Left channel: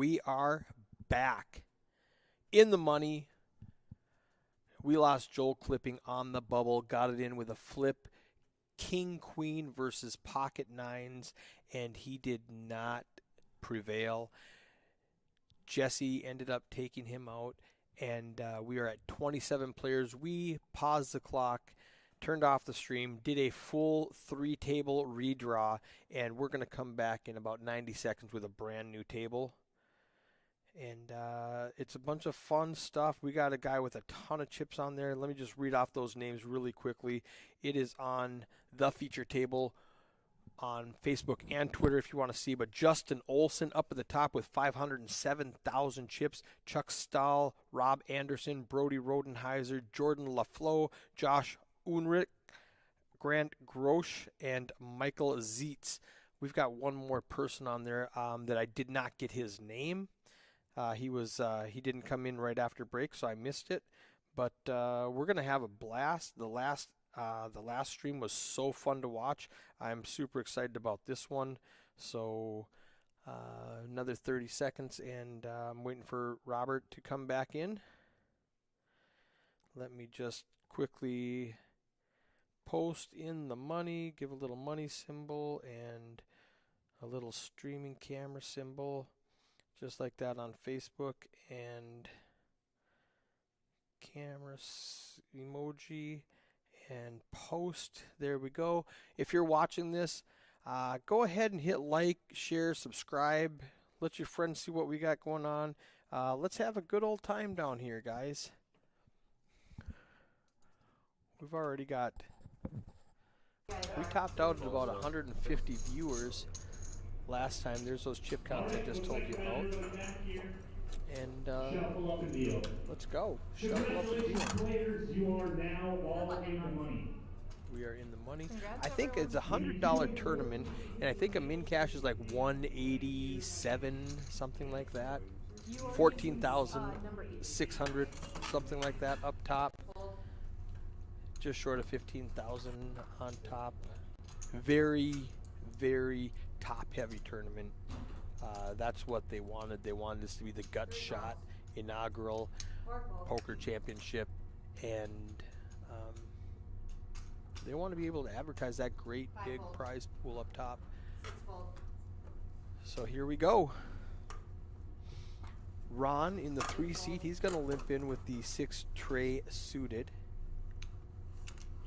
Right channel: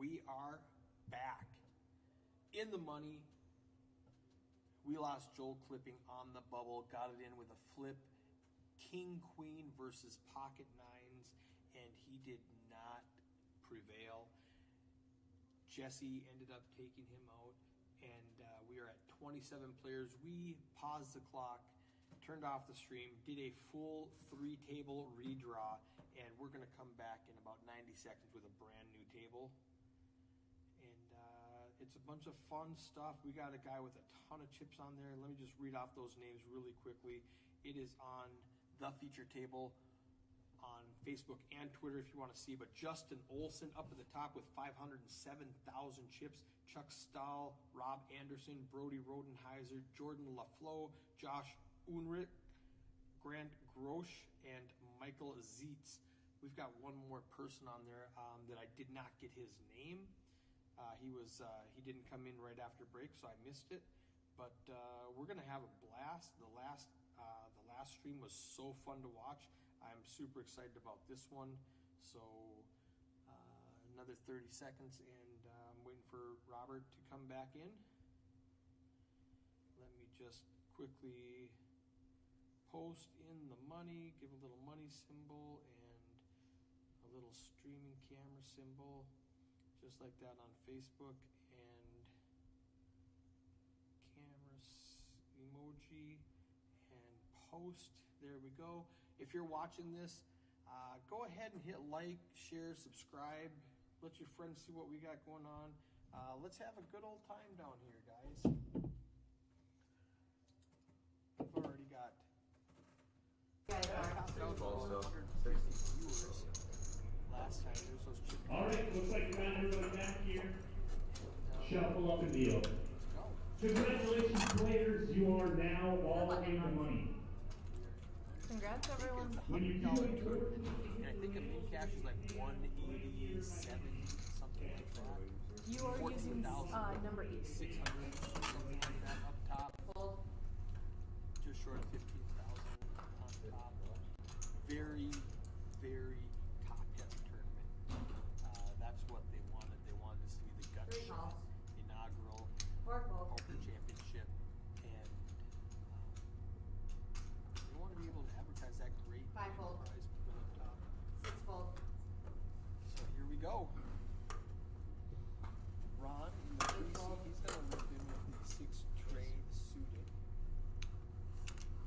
We are back. In the money. We lost Joel Clipping on the bubble. Got it in with a flip. King, queen versus pocket nines. And he did not prevail. Jesse ended up taking him out. And we are at 27 players. We paused the clock, turned off the stream, did a full 3-table redraw, and we're going to come back in about 90 seconds with a brand new table. And it's a bunch of fun stuff. We got a guy with a ton of chips on there. Let me just read off those names really quickly. It is on the feature table on Facebook and Twitter if you want to see. But Justin Olson up at the top with 507,000 chips. Chuck Stahl, Rob Anderson, Brody Rodenheiser, Jordan LaFleur, Josh Unrich, Grant Grosh, and Michael Zietz. We've got one more person on there that I did not get his name. He didn't come in right after break, so I missed it. But we're gonna have a blast. The last stream was so fun to watch. I'm super excited about this one. So another 30 seconds, and I'm waiting for Robert to come back in. Let me just quickly post in the money, give a little money symbol and a little streaming camera symbol, just like that on Facebook, and camera emoji, and post. There we go. If you're watching this, go ahead and hit like, share, subscribe. Let your friends see what we got going on. Let's have a good old time down here, guys. We've already got, we topped out at about 150 viewers last time. There's those chip counts I just told you about. And let's go. Congratulations, players. You are now all in the money. We are in the money. I think it's a $100 tournament, and I think a min cash is like 187, something like that. 14,600, something like that up top. Just short of 15,000 on top. Very, very top-heavy tournament. That's what they wanted. They wanted this to be the gut shot inaugural poker championship, and they want to be able to advertise that great big prize pool up top. So here we go. Ron in the 3 seat. He's going to limp in with the 6 tray suited.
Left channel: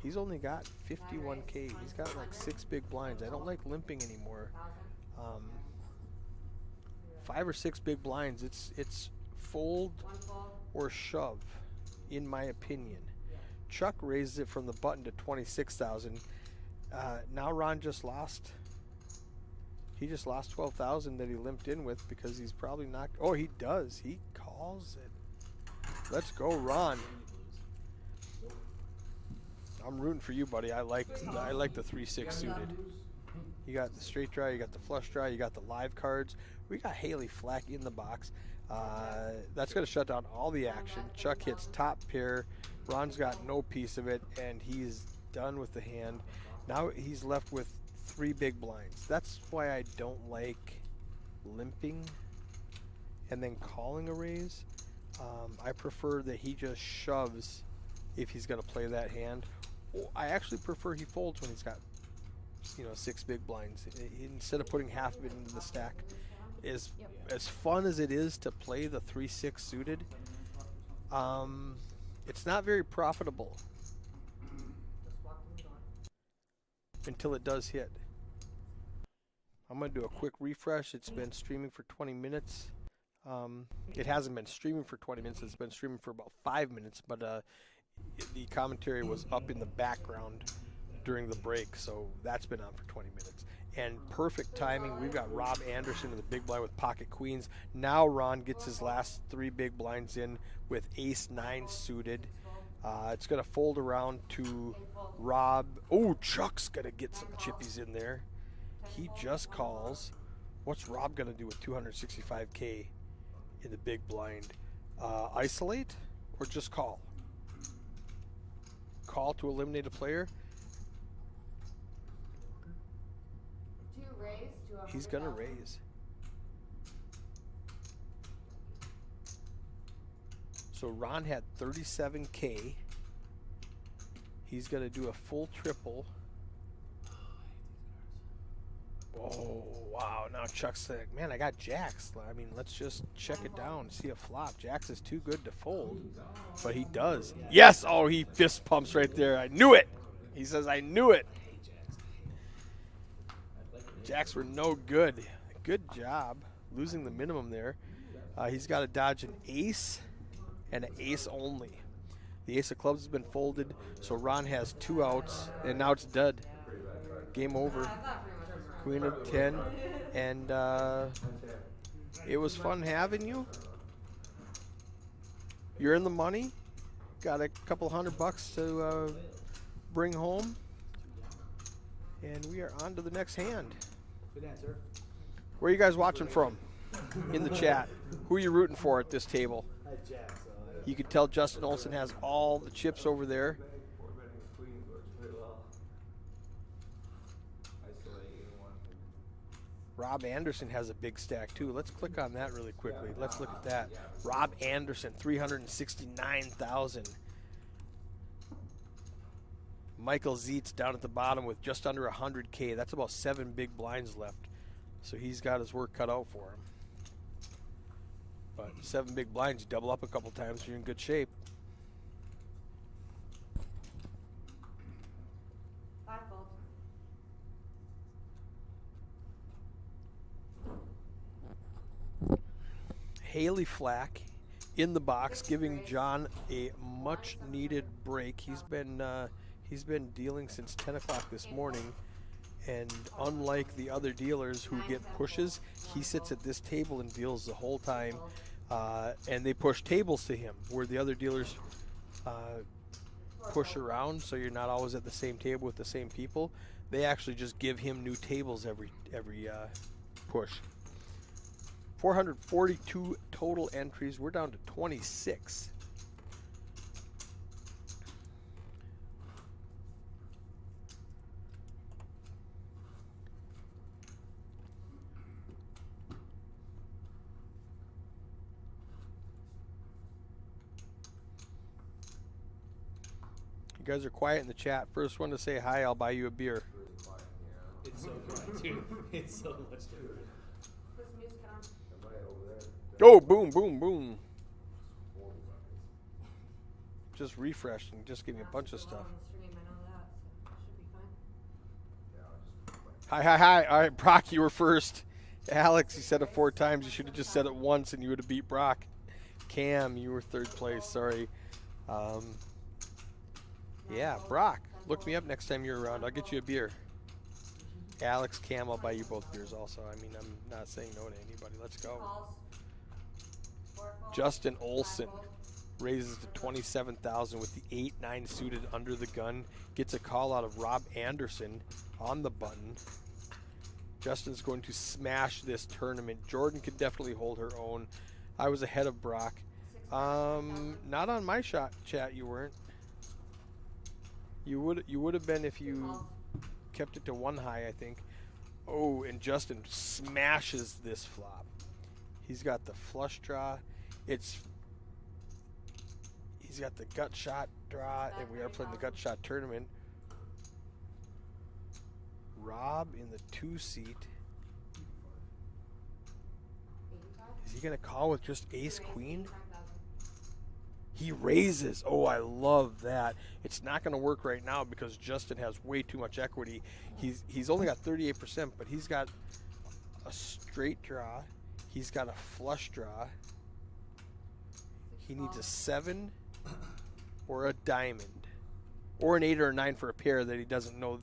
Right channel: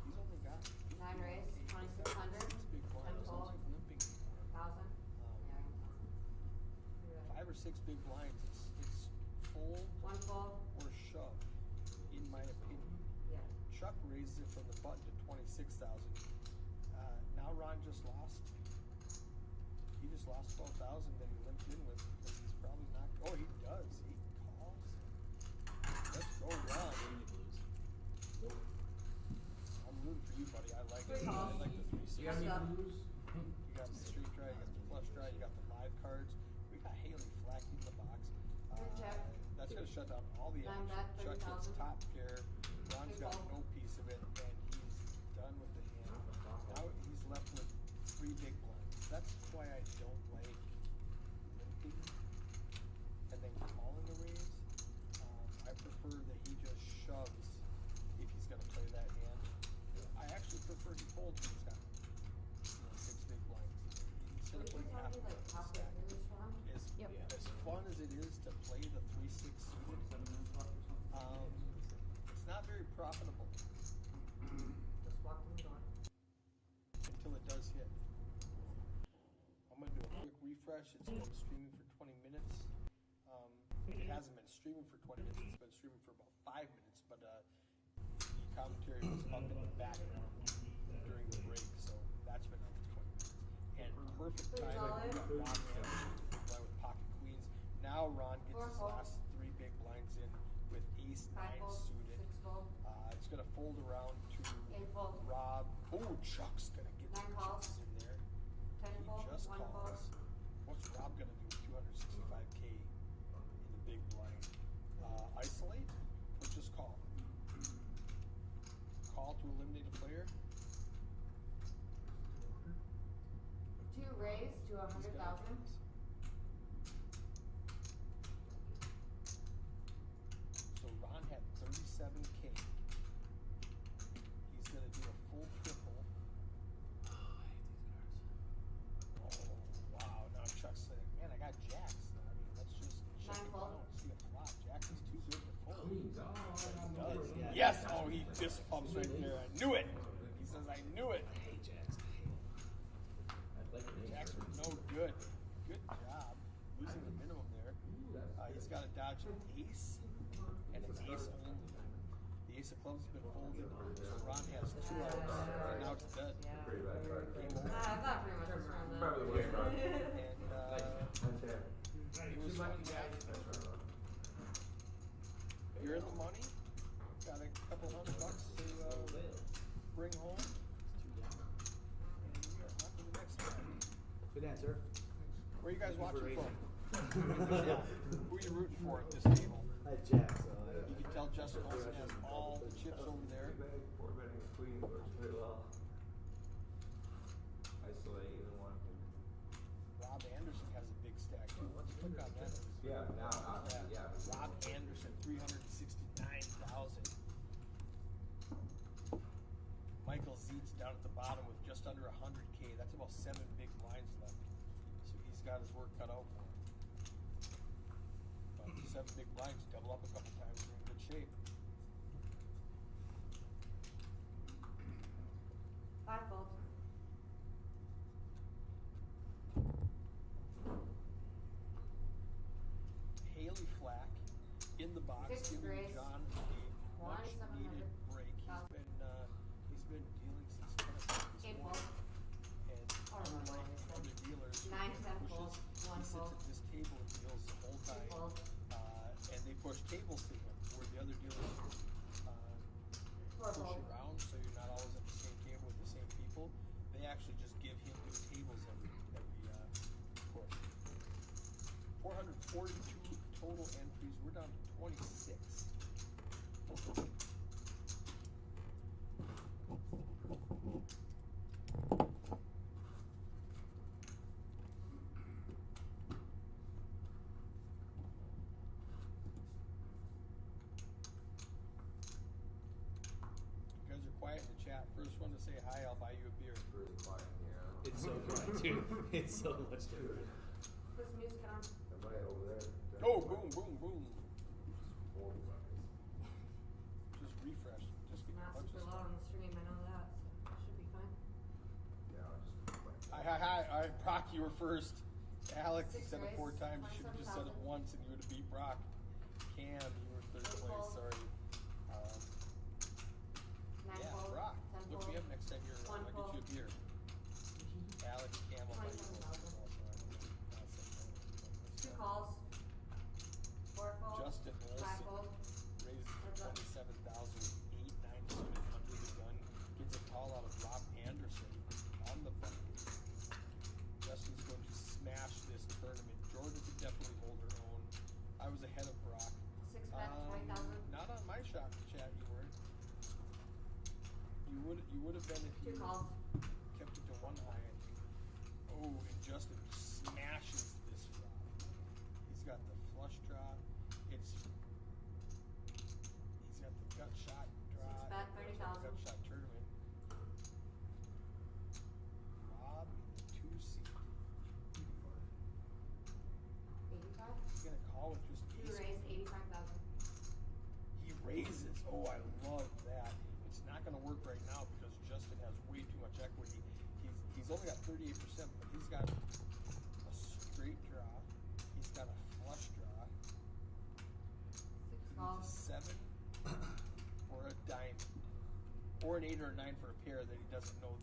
He's only got 51K. He's got like 6 big blinds. I don't like limping anymore. 5 or 6 big blinds. It's fold or shove, in my opinion. Chuck raises it from the button to 26,000. Now Ron just lost. He just lost 12,000 that he limped in with because he's probably not. Oh, he does. He calls it. Let's go, Ron. I'm rooting for you, buddy. I like the 3-6 suited. You got the straight draw, you got the flush draw, you got the live cards. We got Haley Flack in the box. That's going to shut down all the action. Chuck hits top pair. Ron's got no piece of it, and he's done with the hand. Now he's left with 3 big blinds. That's why I don't like limping and then calling a raise. I prefer that he just shoves if he's going to play that hand. I actually prefer he folds when he's got 6 big blinds instead of putting half of it into the stack. As fun as it is to play the 3-6 suited, it's not very profitable until it does hit. I'm going to do a quick refresh. It's been streaming for 20 minutes. It hasn't been streaming for 20 minutes. It's been streaming for about 5 minutes, but the commentary was up in the background during the break, so that's been on for 20 minutes. And perfect timing. We've got Rob Anderson with a big blind with pocket queens. Now Ron gets his last 3 big blinds in with ace-9 suited. It's going to fold around to Rob. Oh, Chuck's going to get some chippies in there. He just calls. What's Rob going to do with 265K in the big blind? Isolate or just call? Call to eliminate a player. Raise to He's gonna raise. So Ron had 37K. He's going to do a full triple. Oh, wow. Now Chuck's like, man, I got jacks. I mean, let's just check it down, see a flop. Jacks is too good to fold. But he does. Yes! Oh, he fist pumps right there. I knew it. He says, I knew it. Jacks were no good. Good job. Losing the minimum there. He's got to dodge an ace and an ace only. The ace of clubs has been folded, so Ron has 2 outs, and now it's dead. Game over. Queen of 10, and it was fun having you. You're in the money. Got a couple $100 to bring home, and we are on to the next hand. Good answer. Where are you guys watching from? In the chat. Who are you rooting for at this table? I had jacks, so You can tell Justin Olson has all the chips over there. Rob Anderson has a big stack too. Let's click on that really quickly. Let's look at that. Rob Anderson, 369,000. Michael Zeitz down at the bottom with just under 100K. That's about 7 big blinds left. So he's got his work cut out for him. But 7 big blinds, you double up a couple times, you're in good shape. 5 fold. Haley Flack in the box, giving John a much needed break. He's been dealing since 10 o'clock this morning, and unlike the other dealers who get pushes, he sits at this table and deals the whole time, and they push tables to him, where the other dealers push around, so you're not always at the same table with the same people. They actually just give him new tables every push. 442 total entries. We're down to 26. You guys are quiet in the chat. First one to say hi, I'll buy you a beer. it's so good, dude. It's so much different. Put some music on. Oh, boom, boom, boom. Just refreshed and just give me a bunch of stuff. On the stream, I know that, so it should be fine. Hi. All right, Brock, you were first. Alex, you said it 4 times. You should have just said it once and you would have beat Brock. Cam, you were 3rd place. Sorry. Yeah, Brock, look me up next time you're around. I'll get you a beer. Alex, Cam, I'll buy you both beers also. I mean, I'm not saying no to anybody. Let's go. Calls. 4 fold. Justin 5 Olson fold. raises to 27,000 with the 8-9 suited under the gun. Gets a call out of Rob Anderson on the button. Justin's going to smash this tournament. Jordan could definitely hold her own. I was ahead of Brock. 6 5,000. Not on my chat. You weren't. You would have been if you Calls. kept it to 1 high, I think. Oh, and Justin smashes this flop. He's got the flush draw. He's got the gut shot draw, and we are playing the gut shot tournament. Rob in the 2 seat. 85. Is he gonna call with just ace Raise queen? 85,000. He raises. Oh, I love that. It's not gonna work right now because Justin has way too much equity. He's only got 38%, but he's got a straight draw. He's got a flush draw. He needs a 7 or a diamond, or an 8 or a 9 for a pair that he doesn't know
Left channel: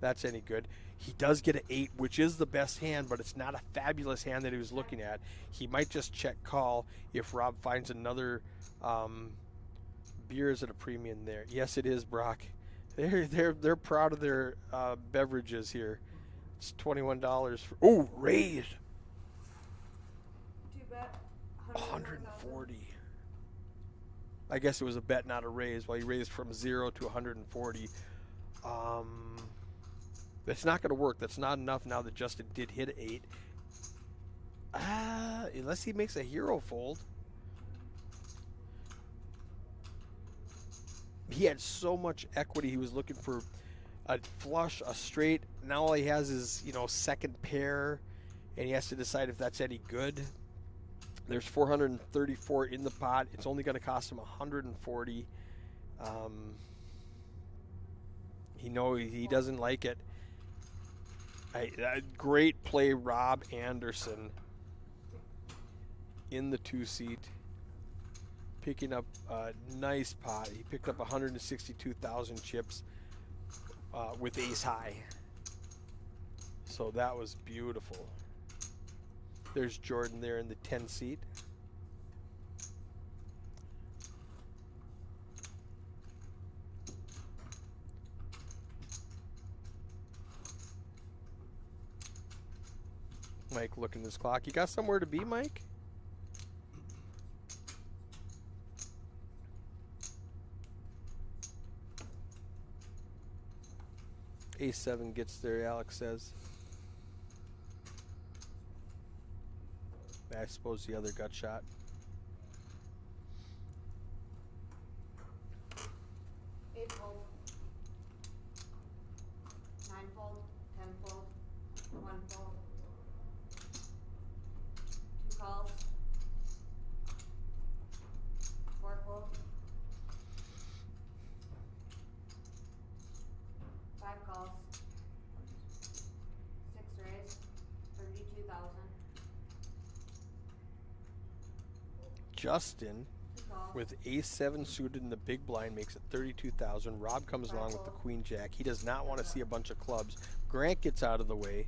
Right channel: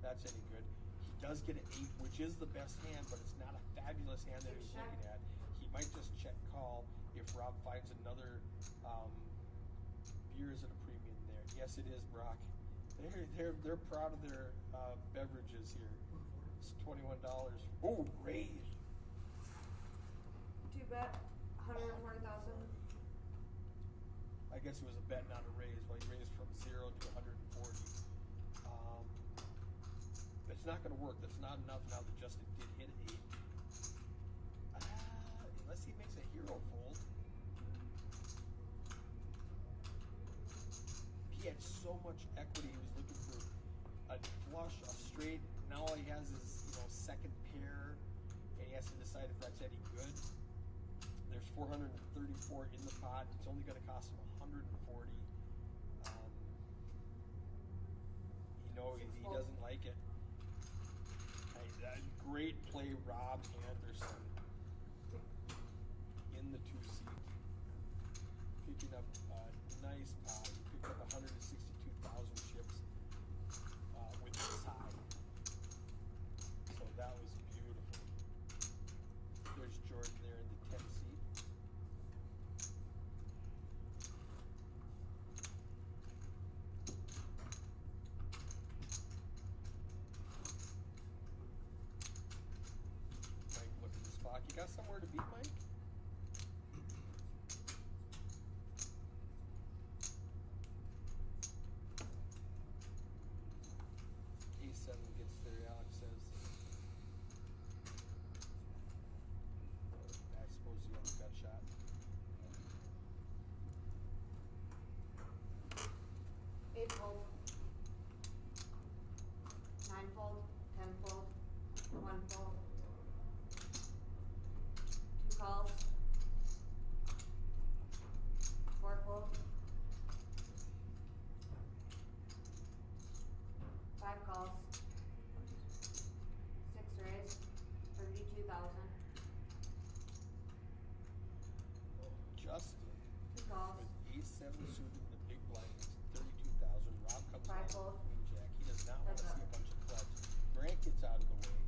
that's any good. He does get an 8, which is the best hand, but it's not a fabulous hand that he was looking at. He might just check call if Rob finds another beer is at a premium there. Yes, it is, Brock. They're proud of their beverages here. It's $21 for. Oh, raised. 2 bet. 140. I guess it was a bet, not a raise. While you raised from 0 to 140. That's not going to work. That's not enough now that Justin did hit an 8. Unless he makes a hero fold. he had so much equity. He was looking for a flush, a straight. Now all he has is, you know, second pair, and he has to decide if that's any good. There's 434 in the pot. It's only going to cost him 140. He doesn't like it. Great play, Rob Anderson in the 2-seat, picking up a nice pot. He picked up 162,000 chips with ace high. So that was beautiful. There's Jordan there in the 10-seat. Mike looking at his clock. You got somewhere to be, Mike? A7 gets there, Alex says. I suppose the other gut shot. Eight fold. 9 fold. 10 fold. 1 fold. 2 calls. 4 fold. 5 calls. 6 raise. 32,000. Justin 2 calls. with ace-7 suited in the big blind makes it 32,000. Rob comes along with the queen jack. He does not want to see a bunch of clubs. Grant gets out of the way.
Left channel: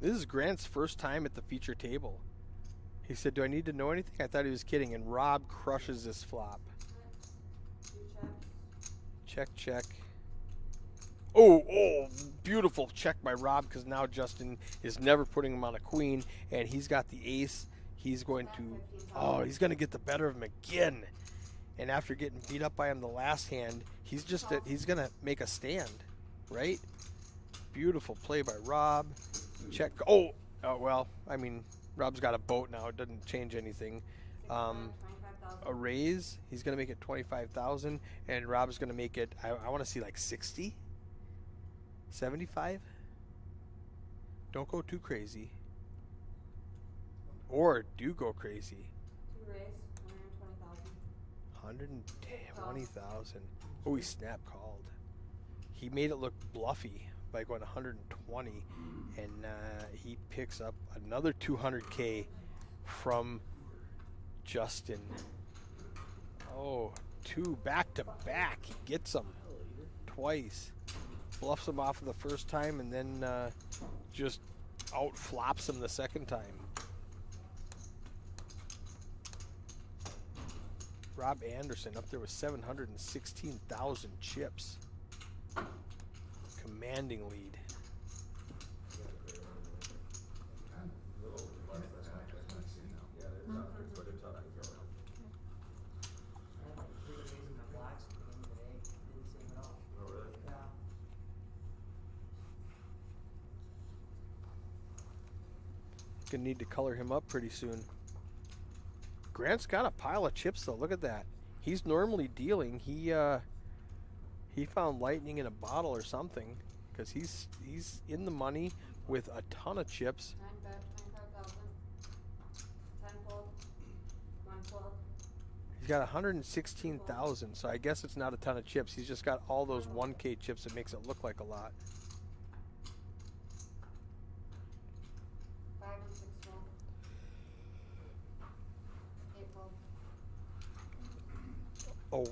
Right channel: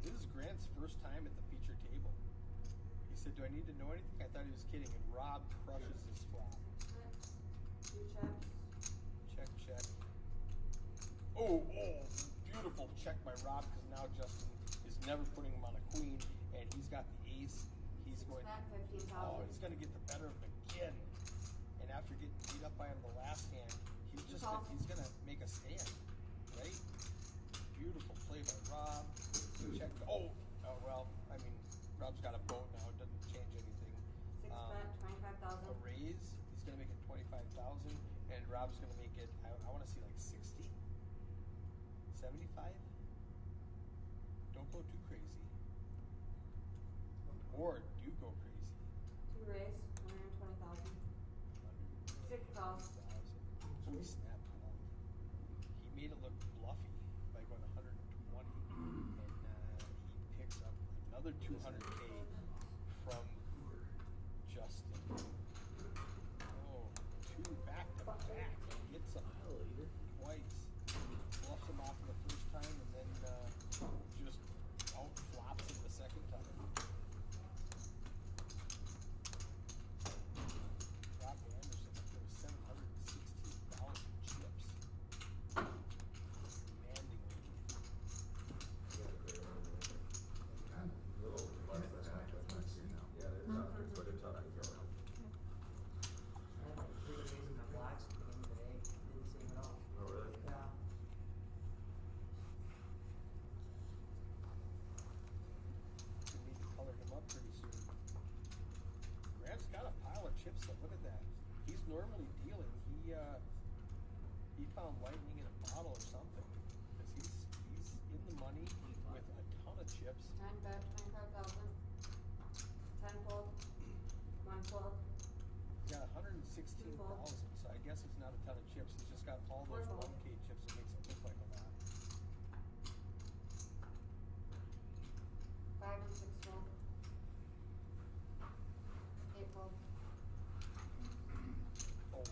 This is Grant's first time at the feature table. He said, "Do I need to know anything?" I thought he was kidding, and Rob crushes this flop. 2 checks. Check, check. Oh, beautiful check by Rob, because now Justin is never putting him on a queen, and he's got the ace. He's going to, he's going to get the better of him again. And after getting beat up by him the last hand, he's going to make a stand, right? Beautiful play by Rob. Check. Oh, well, I mean, Rob's got a boat now. It doesn't change anything. 6 25,000. A raise, he's going to make it 25,000, and Rob's going to make it, I want to see like 60, 75. Don't go too crazy. Or do go crazy. 2 raise. 120,000. 120,000. Oh, he snap called. He made it look bluffy by going 120, and he picks up another 200K from Justin. Oh, 2 back to back. He gets them twice. Bluffs him off the first time, and then just out flops him the second time. Rob Anderson up there with 716,000 chips. Commanding lead. Gonna need to color him up pretty soon. Grant's got a pile of chips though. Look at that. He's normally dealing. He found lightning in a bottle or something, because he's in the money with a ton of chips. 9 bet. 25,000. 10 fold. 1 fold. He's got 116,000, so I guess it's not a ton of chips. He's just got all those 1K chips that makes it look like a lot. 5 and 6 fold. 8 fold. Oh,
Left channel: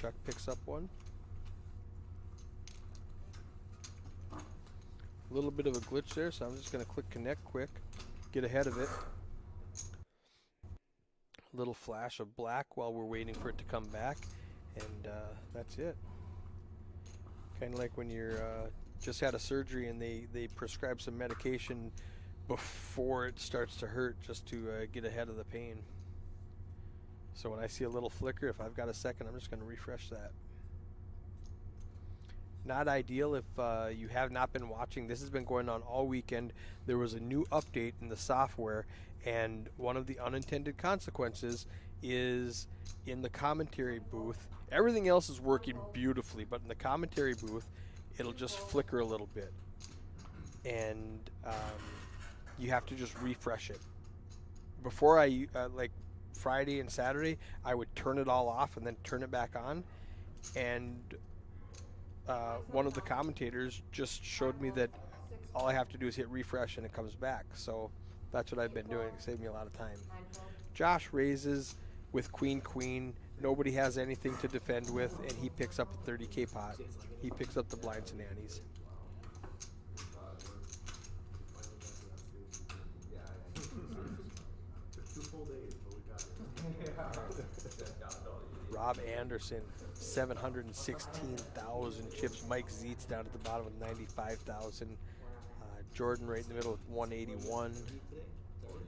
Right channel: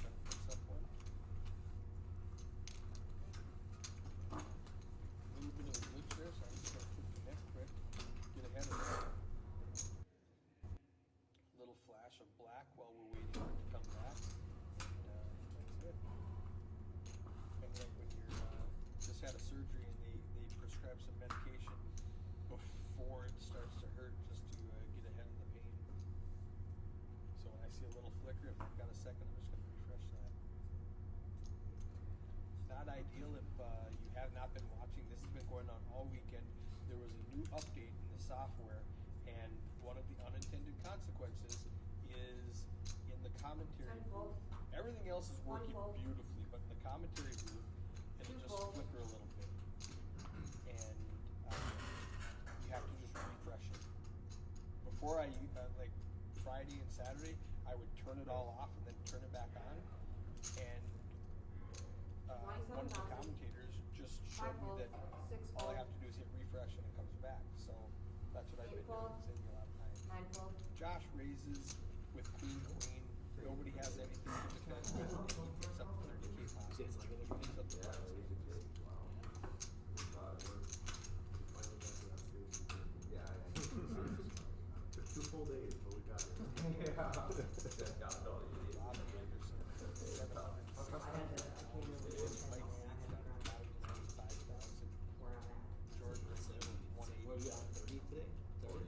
Chuck picks up one. A little bit of a glitch there, so I'm just going to click connect quick, get ahead of it. A little flash of black while we're waiting for it to come back, and that's it. Kind of like when you're just had a surgery and they prescribe some medication before it starts to hurt, just to get ahead of the pain. So when I see a little flicker, if I've got a second, I'm just going to refresh that. Not ideal if you have not been watching. This has been going on all weekend. There was a new update in the software, and one of the unintended consequences is in the commentary booth. Everything else is working beautifully, but in the commentary booth, it'll just flicker a little bit. And you have to just refresh it. Before like Friday and Saturday, I would turn it all off and then turn it back on. And one of the commentators just showed me that all I have to do is hit refresh and it comes back. So that's what I've been doing. It saved me a lot of time. Nine fold. Josh raises with queen. Nobody has anything to defend with, and he picks up the 30K pot. He picks up the blinds and antes. Rob Anderson, 716,000 chips. Mike Zietz down at the bottom with 95,000. Jordan right in the middle with 181. Is that where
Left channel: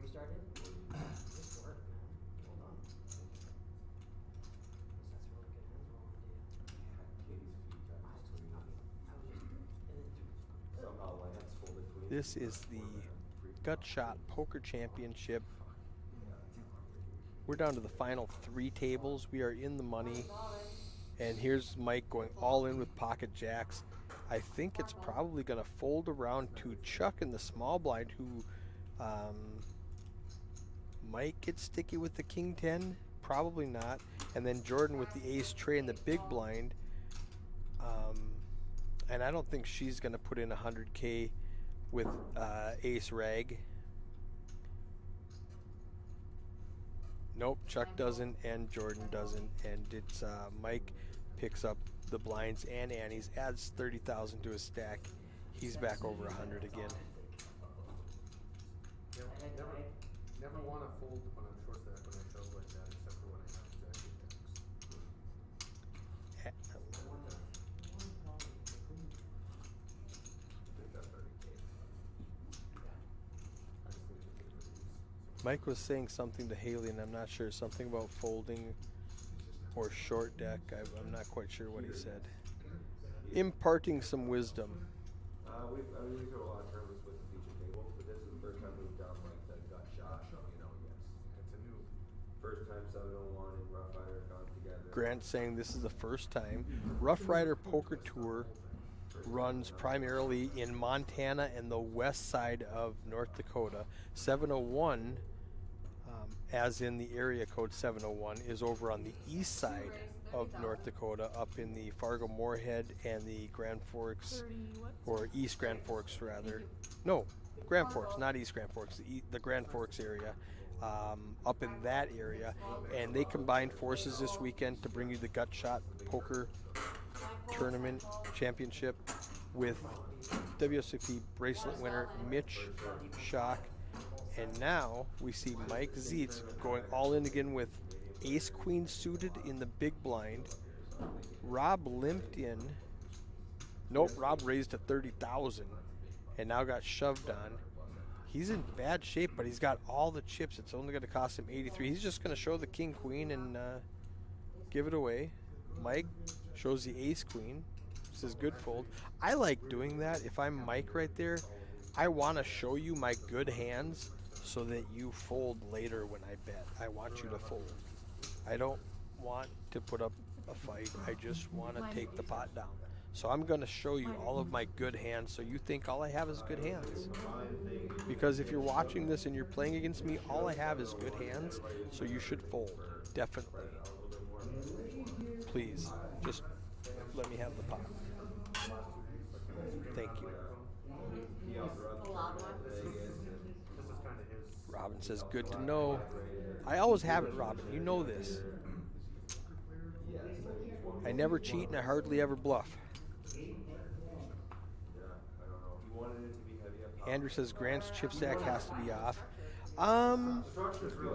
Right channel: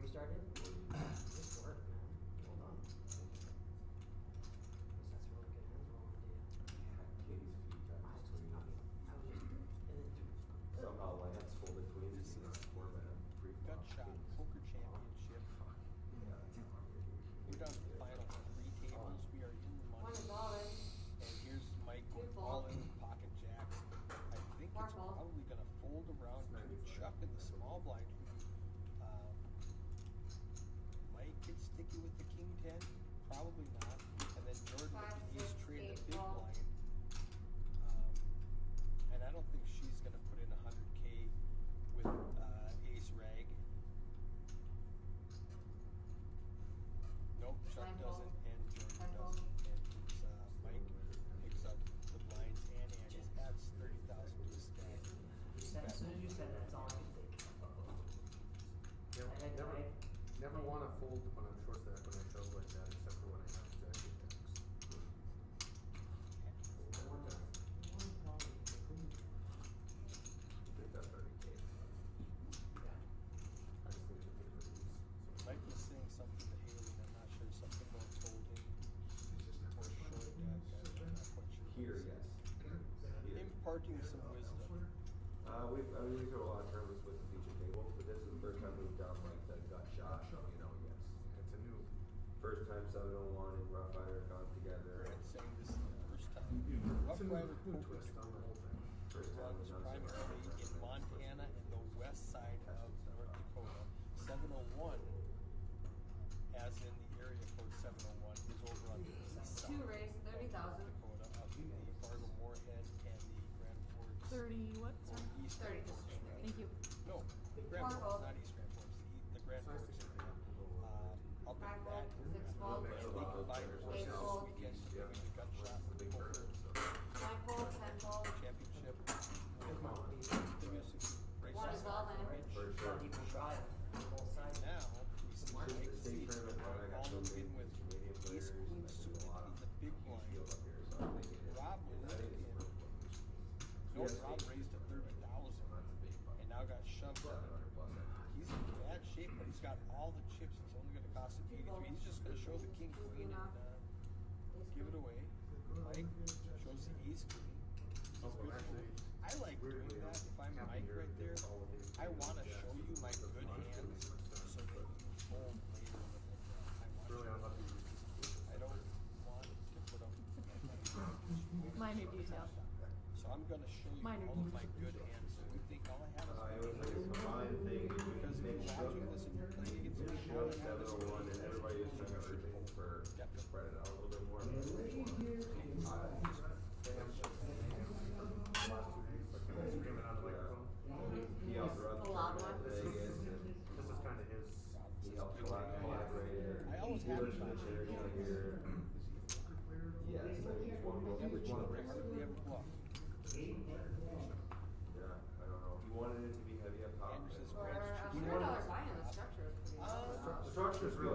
you started? Good work, man. Well done. That's really good hands rolling, dude. This is the Gut Shot Poker Championship. We're down to the final 3 tables. We are in the money. And here's Mike going all in with pocket jacks. I think it's probably going to fold around to Chuck in the small blind, who might get sticky with the king 10. Probably not. And then Jordan with the ace tray in the big blind. And I don't think she's going to put in 100K with ace rag. Nope, Chuck doesn't and Jordan doesn't, and it's Mike picks up the blinds and antes, adds 30,000 to his stack. He's back over 100 again. Never want to fold when I'm short stack when I show like that, except for when I have exactly Mike was saying something to Haley, and I'm not sure, something about folding or short deck. I'm not quite sure what he said. Imparting some wisdom. We do a lot of tournaments with the feature table, but this is the first time we've done like the gut shot. Yes, it's a new. first time 701 and Rough Rider have gone together. Grant saying this is the first time. Rough Rider Poker Tour runs primarily in Montana and the west side of North Dakota. 701, as in the area code 701, is over on the east side of North Dakota, up in the Fargo-Moorhead and the Grand Forks, or East Grand Forks rather. No, Grand Forks, not East Grand Forks, the Grand Forks area, up in that area. And they combined forces this weekend to bring you the Gut Shot Poker Tournament Championship with WSOP bracelet winner Mitch Schock. And now we see Mike Zietz going all in again with ace queen suited in the big blind. Rob limped in. Nope, Rob raised to 30,000 and now got shoved on. He's in bad shape, but he's got all the chips. It's only going to cost him 83. He's just going to show the king queen and give it away. Mike shows the ace queen. Says good fold. I like doing that. If I'm Mike right there, I want to show you my good hands so that you fold later when I bet. I want you to fold. I don't want to put up a fight. I just want to take the pot down. So I'm going to show you all of my good hands so you think all I have is good hands. Because if you're watching this and you're playing against me, all I have is good hands, so you should fold. Definitely. Please, just let me have the pot. Thank you. The loud one. This is kind of his. Robin says, good to know. I always have it, Robin. You know this. I never cheat and I hardly ever bluff. Andrew says Grant's chip stack has to be off.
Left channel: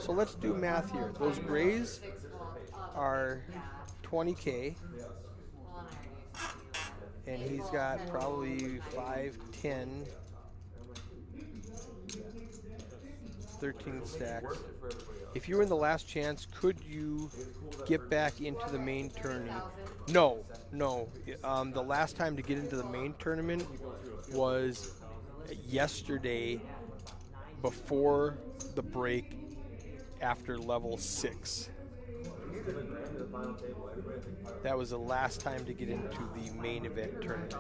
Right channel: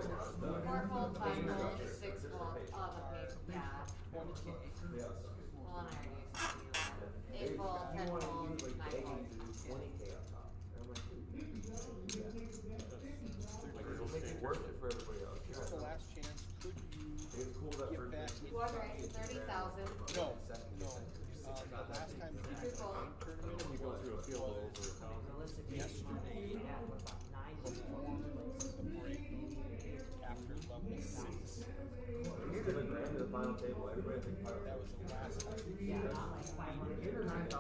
So let's do math here. Those grays are 20K. And he's got probably 5, 10, 13 stacks. If you were in the last chance, could you get back into the main tournament? No. The last time to get into the main tournament was yesterday before the break after level 6. He's even ran to the final table. Everybody thinks final That was the last time to get into the main event tournament.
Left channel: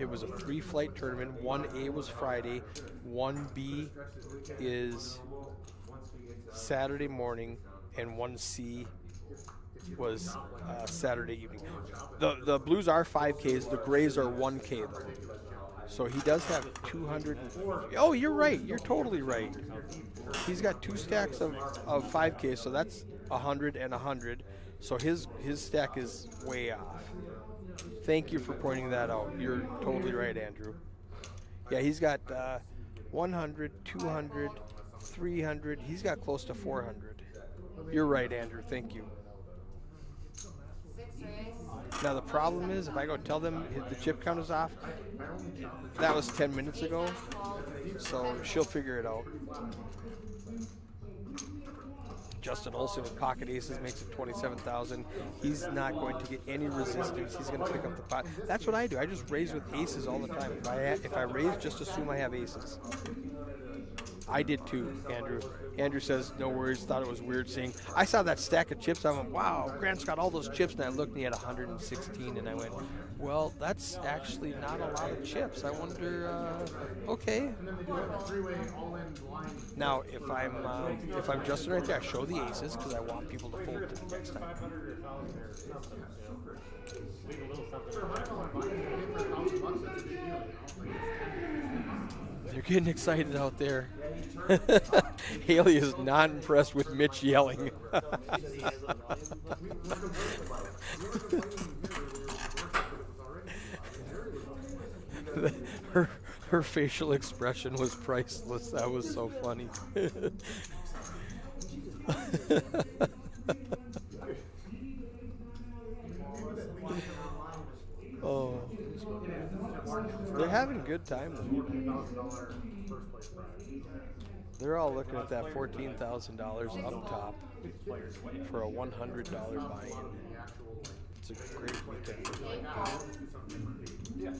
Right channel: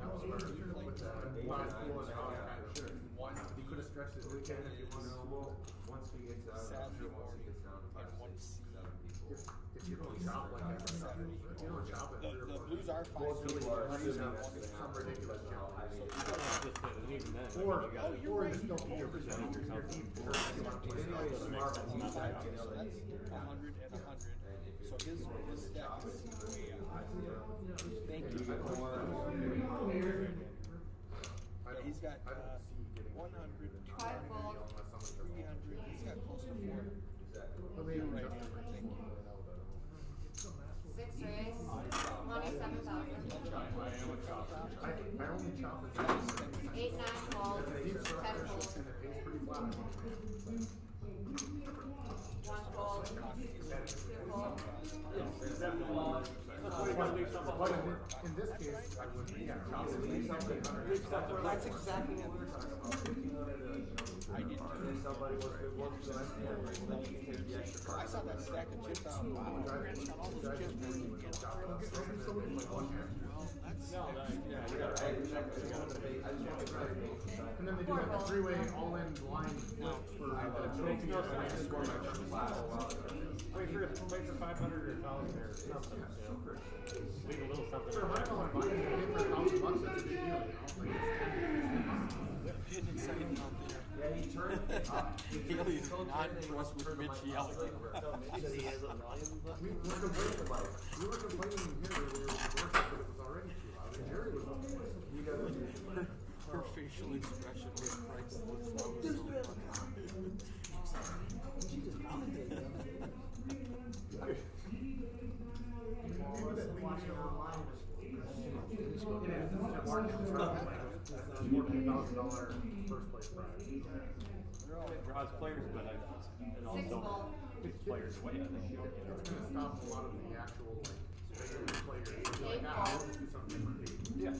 It was a free flight tournament. 1A was Friday, 1B is Saturday morning, and 1C was Saturday evening. The blues are 5Ks, the grays are 1K. So he does have 200. Oh, you're right. You're totally right. He's got 2 stacks of 5K, so that's 100 and 100. So his stack is way off. Thank you for pointing that out. You're totally right, Andrew. Yeah, he's got 100, 200, 300. He's got close to 400. You're right, Andrew. Thank you. 6 race. Now the problem is, if I go tell them if the chip count is off, that was 10 minutes ago, so she'll figure it out. Justin Olson with pocket aces makes 27,000. He's not going to get any resistance. He's going to pick up the pot. That's what I do. I just raise with aces all the time. If I raise, just assume I have aces. I did too, Andrew. Andrew says, no worries, thought it was weird saying, I saw that stack of chips, I went, wow, Grant's got all those chips, and I looked and he had 116, and I went, well, that's actually not a lot of chips. I wonder, okay. And then they do like a 3-way all-in blind. Now, if I'm Justin right there, I show the aces, because I want people to Make hold sure them. it's make it 500 or 1,000 or something, you know. Leave a little something. For high dollar buy, you pay for $1,000, that's a big deal, you know? Like, You're getting excited out there. Haley is not impressed with Mitch yelling. we were complaining here, we were working, but it was already too loud. And Jerry was her facial expression was priceless. That was so funny. Oh, they're having a good time. $14,000 first place prize. They're all looking at that $14,000 up top Players away. for a $100 buy. The actual, like, regular players. Like, let's do something different. Yeah.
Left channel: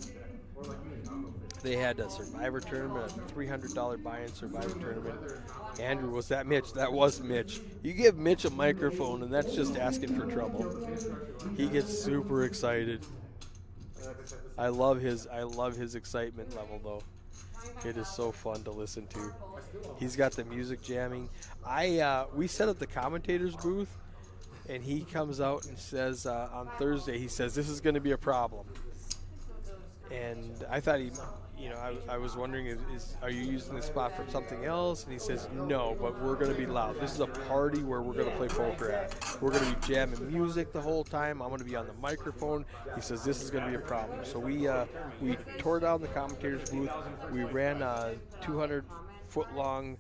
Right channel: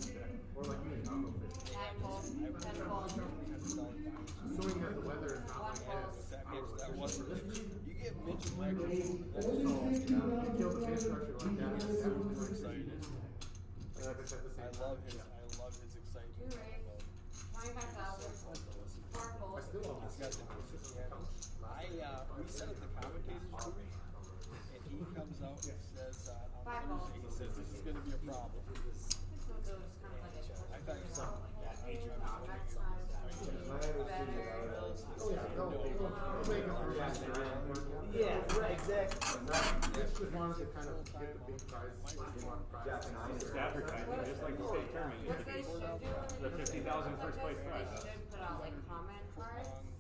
Or like me and Taco Fish. They had a Survivor tournament, a $300 buy-in Survivor tournament. Andrew, was that Mitch? That was Mitch. You give Mitch a microphone, and that's just asking for trouble. He gets super excited. I love his excitement level though. It is so fun to listen to. He's got the music jamming. We set up the commentators booth, and he comes out and says on Thursday, he says this is going to be a problem. And I thought I was wondering, are you using this spot for something else? And he says, no, but we're going to be loud. This is a party where we're going to play poker. We're going to be jamming music the whole time. I'm going to be on the microphone. He says, this is going to be a problem. So we tore down the commentators booth. We ran a 200-foot-long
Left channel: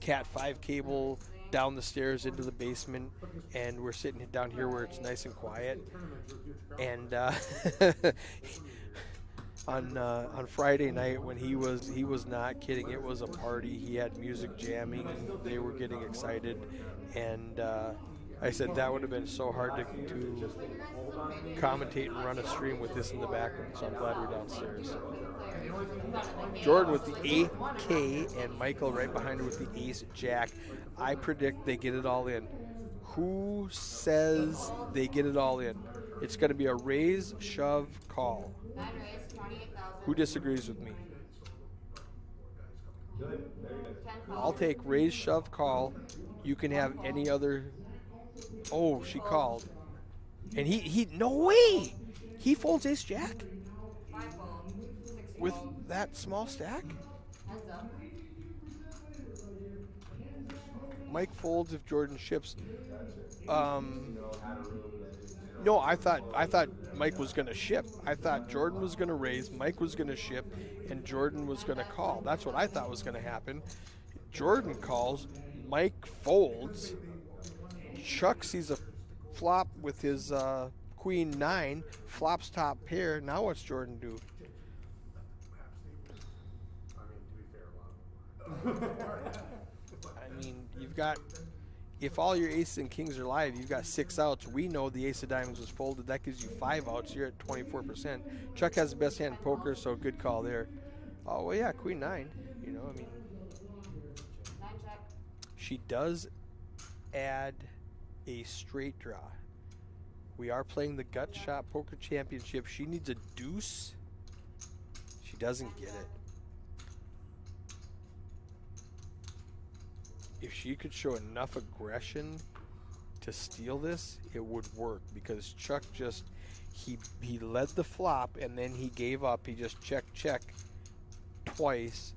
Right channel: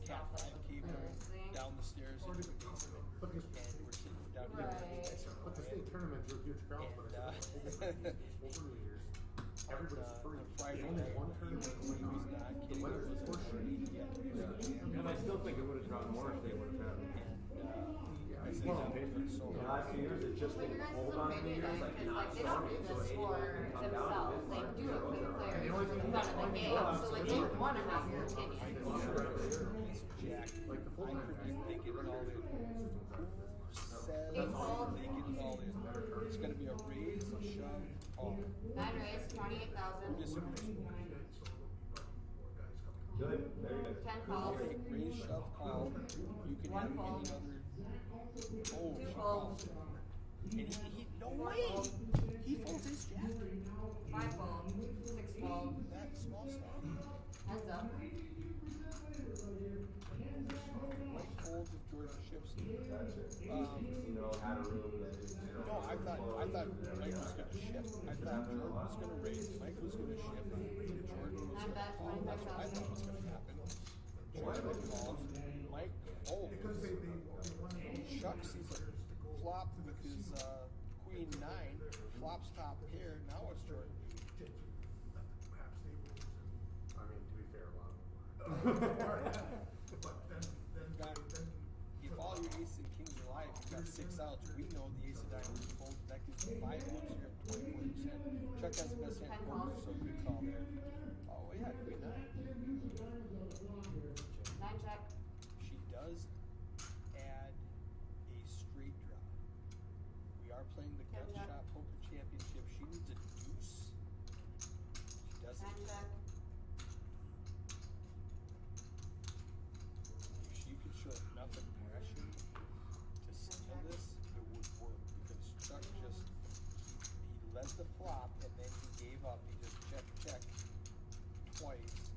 Cat 5 cable down the stairs into the basement, and we're sitting down here where it's nice and quiet. And on Friday night when he was not kidding, it was a party. He had music jamming, and they were getting excited, and I said that would have been so hard to commentate and run a stream with this in the background, so I'm glad we're downstairs. Jordan with the 8K and Michael right behind him with the ace jack. I predict they get it all in. Who says they get it all in? It's going to be a raise, shove, call. 9 race, 28,000. Who disagrees with me? Good, very good. 10 call. I'll take raise, shove, call. You can have any other. Oh, she called. And he no way! He folds ace jack 5 fold. 6 with fold. that small stack? Heads up. Mike folds if Jordan ships. You know, had a room that is, you know. No, I thought Mike was gonna ship. I thought Jordan was gonna raise, Mike was gonna ship, and Jordan was gonna call. That's what I thought was gonna happen. Jordan calls, Mike folds. Chuck sees a flop with his queen 9, flops top pair. Now what's Jordan do? I mean, to be fair, a lot. I mean, you've got, if all your aces and kings are live, you've got 6 outs. We know the ace of diamonds was folded. That gives you 5 outs. You're at 24%. Chuck has the best hand in poker, so good call there. Oh, well, yeah, queen 9. You know, I mean, 9 check. She does add a straight draw. We are playing the Gut Shot Poker Championship. She needs a deuce. She doesn't get it. If she could show enough aggression to steal this, it would work, because Chuck just he led the flop and then he gave up. He just check twice.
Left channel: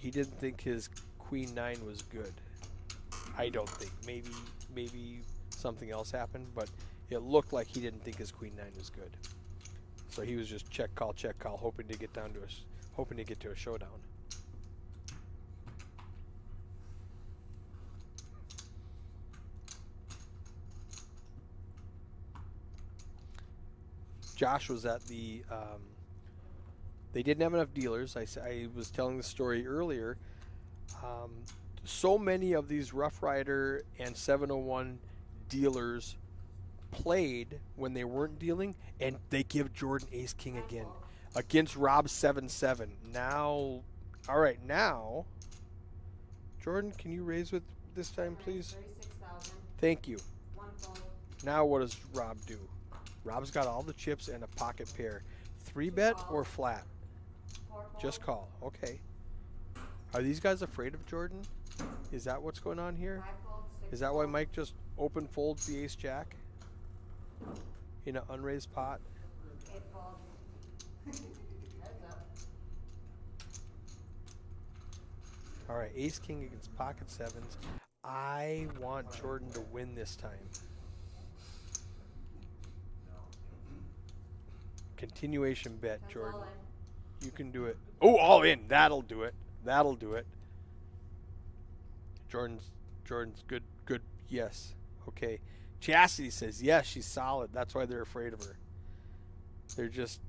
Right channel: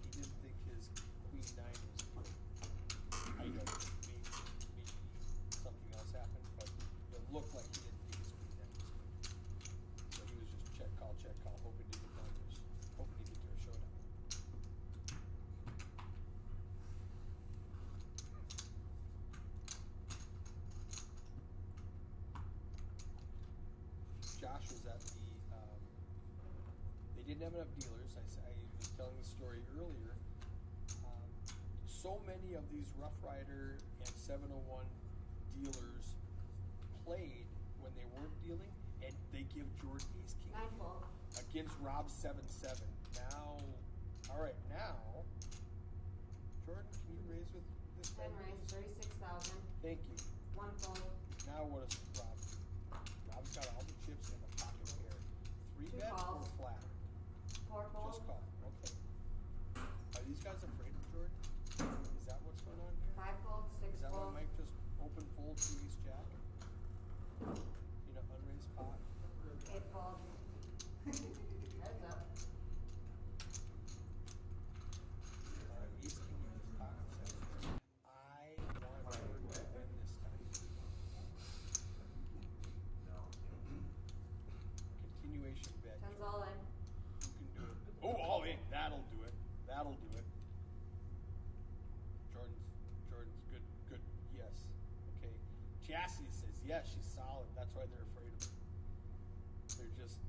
He didn't think his Queen 9 was good. I don't think. Maybe something else happened, but it looked like he didn't think his Queen 9 was good. So he was just check call, hoping to get to a showdown. Josh was at the. They didn't have enough dealers. I was telling the story earlier. So many of these Rough Rider and 701 dealers played when they weren't dealing, and they give Jordan Ace King again against Rob 7-7. Now, all right, now, Jordan, can you raise with this time, please? 36,000. Thank you. One fold. Now, what does Rob do? Rob's got all the chips and a pocket pair. 3-bet or flat? 4 fold. Just call. Okay. Are these guys afraid of Jordan? Is that what's going on here? 5 fold. 6 Is that why fold. Mike just open folds the ace jack in an unraised pot? 8 fold. Heads up. All right, ace king against pocket sevens. I want Jordan to win this time. Continuation bet, That's Jordan. all in. You can do it. Oh, all in. That'll do it. That'll do it. Jordan's good. Yes. Okay. Chastity says yes, she's solid. That's why they're afraid of her. They're just,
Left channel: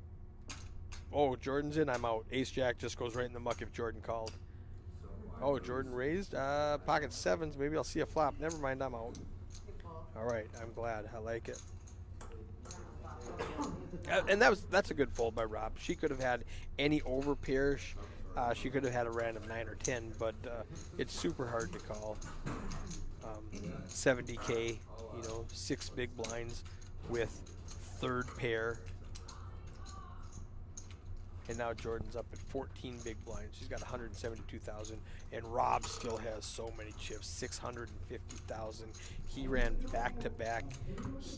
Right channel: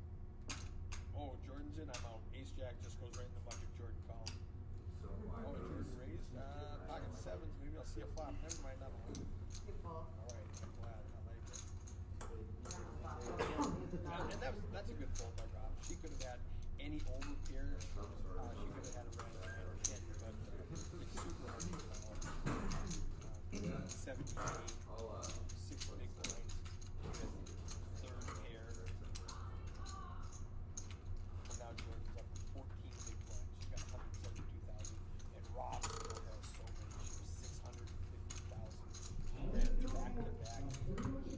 oh, Jordan's in, I'm out. Ace jack just goes right in the muck if Jordan called. Oh, Jordan raised. Pocket sevens. Maybe I'll see a flop. Never mind, I'm out. You fold. All right, I'm glad. I like it. And that's a good fold by Rob. She could have had any over pair. She could have had a random 9 or 10, but it's super hard to call. 70K, 6 big blinds with third pair. And now Jordan's up at 14 big blinds. She's got 172,000, and Rob still has so many chips, 650,000. He ran back-to-back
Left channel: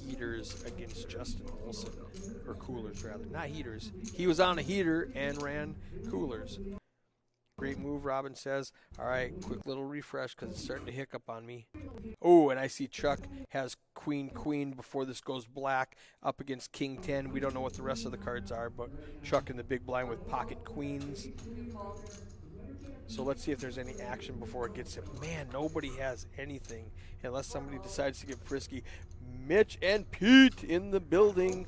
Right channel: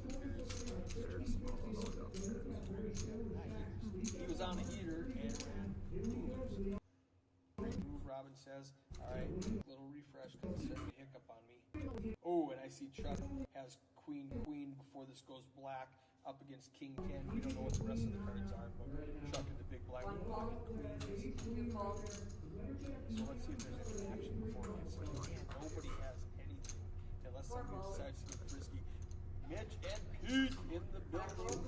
heaters against Justin Wilson, or coolers rather, not heaters. He was on a heater and ran coolers. Great move, Robin says. All right, quick little refresh because it's starting to hiccup on me. Oh, and I see Chuck has queen before this goes black up against king 10. We don't know what the rest of the cards are, but Chuck in the big blind with pocket queens. You fold. So let's see if there's any action before it gets him. Man, nobody has anything unless somebody decides to get frisky. Mitch and Pete in the building.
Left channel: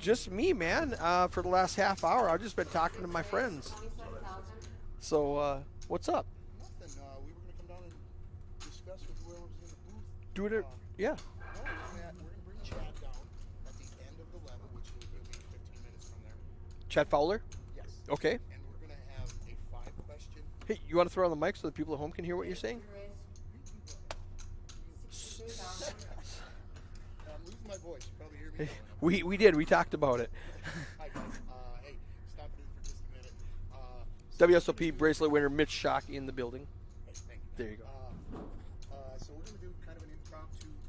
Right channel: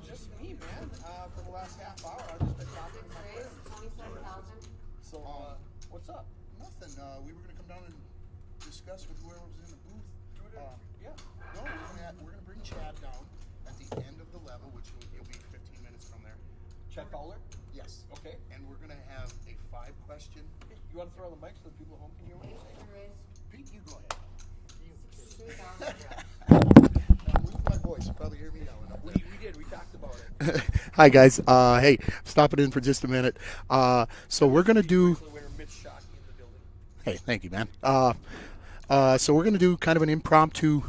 Just me, man. For the last half hour, I've just been talking to my friends. 27,000. So, what's up? Nothing, we were gonna come down and discuss with whoever was in the booth. Do it. Yeah. We're gonna bring Chad down at the end of the level, which will be 15 minutes from there. Chad Fowler? Yes. Okay. And we're gonna have a 5-question. Hey, you want to throw on the mic so the people at home can hear what you're saying? Raise. Pete, you go ahead. 63,000. Move my voice, you probably hear me. We did. We talked about it. Hi guys. Hey, stopping in for just a minute. So we're gonna WSOP do. bracelet winner Mitch Schock in the building. Hey, thank you, man. There you So we're gonna do kind of an impromptu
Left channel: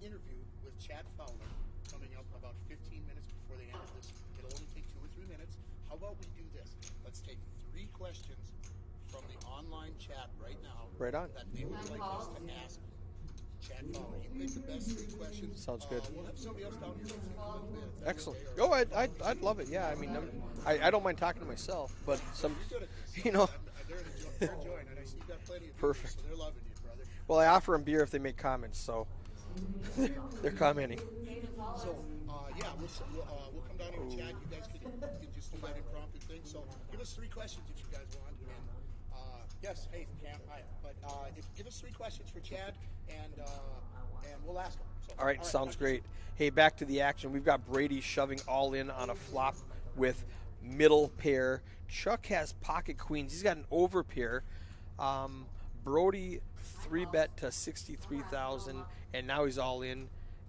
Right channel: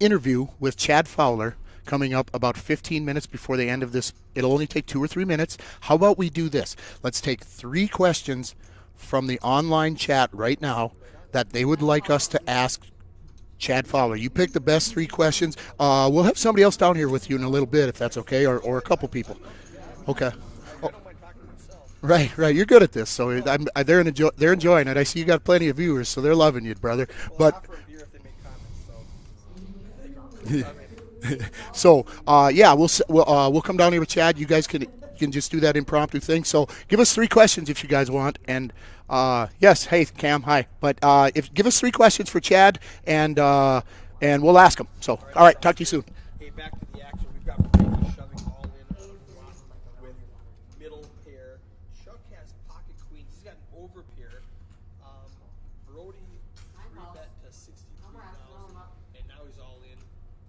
interview with Chad Fowler coming up about 15 minutes before the end of this. It'll only take 2 or 3 minutes. How about we do this? Let's take 3 questions from the online chat right now Right on. that they would like us to ask Chad Fowler. You pick the best 3 questions. We'll have somebody else down here with you in a little bit, if that's okay, or a couple people. I'd love it. Yeah. I mean, Okay. I don't mind talking to myself. Right. You're good at this, so You know- they're enjoying it. I see you got plenty of viewers, so they're loving you, brother. Well, But I offer them beer if they make comments. So. They're commenting. so we'll come down here with Chad. You guys can just do that impromptu thing. So give us 3 questions if you guys want. And yes, hey Cam, hi. But give us 3 questions for Chad, and we'll ask them. So all right, sounds talk to you soon. great. Hey, back to the action. We've got Brady shoving all in on a flop with middle pair. Chuck has pocket queens. He's got an over pair. Brody 3-bet to 63,000, and now he's all in.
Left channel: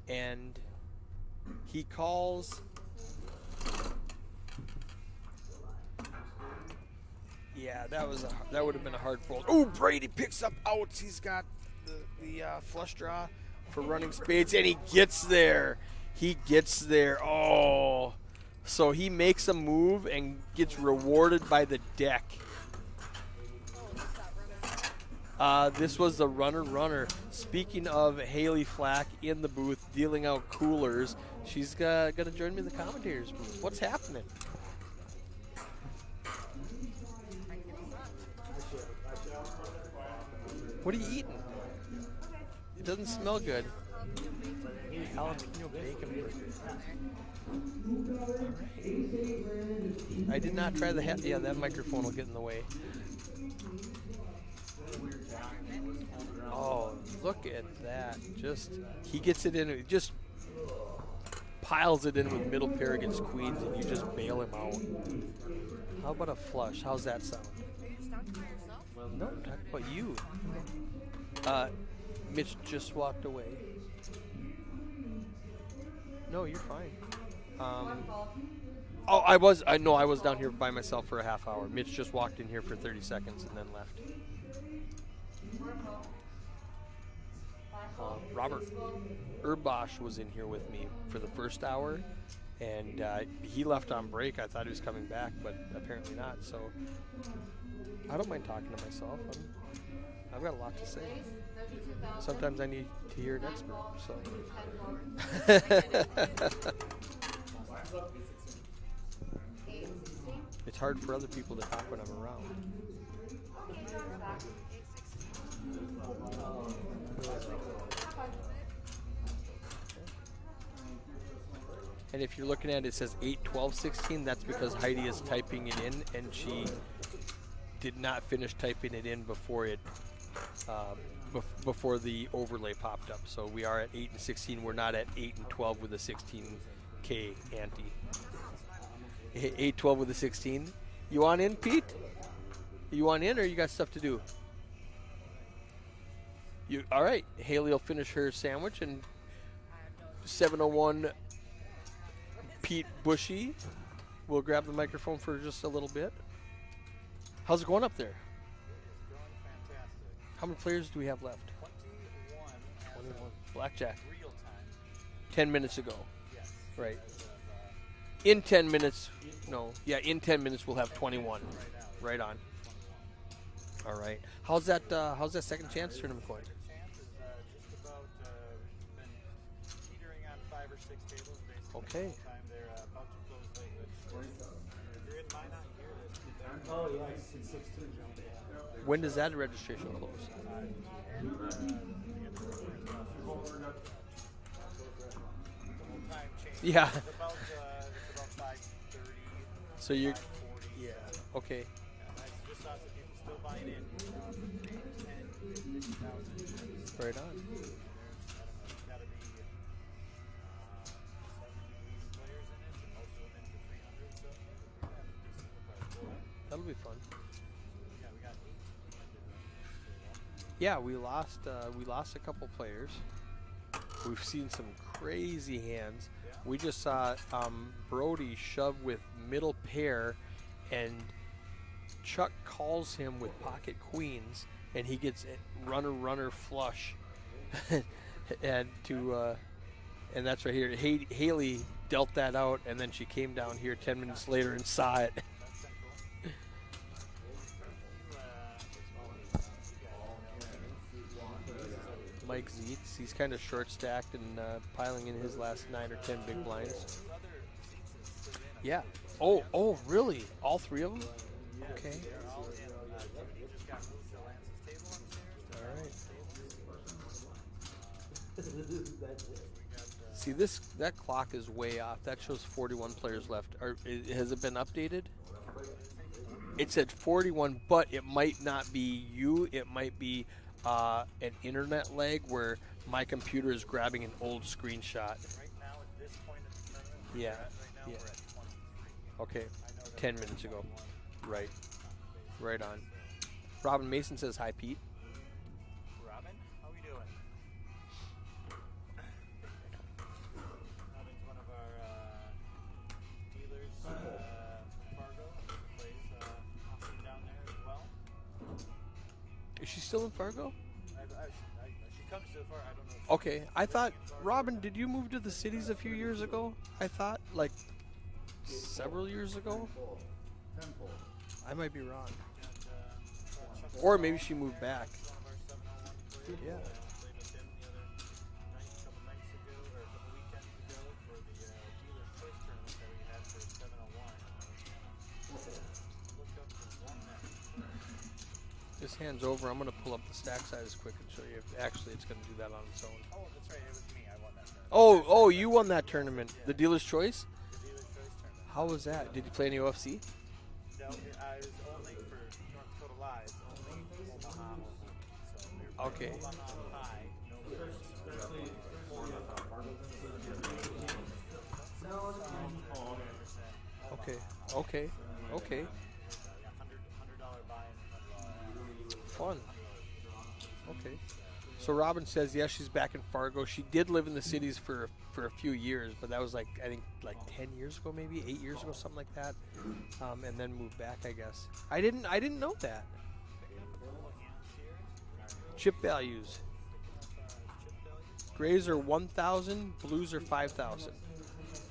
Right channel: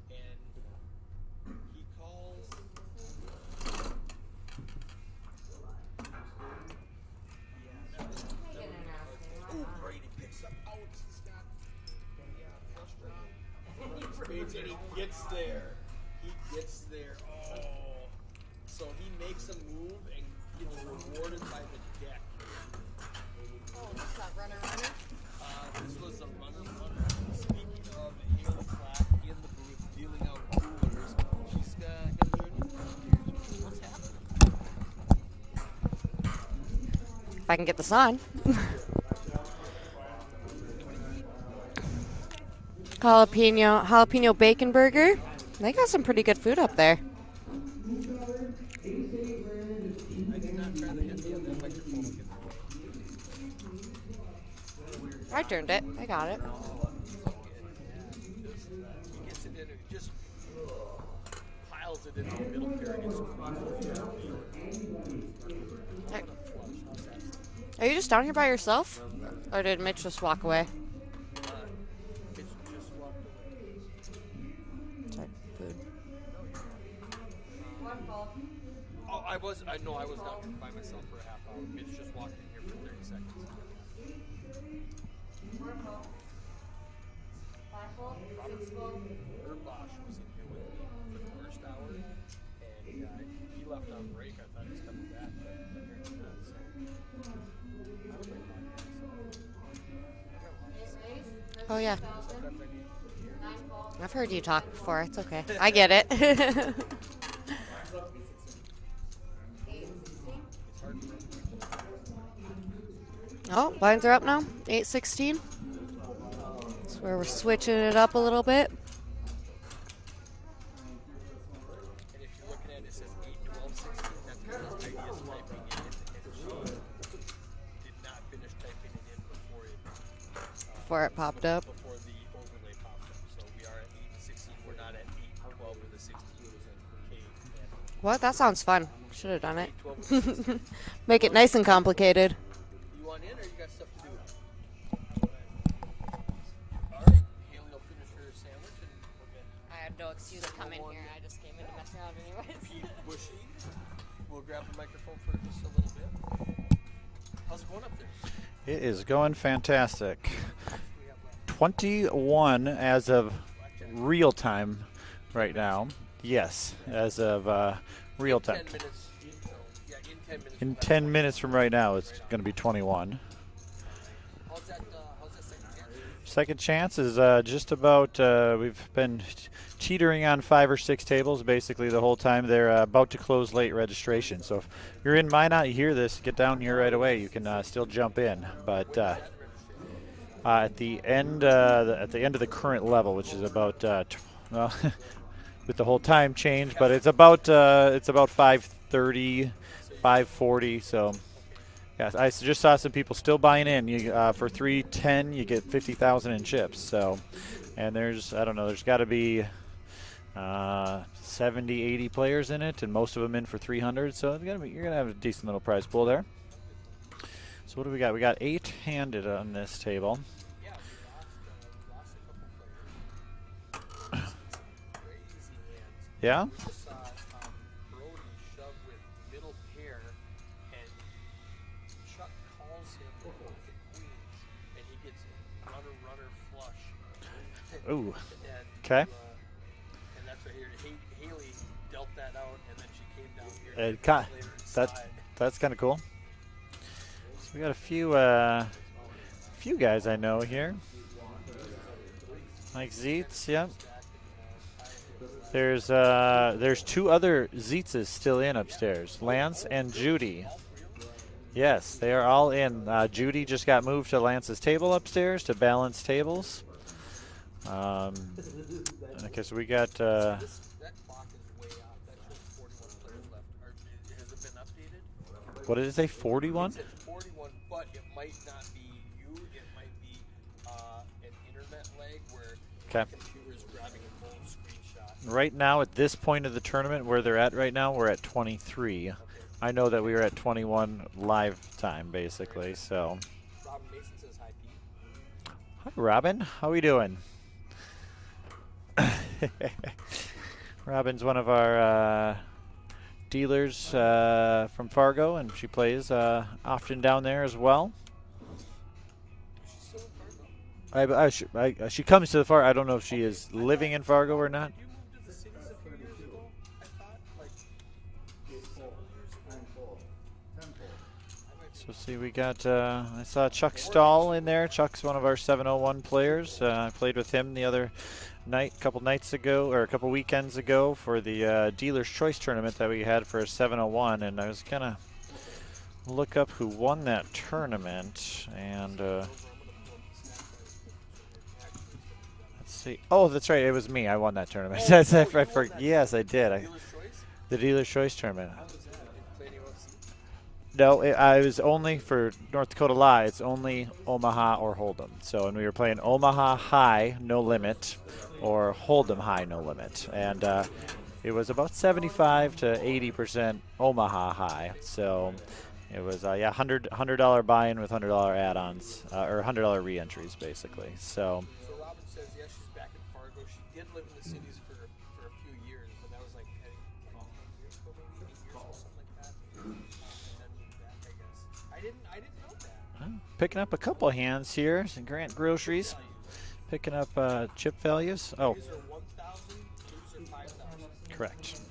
And he calls. Yeah, that would have been a hard fold. Oh, Brady picks up outs. He's got the flush draw for running spades, and he gets there. He gets there. Oh, so he makes a move and gets rewarded by the deck. This was the runner. Speaking of Haley Flack in the booth dealing out coolers, she's gonna join me in the commentators. What's happening? If I can get this on. What are you eating? It doesn't smell good. Jalapeno bacon burger. They got some pretty good food up there. I did not try the yeah, that microphone will get in the way. I turned it. I got it. Oh, look at that. Just, he gets it in, he just piles it into the middle pair against queens, and you just bail him out. How about a flush? How's that sound? Are you just down here by yourself? Or did Mitch just walk away? Mitch just walked away. No, you're fine. One fold. Oh, I was down here by myself for a half hour. Mitch just walked in here for 30 seconds and then left. Four fold. Five fold. Robert Six fold. Urbash was in here with me for the first hour, and he left on break. I thought he was coming back, but apparently not. So I don't mind talking to myself. I've got a lot to say. Oh, yeah. Sometimes I need to hear an expert. I've heard you talk before. It's okay. I get it. 8 and 16. It's hard for other people to talk when I'm around. Oh, lines are up now. 8-16. That's where we're switching it up a little bit. And if you're looking at it, it says 8, 12, 16. That's because Heidi is typing it in, and she did not finish typing it in before it Before it popped up. Before the overlay popped up. So we are at 8 and 16. We're not at 8 and 12 with a 16K ante. What? That sounds fun. Should have done 8, it. 12 with a 16. Make You it want nice in, and Pete? complicated. You want in, or you got stuff to do? You all right? Haley will finish her sandwich, and 701 Pete Bushy will grab the microphone for just a little bit. How's it going up there? It is going fantastic. How many players do we have left? 21 as of Blackjack. real time 10 right minutes now. ago. Yes, Right. as of real In time. 10 minutes. No. Yeah, in 10 minutes In we'll have 10 21. minutes from right now, it's Right on. going to be 21. All right. How's that second chance tournament going? Second chance is just about, we've been teetering on 5 or 6 tables basically the whole time. They're about to close late registration. So if you're in Minot, you hear this, get down here right away. You can still jump in. But When does that registration close? at the end of the current level, which is about well, with the whole time change, Yeah. but it's about 5:30, So you 5:40. So okay. yeah, I just saw some people still buying in. You for 310, you get 50,000 in chips. So, and there's got to be 70, 80 players in it, and most of them in for 300. So you're gonna have a decent little prize pool there. That'll be fun. So what do we got? We got 8 handed on this table. Yeah, we lost a couple players. We've seen some crazy hands. Yeah. We just saw Brody shove with middle pair, and Chuck calls him with pocket queens, and he gets runner flush. Ooh. And Okay. and that's right here. Haley dealt that out, and then she came down here 10 And minutes later and saw it. That's kind of cool. So we got a few guys I know here. Mike He's kind of Zietz, yeah. stacked and piling in his last There's 2 other Zietzes still in Yeah. upstairs, Oh, Lance and really? Judy. All 3 of them? Yes, they are all in. Judy just got moved to Lance's table upstairs to balance tables. Because we got. See, that clock is way off. That shows 41 players left. Has it been updated? What did it say? 41. It said 41, but it might not be you. It might be an internet lag where my Okay. computer is grabbing an old screenshot. Right now, at this point of the tournament, where they're at right now, we're at 23. Okay. I know that we 10 were at minutes ago. 21 live time, basically. on. So, Robin Mason says hi, Pete. hi, Robin, how we doing? Robin's one of our dealers from Fargo, and she plays often down there as well. Is she still in Fargo? She comes to the Fargo. I don't know if she Okay. is I living thought- in Fargo or Robin, not. Did you move to the cities a few years ago? I thought, like, several years ago. I might be So wrong. see, we got, I saw Chuck Or maybe she Stahl in moved there. back. Chuck's one of our 701 players. I played with him the other night, a couple nights ago, or a couple weekends ago for the Dealer's Choice tournament that we had for a 701, and I was going to look up who won that tournament. And This hand's over. I'm going to pull up the stack size quick and show you. Actually, it's going to do that on see. Oh, that's right. It was me. I won that tournament. Oh, That's- oh, I you won that Yes, tournament. I did. The Dealer's Choice? The Dealer's Choice tournament. How was that? Did you play any UFC? No, I was only for North Dakota Live. It's only Omaha or Hold'em. So, and we were playing Omaha High, no limit, or Hold'em High, no limit, and it was about 75 to 80% Omaha High. Okay. So Okay. it was yeah, $100 buy-in with $100 add-ons or $100 re-entries basically. So So Robin says, yes, she's back in Fargo. She did live in the cities for a few years, but that was like, I think, like 10 years ago, maybe 8 years ago, something like that, and then moved back, I guess. I didn't know that. picking up a couple hands here. Some Grant Chip Groceries values. picking up chip values. Grays are 1,000, blues are 5,000. Correct.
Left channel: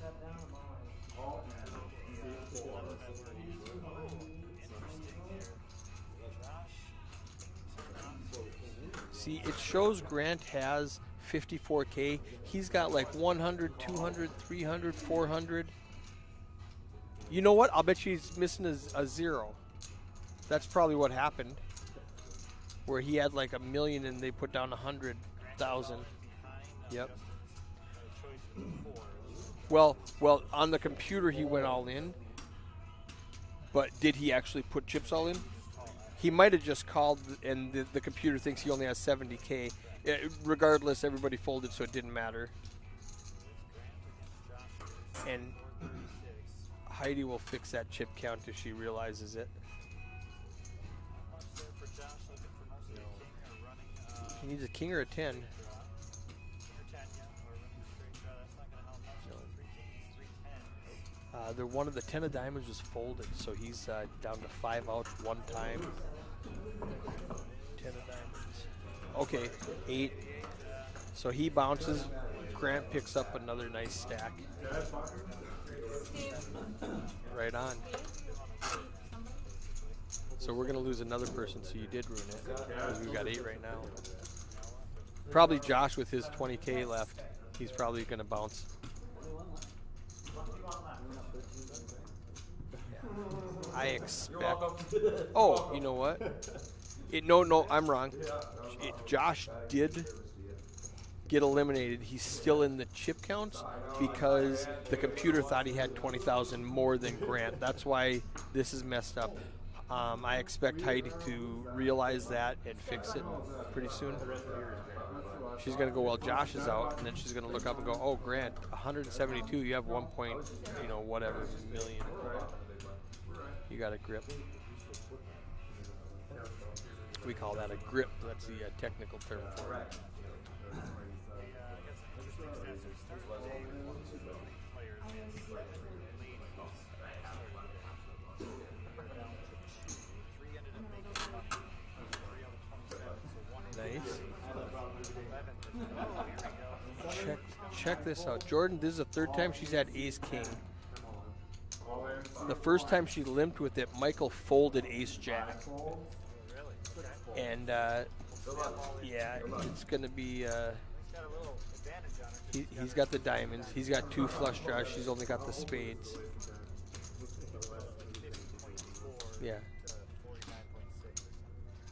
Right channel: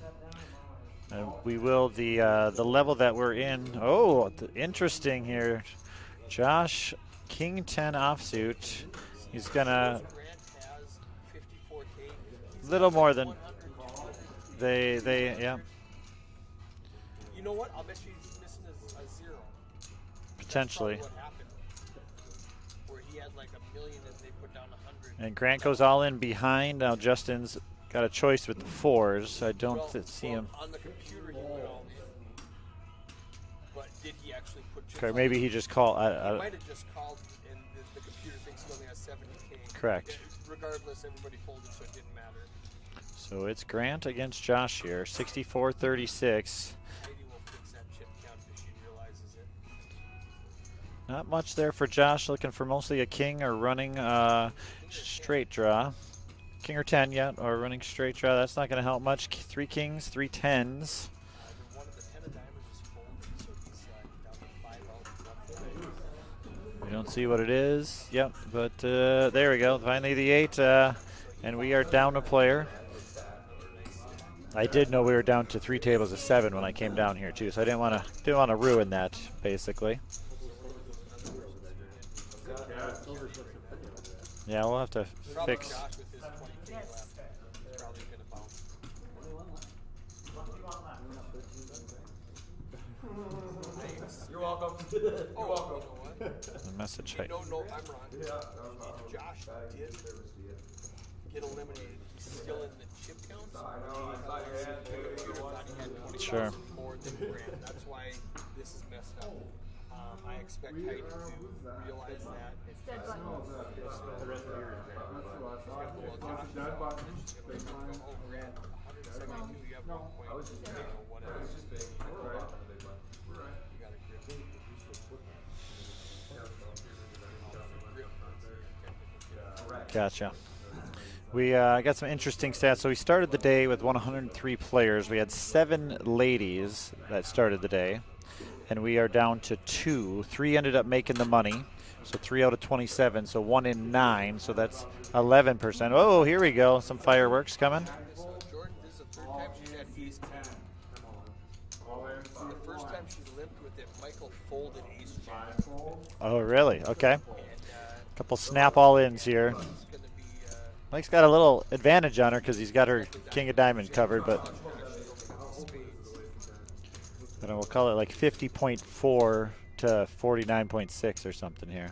We will the level that we're in. Oh, interesting here. Josh, King 10 offsuit. See, He's it gonna shows Grant has 54K. He's Little got more like than 100, 200, 300, they- 400. You know what? I'll bet you he's missing a zero. That's probably Potentially. what happened. Where he had like 1 million and they put down 100. And Grant goes all in behind. Now Yep. Justin's got a choice with the fours. I don't see Well, him. on the computer he went all in. But did he actually put chips Okay, all maybe in? he just called. He might have just called, and the computer thinks he only has 70K. Correct. Regardless, everybody folded, so it didn't matter. So it's Grant against Josh here. 64-36. Heidi will fix that chip count if she realizes it. Not much there for Josh. Looking for mostly a king or running Needs a king or a 10. straight draw. King or 10, yeah, or running straight draw. That's not going to help much. 3 kings, 3 10s. One of the 10 of diamonds just folded, so he's down to 5 out 1 time. You don't see what it is. Yep, but there we go. Finally the 8. So he And we are bounces. down a player. Grant picks up another nice stack. I did know we were down to 3 tables of 7 when I came down here too, so I didn't want to ruin that basically. So we're gonna lose another person. So you did ruin it. You got 8 right now. Yeah, we'll have to Probably fix- Josh with his 20K left. He's probably gonna bounce. I expect. Oh, you know what? message. No, I'm wrong. Josh did get eliminated. He's still in the chip counts because the computer thought he had 20,000 more than Grant. That's why this is messed up. I expect Heidi to realize that and fix it pretty soon. She's gonna go while Josh is out, and then she's gonna look up and go, "Oh, Grant, 172. You have 1 point, whatever million. You got a grip." We call that a grip. That's the technical term. Gotcha. We got some interesting stats. So we started the day with 103 players. We had 7 ladies that started the day, and we are down to 2. 3 ended up making the money, so 3 out of 27. So 1 in 9. So that's 11%. Oh, here we go. Some fireworks coming. Check this out, Jordan. This is the 3rd time she's had Ace King. The first time she limped with it, Michael folded Ace Jack, Oh, really? Okay. and Couple snap all-ins yeah, here. It's gonna be. Mike's got a little advantage on her because he's got her He's got the king of diamonds. diamonds He's got covered, 2 but flush draws. She's only got the spades. we'll call it like 50.4 Yeah. to 49.6 or something here.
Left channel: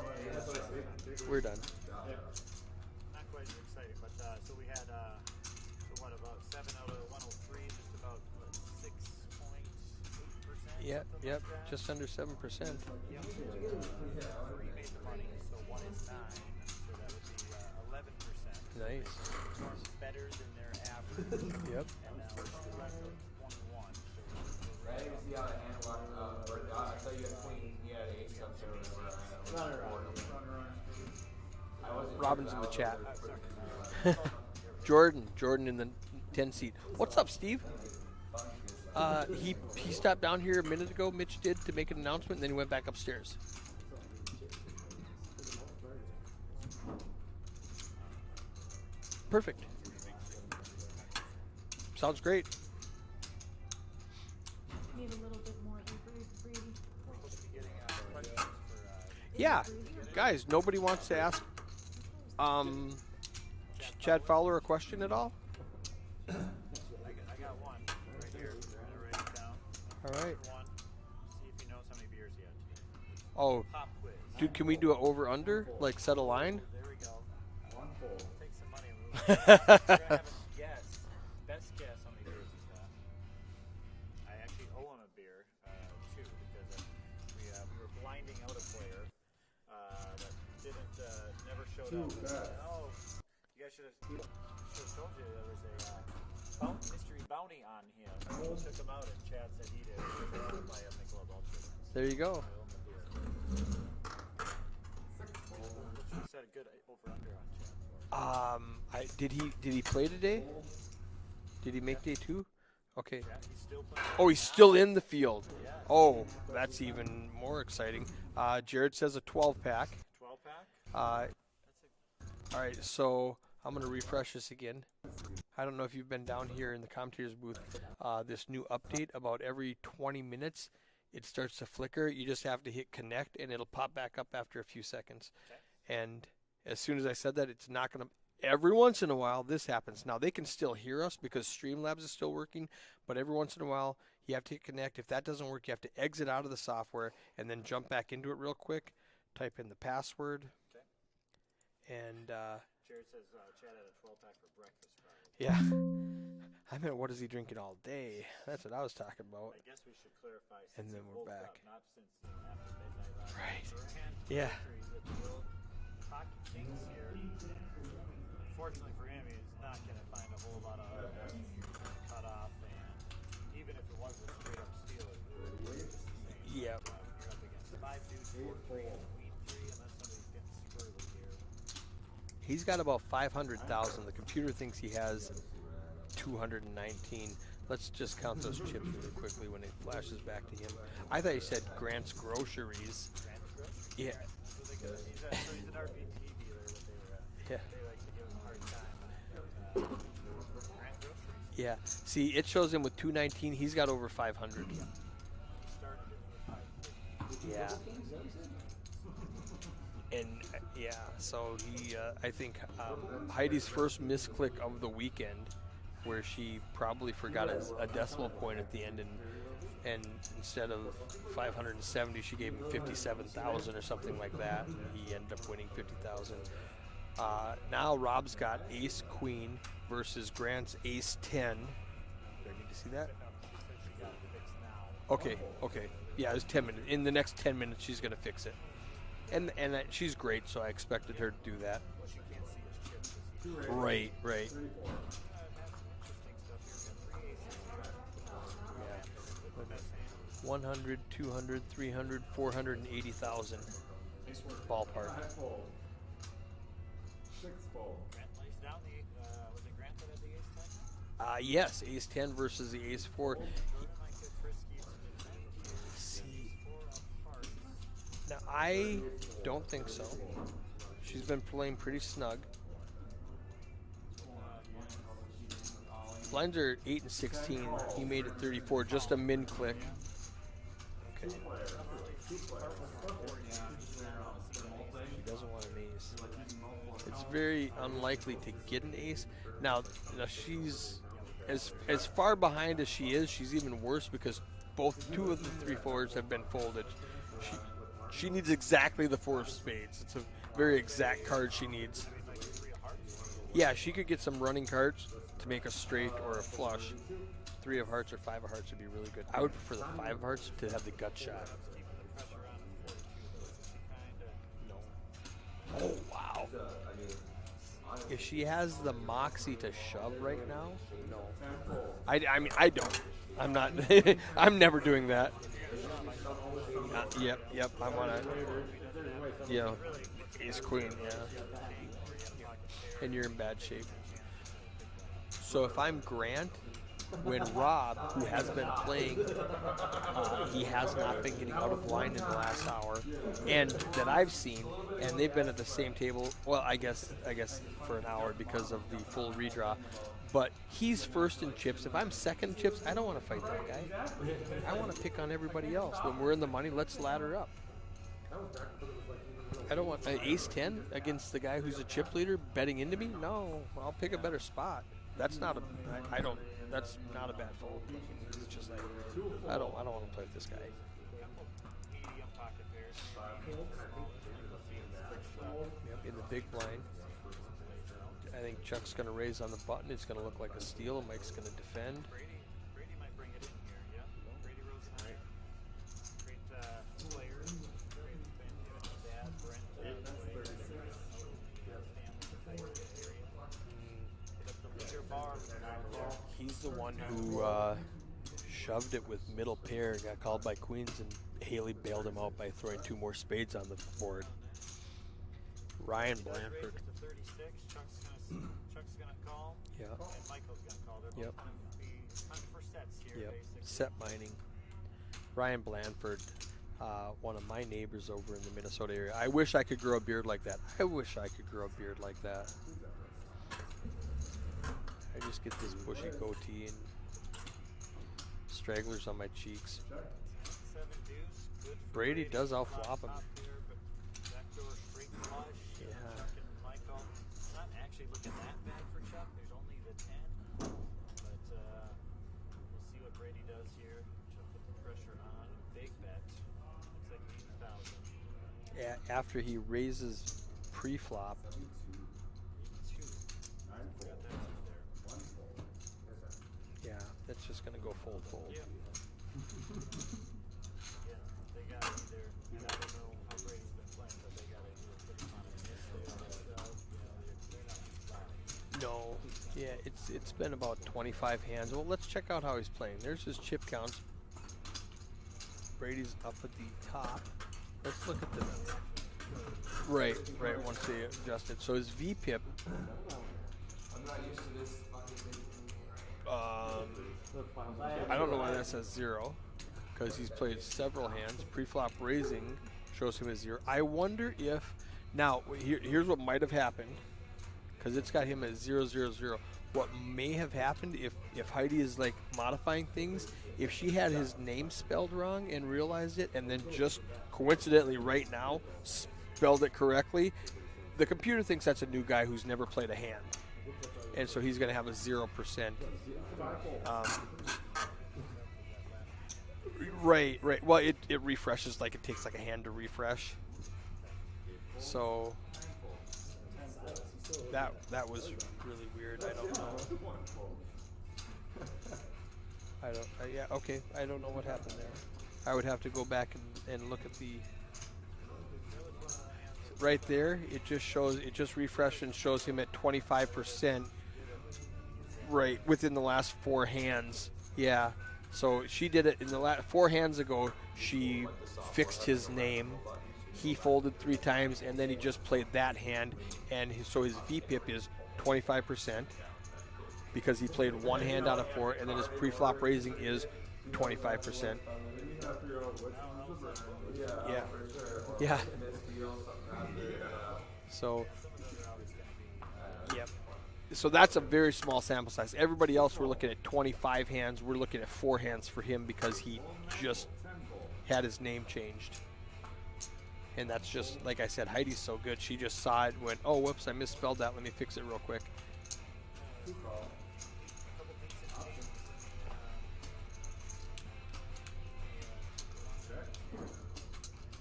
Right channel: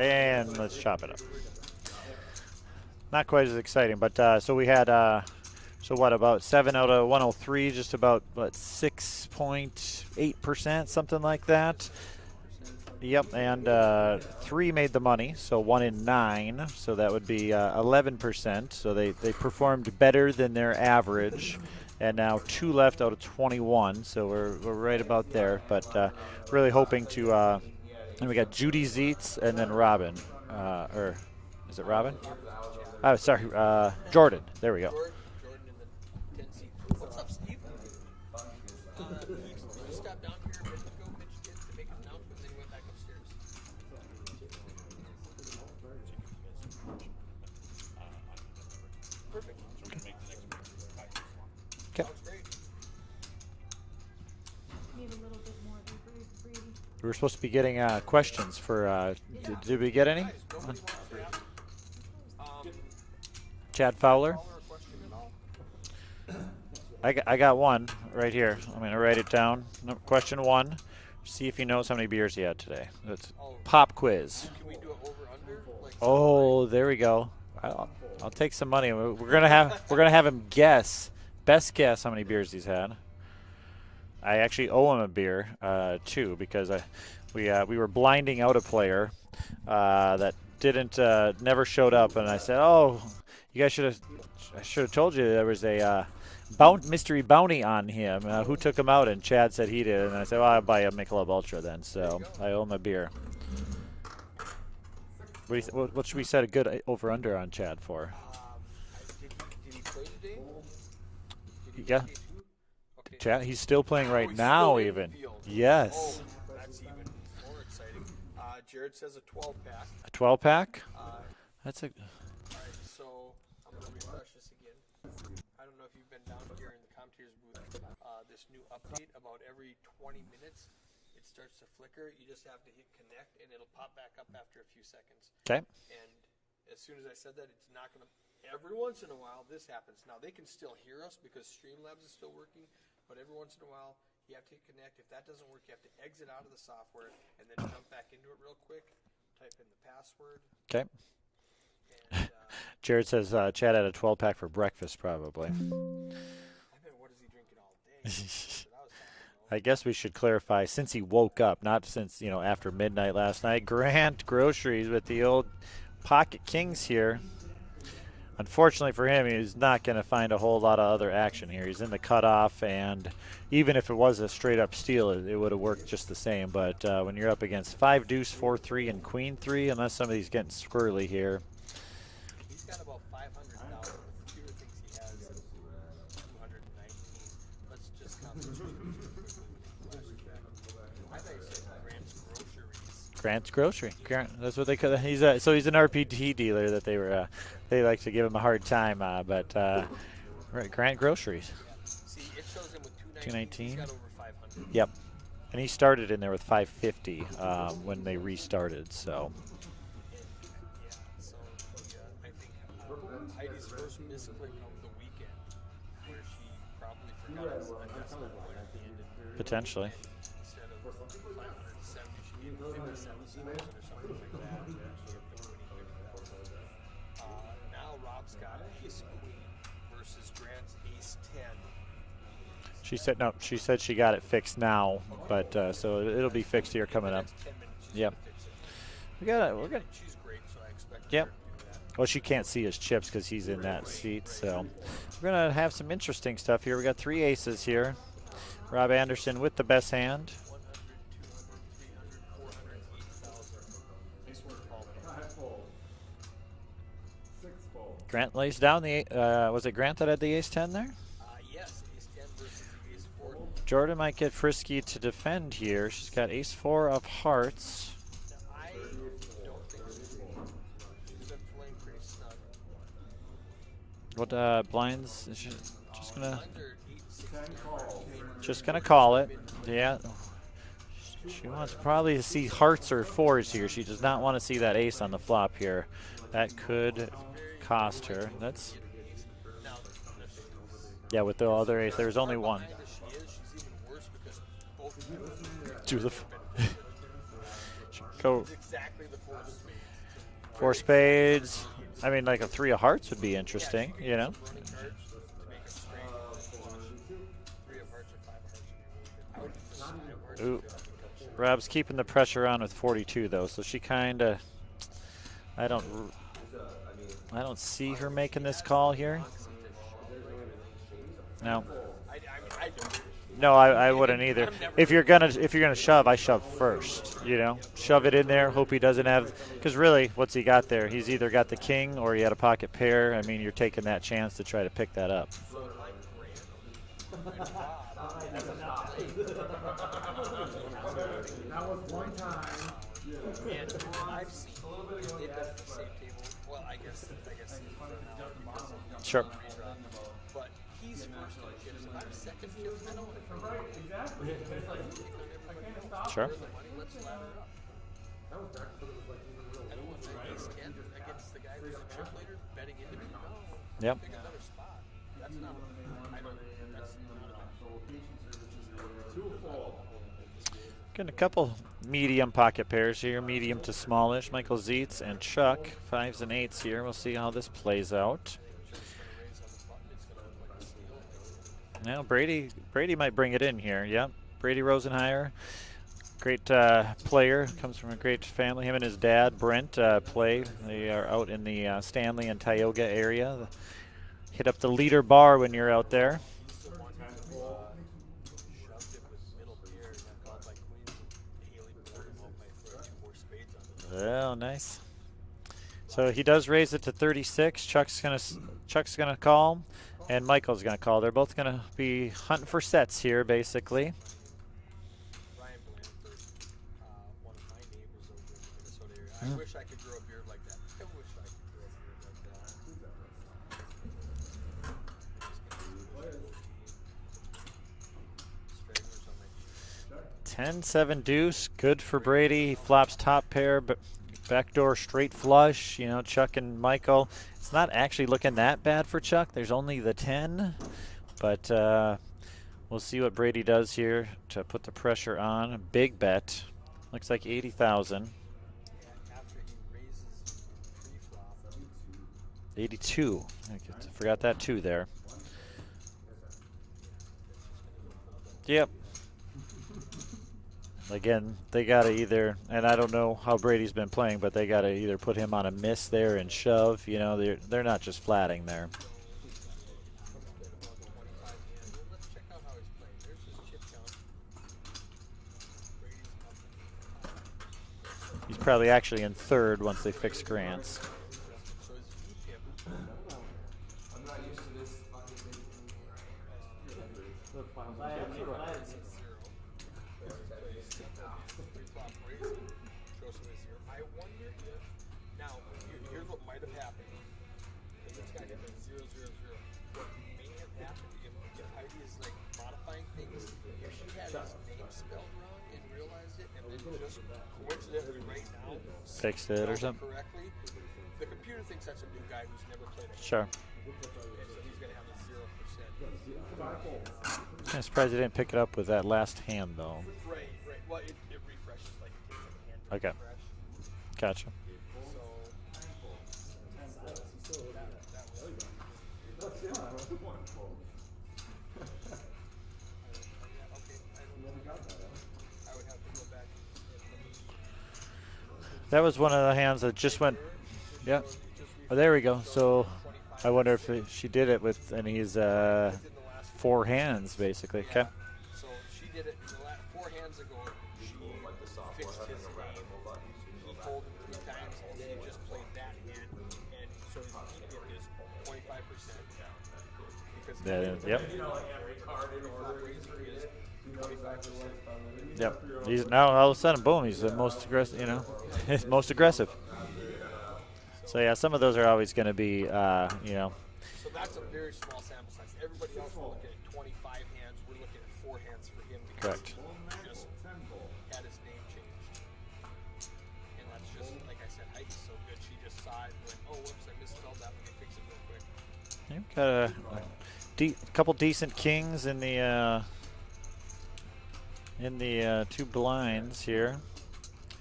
And let's chop it up. We're done. Not quite as exciting, but so we had So what, about 7 out of 103, just about, what, 6.8%, something like that? Just under 7%. Yep, and 3 made the money, so 1 in 9, so that would be 11%. So they performed better than their average, and now 2 left out of 21, so we're right about there. But really hoping to, and we got Judy Zeitz and then Robin, or is it Robin? Robin's in the chat. Oh, sorry, Jordan. There we go. Jordan in the 10 seat. What's up, Steve? He stopped down here a minute ago. Mitch did to make an announcement, and then he went back upstairs. Perfect. Sounds great. Need a little bit more debrief. We were supposed to be getting questions for. Yeah. Did we get any? Guys, nobody wants to ask Chad Fowler. Chad Fowler a question at all? I got one right here. I'm gonna write it down. No, question 1. See if he knows how many beers he had today. That's pop quiz. Dude, can we do it over under? Like set a Oh, line? there we go. I'll take some money. We're gonna have him best guess how many beers he's had. I actually owe him a beer too, because we were blinding out a player that never showed up, and I said, "Oh, you guys should have told you there was a mystery bounty on him. Who took him out?" And Chad said he did, and I said, "Well, I'll buy a Michelob Ultra then." There you So go. I owe him a beer. What should we set a good over under on Chad for? Did he play today? Did he make Yeah. day 2? Okay. Chad, he's still playing right Oh, he's now. still in even. the field. Yes. Oh, that's even more exciting. Jared says a 12-pack. A 12-pack. That's a. All right, so I'm going to refresh this again. I don't know if you've been down here in the commentators booth. This new update, about every 20 minutes, it starts to flicker. You just have to hit connect, and it'll pop back up after a few seconds. Okay. And as soon as I said that, it's not going to. Every once in a while, this happens. Now, they can still hear us because Streamlabs is still working, but every once in a while, you have to hit connect. If that doesn't work, you have to exit out of the software and then jump back into it real quick. Type in the password. Okay. And Jared says Chad had a 12-pack for breakfast, probably. yeah. I meant, what is he drinking all day? That's what I was talking about. I guess we should clarify, since he woke up, not since, after midnight last night. Grant Groceries with the old Pocket Kings here. Unfortunately for him, he's not going to find a whole lot of other action here. He's in the cutoff, and even if it was a straight-up steal, it would have worked just the same. But when you're up against 5 deuce, 4-3, and queen 3, unless somebody's getting squirrely here. He's got about 500,000. The computer thinks he has 219. Let's just count those chips real quickly when it flashes back to him. I thought he said Grant's Groceries. Grant's Grocery. Yeah. Grant, that's what they call it. He's an RPD dealer that they like to give him a hard time. But Grant Groceries. Yeah. See, it shows him with 219. He's got over 500. Yep. And he started in there with 550 when they restarted. So. And yeah, so he, I think Heidi's first misclick of the weekend, where she probably forgot a decimal point at the end, and Potentially. And instead of 570, she gave him 57,000 or something like that. And he ended up winning 50,000. Now Rob's got Ace Queen versus Grant's Ace 10. She said no. She said she got it fixed now. Okay. But okay. so it'll be fixed here coming in the up. next 10 minutes. She's Yep. gonna fix it. We got And she's great, so I expected Yep. her to do that. Well, she can't see his chips because he's in that Right, seat. right. So we're gonna have some interesting stuff here. We got 3 aces here. Rob Anderson with the best hand. 100, 200, 300, 480,000. Ballpark. Grant lays down the. Was it Grant that had the ace 10 there? Yes, Ace 10 versus the Ace 4. Jordan might get frisky to defend here. She's got ace 4 of hearts. Now, I don't think so. She's been playing pretty snug. What blinds? Is she just gonna? Blinds are 8 and 16. He made it 34, Just gonna call a it. min-click. Yeah. She wants probably to see hearts or 4s here. She does not want to see that ace on the flop here. That could It's very cost her. unlikely That's to get an ace. Now she's yeah. With the other ace, as there's far only one. behind as she is, she's even worse because two of the 3 Two of fours the have been folded. She So- needs exactly the 4 of spades. It's a 4 very exact card spades. she needs. I mean, like a 3 of hearts would be interesting. Yeah, she could you get know? some running cards to make a straight or a flush. 3 of hearts or 5 of hearts would be really good. I would prefer the 5 of hearts Ooh. to have the gut shot. Rob's keeping the pressure on with 42 though, so she kind of. I don't see her If making she this has call the here. moxie to shove right now. No. I mean, I don't. No, I wouldn't either. I'm never If you're doing gonna that. if you're gonna shove, I shove first. You know, Yep. shove it in there. Hope he doesn't have. Yep. Because really, what's he got there? He's either got the king or he had a pocket pair. And I you're in mean, you're bad taking shape. that chance to try to pick that up. So if I'm Grant, when Rob, who hasn't been playing, he has not been getting out of line in the last hour, and that I've seen, and they've been at the same table. Well, I guess for an hour because of the Sure. full redraw. But he's first in chips. If I'm second in chips, I don't want to fight that guy. I want to pick on everybody else. When Sure. we're in the money, let's ladder up. I don't want an ace 10 against the guy who's a chip leader betting into me. No, I'll Yep. pick a better spot. That's not a. I don't. That's not a bad fold. It's just, I don't want to play this guy. Getting a couple medium pocket pairs here, medium to smallish. Michael Zietz and Chuck, 5s and 8s here. We'll see how this plays out. I think Chuck's going to raise on the button. It's going to look like a steal. Mike's going to defend. Now Brady might bring it in here. Yep, Brady Rosenheier, great player, comes from a great family. Him and his dad Brent play. They are out in the Stanley and Tioga area. Hit up the leader bar when you're out there. He's the one who shoved it with middle pair, got called by queens, and Haley bailed him out by throwing 2 more spades on the board. Oh, nice. So Ryan he does raise it to 36. Chuck's gonna call, and Michael's gonna call. They're both gonna be hunting for sets here, basically. Set mining. Ryan Blandford, one of my neighbors over in the Minnesota area. I wish I could grow a beard like that. I wish I could grow a beard like that. I just get this bushy goatee and stragglers on my cheeks. 10-7 deuce, good for Brady Brady. does He alpha flops pop 'em. top pair, but backdoor straight flush. You know, Chuck and Michael. It's not actually looking that bad for Chuck. There's only the 10, but we'll see what Brady does here to put the pressure on. A big bet. Looks like 80,000. After he raises pre-flop, 82. I forgot that 2 there. yeah, that's just going to go full. Yep. Again, they got to either, and I don't know how Brady's been playing, but they got to either put him on a miss there and shove. You know, they're not just flatting there. No, yeah, it's been about 25 hands. Well, let's check out how he's playing. There's his chip count. Brady's up at the top. Let's look at He's the probably actually in third once they fix right, Grants. once they adjusted. So his VPIP. I'm not used to this fucking thing. I don't know why it says 0, because he's played several hands. Pre-flop raising shows him a 0. I wonder if now here's what might have happened, because it's got him at 0, 0, 0. What may have happened if Heidi is like modifying things, if she had his name spelled wrong and realized it, and then just coincidentally right now Fixed it or spelled it something. correctly, the computer thinks that's a new guy who's never played a hand. Sure. And so he's going to have a 0%. I'm surprised they didn't pick it up with that last hand, though. Right. Well, it refreshes, like it takes like a hand to Okay. refresh. Gotcha. So that was really weird. I don't know what happened there. I would have to go back and look at the That was one of the hands that just right went. there. It just Yep. shows. It just refreshes. Oh, there we go. Shows So him at 25%. I wonder if she did it with, and he's right within the last four hands, basically. Yeah. Okay. So she did it in the last 4 hands ago. She fixed his name. He folded 3 times, and then he just played that hand, and so his VPIP is 25% because he Yeah, played yeah. 1 hand out of 4, and then his pre-flop raising is 25%. Yep. He's now all of a sudden, boom, he's the most aggressive. You know. Yeah. He's most aggressive. So, So yeah, some of those are always going to be, you know. So that's a very small sample size. Everybody else, we're looking at 25 hands. We're looking at 4 hands for him because he just had his name changed. And that's just, like I said, Heidi's so good. She just saw it and went, oh, whoops, I misspelled that. Let me fix it real quick. Got a couple decent kings in the 2 blinds here,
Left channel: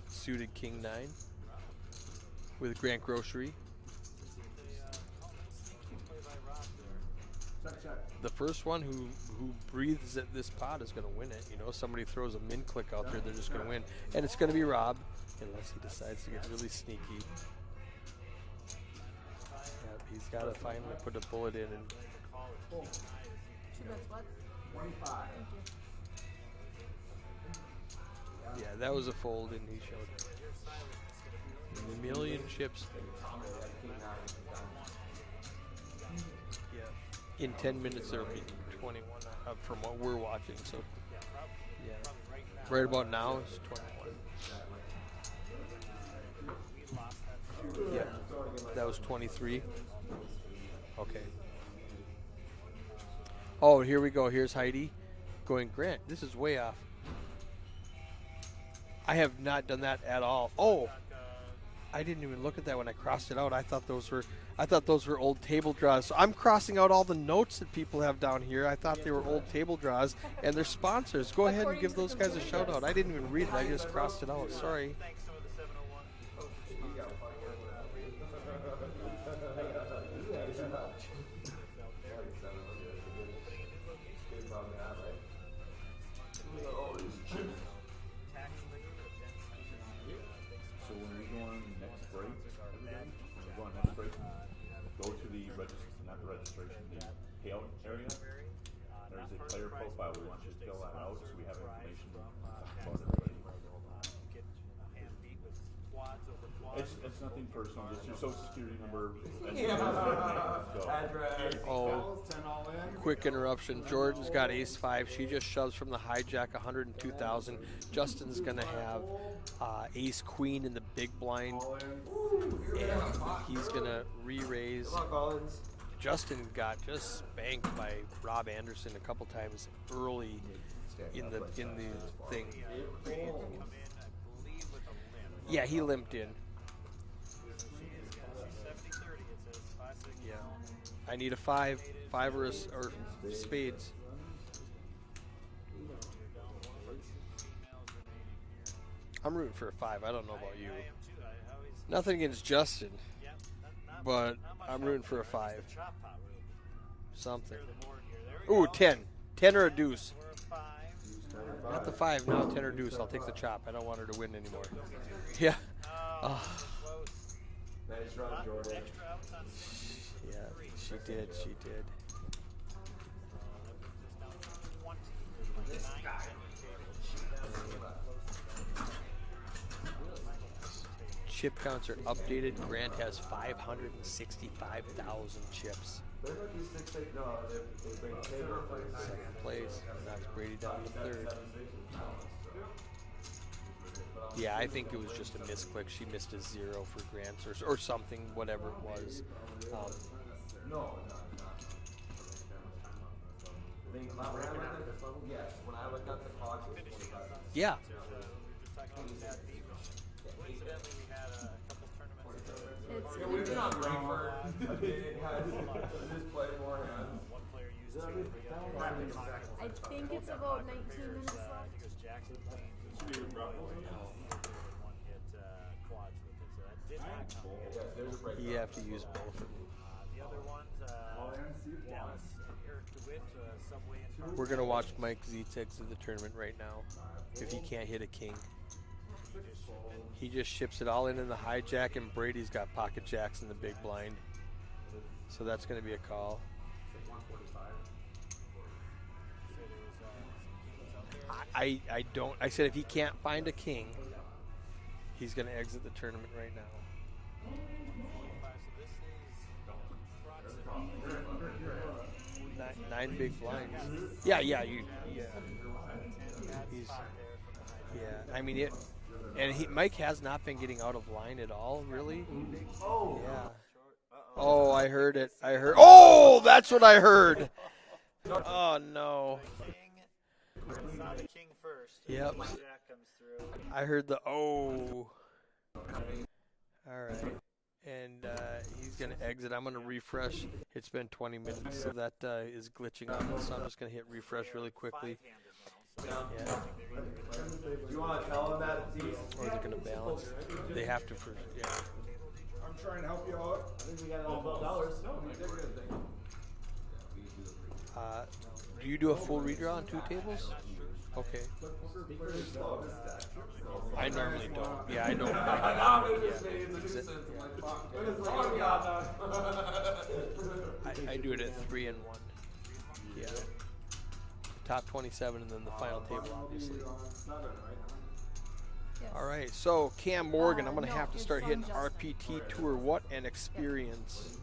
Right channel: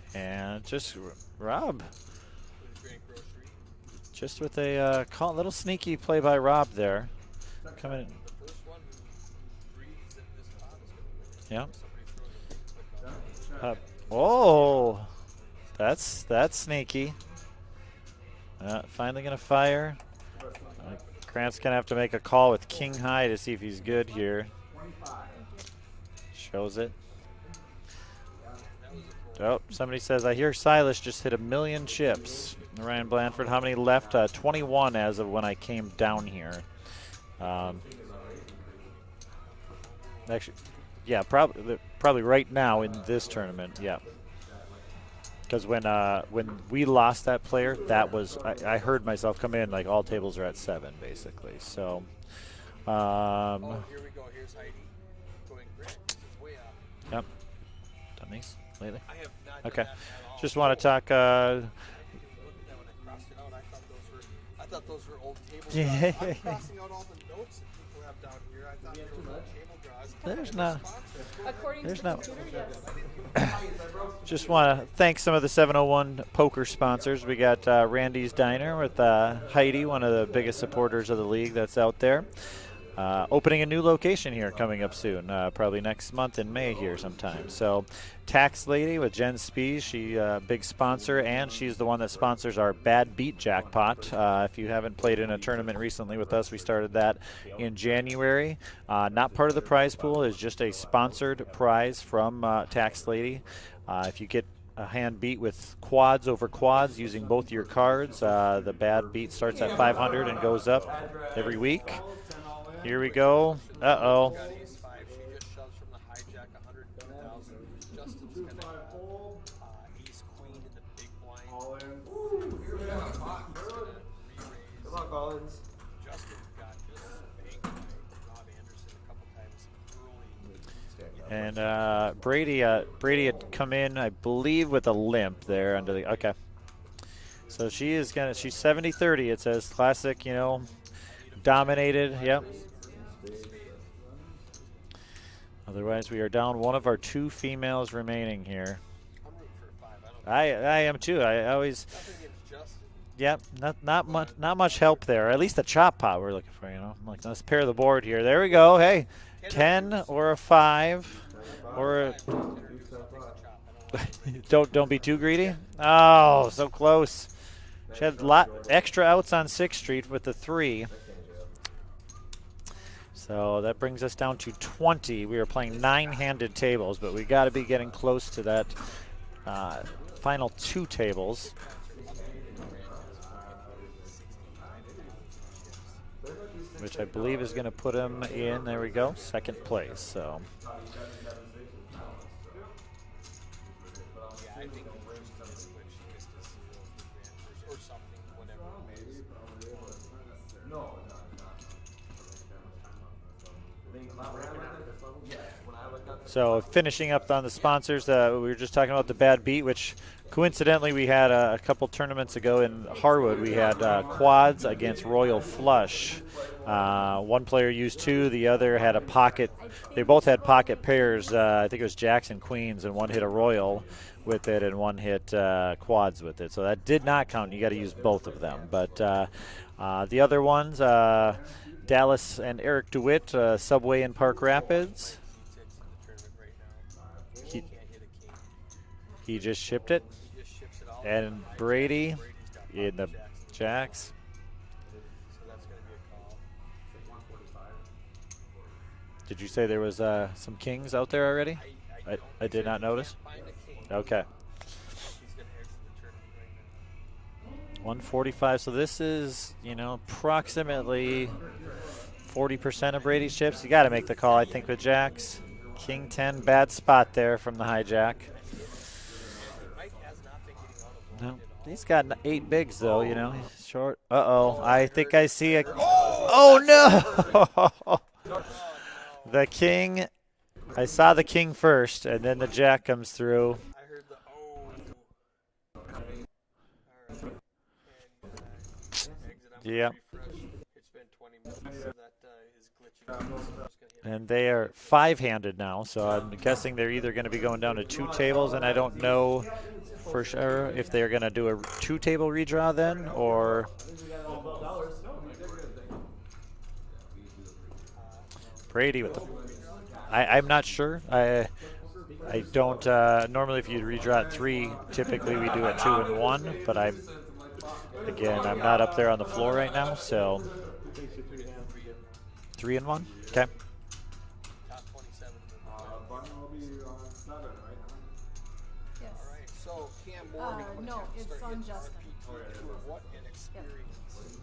Suited and king just 9 Rob, with Grant Grocery. just with a little sneaky play by Rob there. coming. The first one who breathes at this pot is going to win it. Yeah. You know, somebody throws a min click out there, they're just going to win. And it's Oh, gonna be Rob. that's really sneaky. Finally gonna fire. He's got to finally put a Grant's board gonna in. have to make a call with king high to see if he's good here. Shows it. Yeah, that was a fold. Oh, somebody says, I hear Silas just hit 1,000,000 chips. chips. Ryan Blanford, how many left? 21 as of when I came down here. In 10 minutes, they're making 21 from what we're watching. Actually, yeah, probably right now Right in about this now? tournament. Yeah. Because when we lost that player, that was I heard myself come in like all tables are at 7 basically. So. Oh, here we go. Here's Heidi going, Grant, this is way off. Yep. Dummies. Lately. I have not done that at all. Just want to talk. I didn't even look at that when I crossed it out. I thought those were old table draws. I'm crossing out all the notes that people have down here. I thought they were old table draws, and they're sponsors. Go ahead and give those guys a shout out. I didn't even realize I just crossed it out. Just want to thank some of the 701 poker sponsors. We got Randy's Diner with Heidi, one of the biggest supporters of the league that's out there. Opening a new location here coming up soon, probably next month in May here sometime. So Tax Lady with Jen Spees, she a big sponsor, and she's the one that sponsors our Bad Beat Jackpot. If you haven't played in a tournament recently with us, we started that in January. Not part of the prize pool, is just a sponsored prize from Tax Lady. If you get a hand beat with quads over quads using both your cards, the Bad Beat starts at 500 and goes up every week. Here we Quick go. interruption. Uh-oh. George's got ace-5. She just shoves from the hijack 102,000. Justin's going to have ace-queen in the big blind. And he's going to re-raise. Come on, Collins. Justin got just spanked by Rob Anderson a couple times early. And Brady had come in, I believe, with a limp there. he Under the, limped, okay. So she is she's 70-30. It says classic, you know, I need a dominated. five Yep. or spades. Otherwise, we are down one of our 2 females remaining here. I'm rooting for a 5. I don't know. I am too. I always. Nothing against Justin. Yep. Not But much I'm help rooting for there. a At least the 5. chop pot we're looking for. You know, like let's Something. pair the board here. There we Ooh, go. 10. Hey, 10 or a 10 deuce. or a 5. Or a 5, no, 10 or deuce. I'll take the chop. I don't want her to win it. Don't be too greedy. Yeah. Oh, so close. She had a lot extra outs on 6th Street with the 3. She did. So that brings us down to 20. We are playing 9-handed tables, but we got to be getting close to that final 2 tables. Chip counts are updated. Grant has 565,000 chips. Which I believe is going to put him in, there we go, 2nd place. So Yeah, I think it was just a misclick. She missed a 0 for Grant or something, whatever it was. So finishing up on the sponsors, we were just talking about the Bad Beat, which coincidentally we had a couple tournaments ago in Harwood. We had quads against Royal Flush. One player used 2, the other had a pocket. They both had pocket pairs. I think it was jacks and queens, and one hit a Royal with it and one hit quads with it. So that did not count. You got to use both of them. But the other ones, Dallas and Eric DeWitt, Subway in Park Rapids. Mike Zetek's in the tournament right now. If he can't hit a king, He just shipped it. he just ships it all And in the hijack. Brady, and Brady's got he had pocket the jacks in the jacks. big blind. So that's going to be a call. Did you say there was some kings out there already? I don't. I I did said not if he notice. can't find a king, Okay. he's going to exit the tournament right now. 145. So this is, you know, approximately 40% of Brady's chips. You got to make the call, Yeah, I yeah, think, with you- jacks. King 10, bad spot there from the hijack. I mean, Mike has not been getting out of line at all. He's got 8 bigs, though, you know. Short. Uh-oh. Oh, I heard think it. I see I a... heard- Oh, that's no! what I heard. Oh, no. The king... I saw the king first, and then the jack comes through. I heard the oh. All right. And he's going to exit. I'm going to Yep. refresh. It's been 20 minutes, so that is glitching out. So I'm just going to hit And refresh they are really quickly. 5-handed now, so I'm guessing they're either going to be going down to 2 tables, and I don't know for sure if they're going to do a 2-table redraw then, or... Brady. Do a full redraw on 2 tables? I'm not sure. I don't. Normally, if you redraw at 3, typically we do a 2 and 1. But I'm not up there on the floor right now, so I do it at 3 and 1. 3 and 1. Okay. Top 27 and then the final table. Yes. All right, so Cam Morgan, I'm going to no, have to it's start on hitting Justin. RPT Tour. What an experience.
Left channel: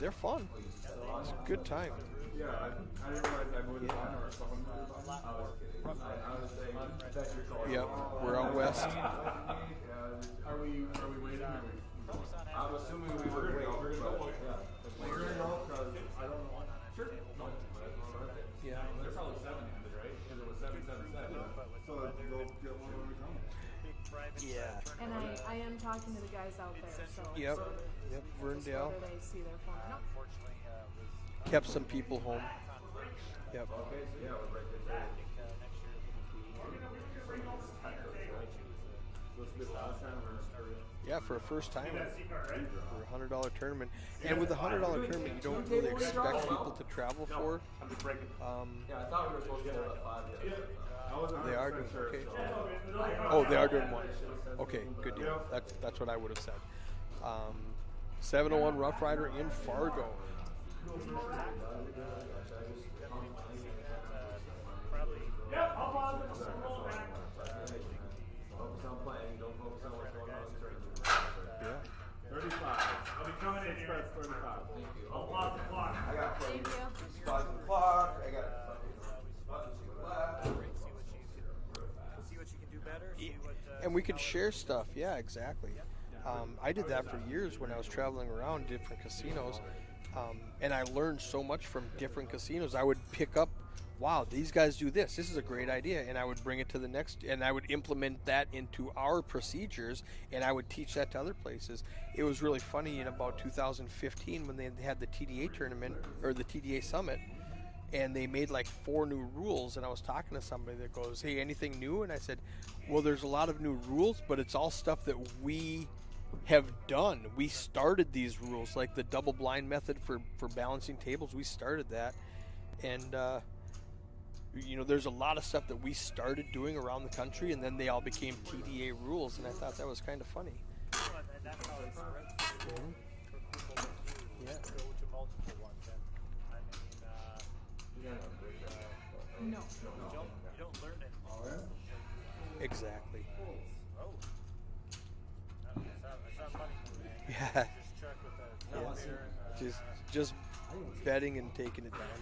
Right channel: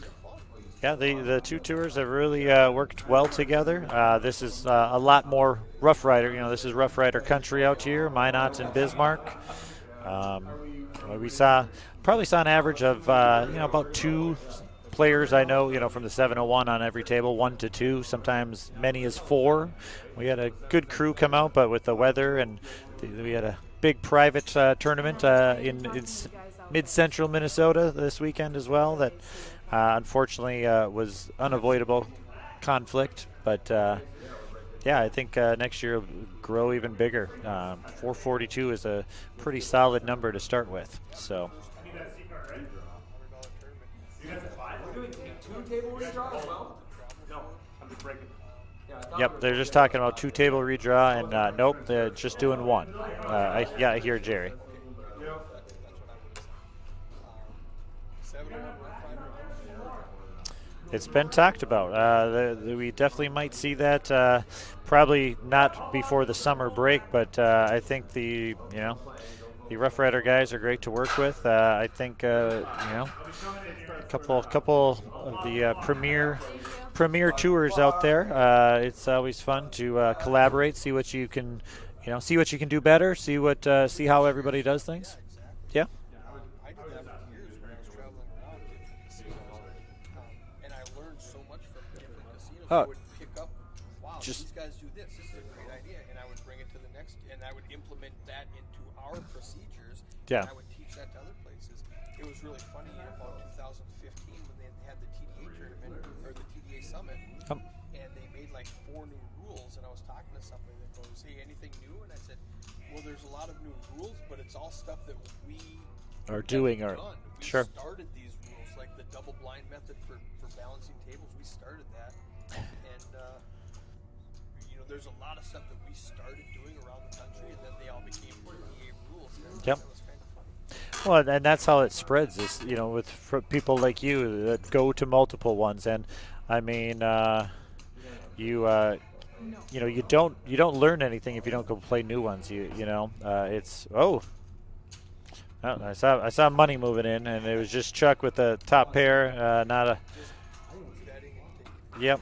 They're fun. Yeah, the 2 tours have really worked well together. This is a lot more Rough Rider. This is Rough Rider country out here, Minot and Bismarck. We probably saw an average of about 2 players I know, from the 701 on every table, 1 to 2, sometimes many as 4. We had a good crew come out, but with the weather, and we had a big private tournament in mid-central Minnesota this weekend as well that unfortunately was unavoidable conflict. But I think next year will grow even bigger. 442 is a pretty solid number to start with. Yeah, so for the first time for a $100 tournament. And with a $100 tournament, you don't really expect people to travel for. Yep, they're just talking about 2 table redraw, and nope, they're just doing 1. I hear Jerry. Okay, good deal. That's what I would have said. 701 Rough Rider in Fargo. It's been talked about. We definitely might see that. Probably not before the summer break, but I think the Rough Rider guys are great to work with. I think a couple of the premier tours out there. It's always fun to collaborate, see what you can do better, see how everybody does things. Yeah, exactly. Yeah. I did that for years when I was traveling around different casinos, and I learned so much from different casinos. I would pick up, wow, these guys do this. This is a great idea, and I would bring it to the next, and I would implement that into our procedures, and I would teach that to other places. It was really funny in about 2015 when they had the TDA tournament or the TDA summit, and they made like 4 new rules. And I was talking to somebody that goes, "Hey, anything new?" And I said, "Well, there's a lot of new rules, but it's all stuff that we are done. We started these rules, like the double blind method for balancing tables. We started that, and there's a lot of stuff that we started doing around the country, and then they all became TDA rules, and I thought that was kind of funny. Well, and that's how it spreads. Is for people like you that go to multiple ones, and I mean, you don't learn anything if you don't go play new ones. It's I saw money moving in, and it was just Chuck with the top pair, just betting and taking it. Yep.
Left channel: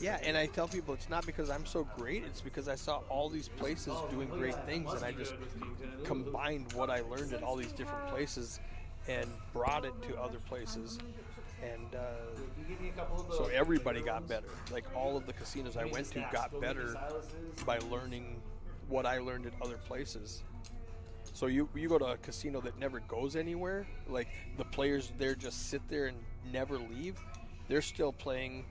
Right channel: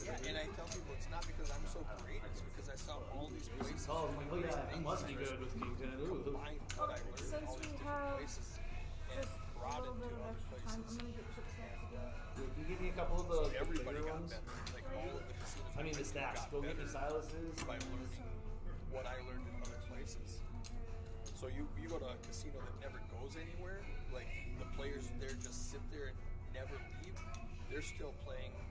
Yeah, and I tell people it's not because I'm so great, it's because I saw all these places doing great things, and I just combined what I learned in all these different places and brought it to other places. And so everybody got better. Like all of the casinos I went to got better by learning what I learned in other places. So you go to a casino that never goes anywhere, like the players there just sit there and never leave. They're still playing,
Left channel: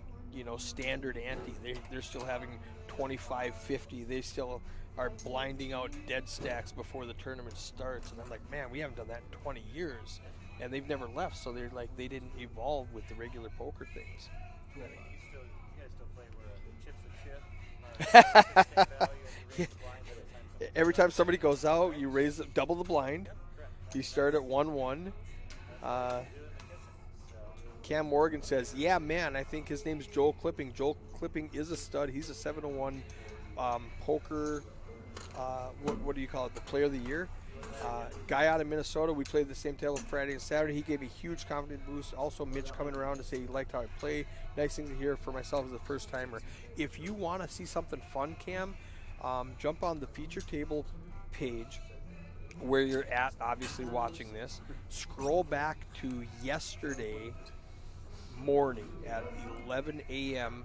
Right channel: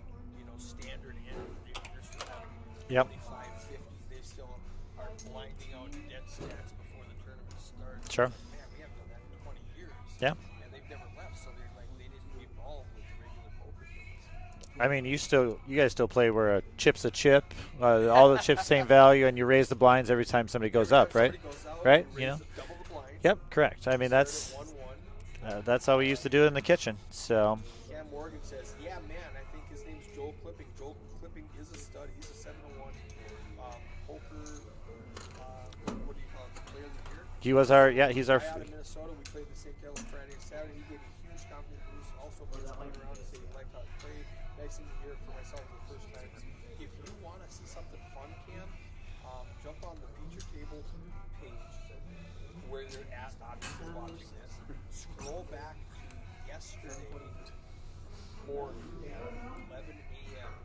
standard ante. They're still having 25, 50. They still are blinding out dead stacks before the tournament starts. Sure. It's like, man, we haven't done that in 20 years. Yeah. And they've never left, so they're like they didn't evolve with the regular poker things. I mean, you guys still play where a chip's a chip, all the chips same value, and you raise the blinds every time somebody goes up, right? Every time somebody goes out, right? you raise double the blind. Yep, correct. I mean, start that's at 1-1. That's how we used to do it in the kitchen. So Cam Morgan says, "Yeah, man, I think his name's Joel Clipping. Joel Clipping is a stud. He's a 7-1 poker. What do you call it? The player of the year. He was he's guy our out of Minnesota. We played the same table Friday and Saturday. He gave me a huge confidence boost. Also, Mitch coming around to say he liked how I play. Nice thing to hear for myself as a first timer. If you want to see something fun, Cam, jump on the feature table page where you're at, obviously watching this. Scroll back to yesterday morning at 11 a.m.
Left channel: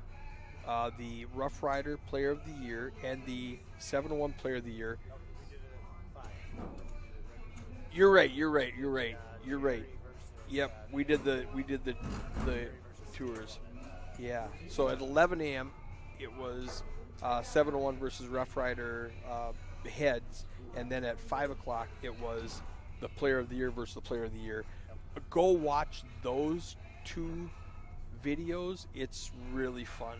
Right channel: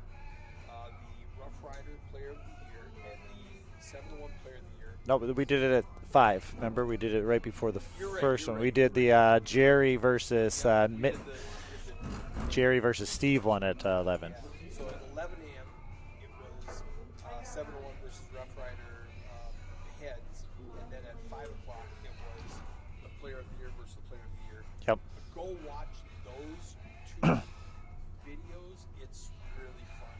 The Rough Rider Player of the Year and the 7-1 Player of the Year. No, but we did it at 5. Remember, we did it right before the You're right, first you're one. right, We did you're the right. Jerry versus we did the Jerry versus Steve one at 11. Yeah. So at 11 a.m. it was 7-1 versus Rough Rider heads, and then at 5 o'clock it was the Player of the Year versus the Player of the Year. Yep. Go watch those two videos, it's really fun.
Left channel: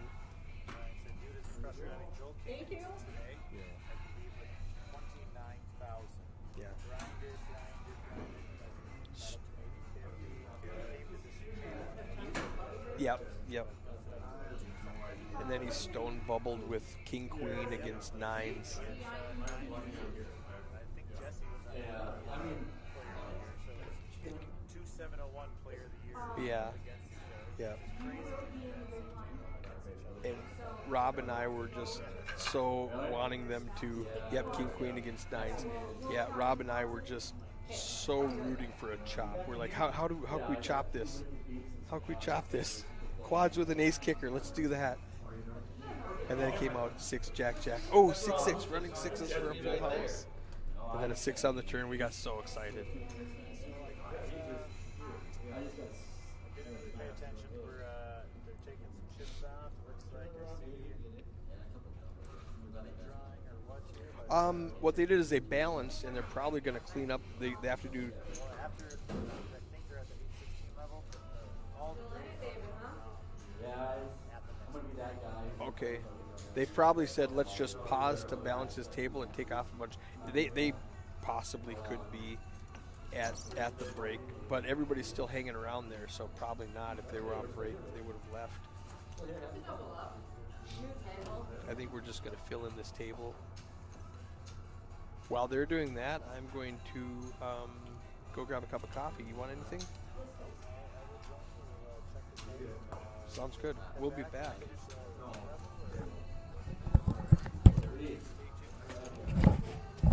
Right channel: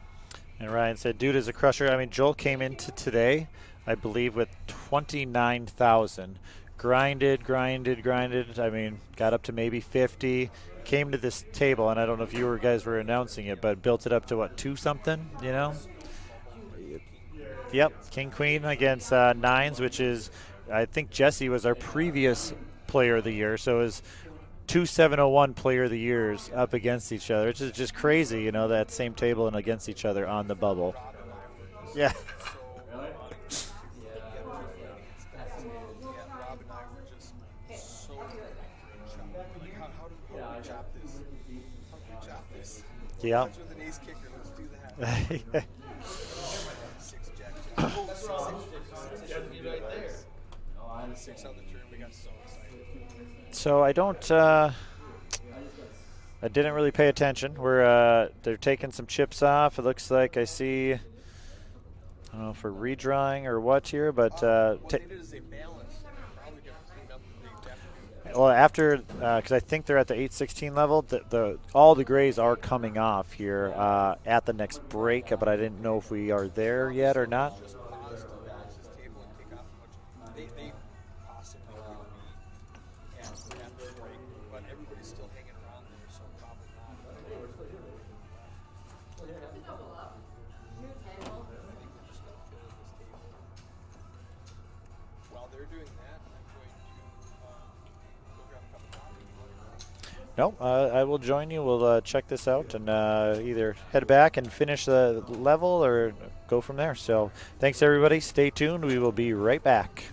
And Ryan said, dude is a crusher. I mean, Joel came into today, I believe, with 29,000. Grinded. I mean, got up to maybe 50. Came to this table, and I don't know if you guys were announcing it, but built it up to what, 2-something? You know? Stone bubbled with King Queen. Yep, against King nines. Queen against nines, which is, I think Jesse was our previous player of the year, so it was 2 701 player of the years up against each other. It's just crazy, you know, that same table and against each other on the bubble. Rob and I were just so wanting them to King Queen against nines. Yeah, Rob and I were just so rooting for a chop. We're like, how can we chop this? How can we chop this? Yeah. Odds with an ace kicker. Let's do that. And then it came out 6 jack. Oh, 6-6. Running 6 is and a 6 on the turn. We got so excited. So I didn't really pay attention. They're taking some chips off. It looks like I see, I don't know if we're redrawing or what here, but what they did is they balanced, and they're probably going to clean up. They have to do. Well, after, because I think they're at the 8-16 level, all the grays are coming off here at the next break, but I didn't know if we are there yet or not. Let's just pause to balance his table and take off a bunch. They possibly could be at the break, but everybody's still hanging around there, so probably not. If they were on break, they would have left. I think we're just going to fill in this table. While they're doing that, I'm going to go grab a cup of coffee. You want anything? No, I will join you. We'll check this out and either head back and finish the level or go from there. So thanks, everybody. Stay tuned. We will be right back.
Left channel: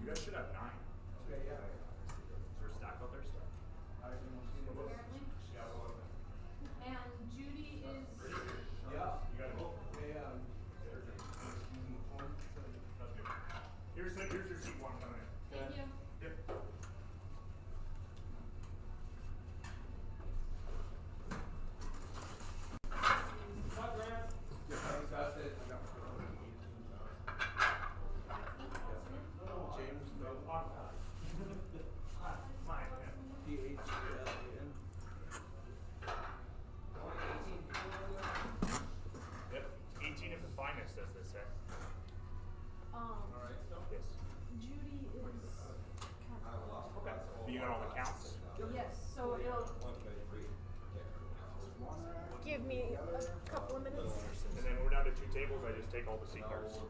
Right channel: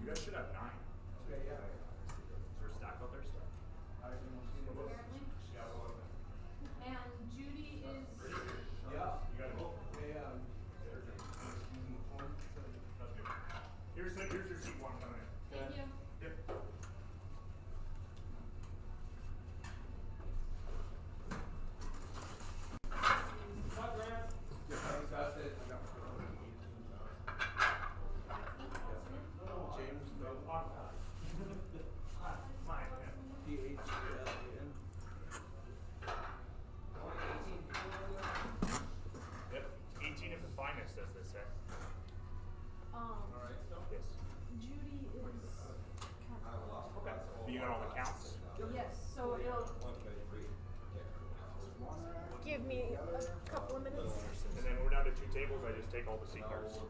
You guys should have 9. Okay, yeah. Is there a stack out there still? And Judy is. Yeah. You got it. Here's your seat 1 coming in. Thank you. Yep. Yep. 18 of the finest, as they say. Yes. Judy is. You got all the counts? Yes, so it'll give me a couple of minutes. And then we're down to 2 tables. I just take all the seat cards. There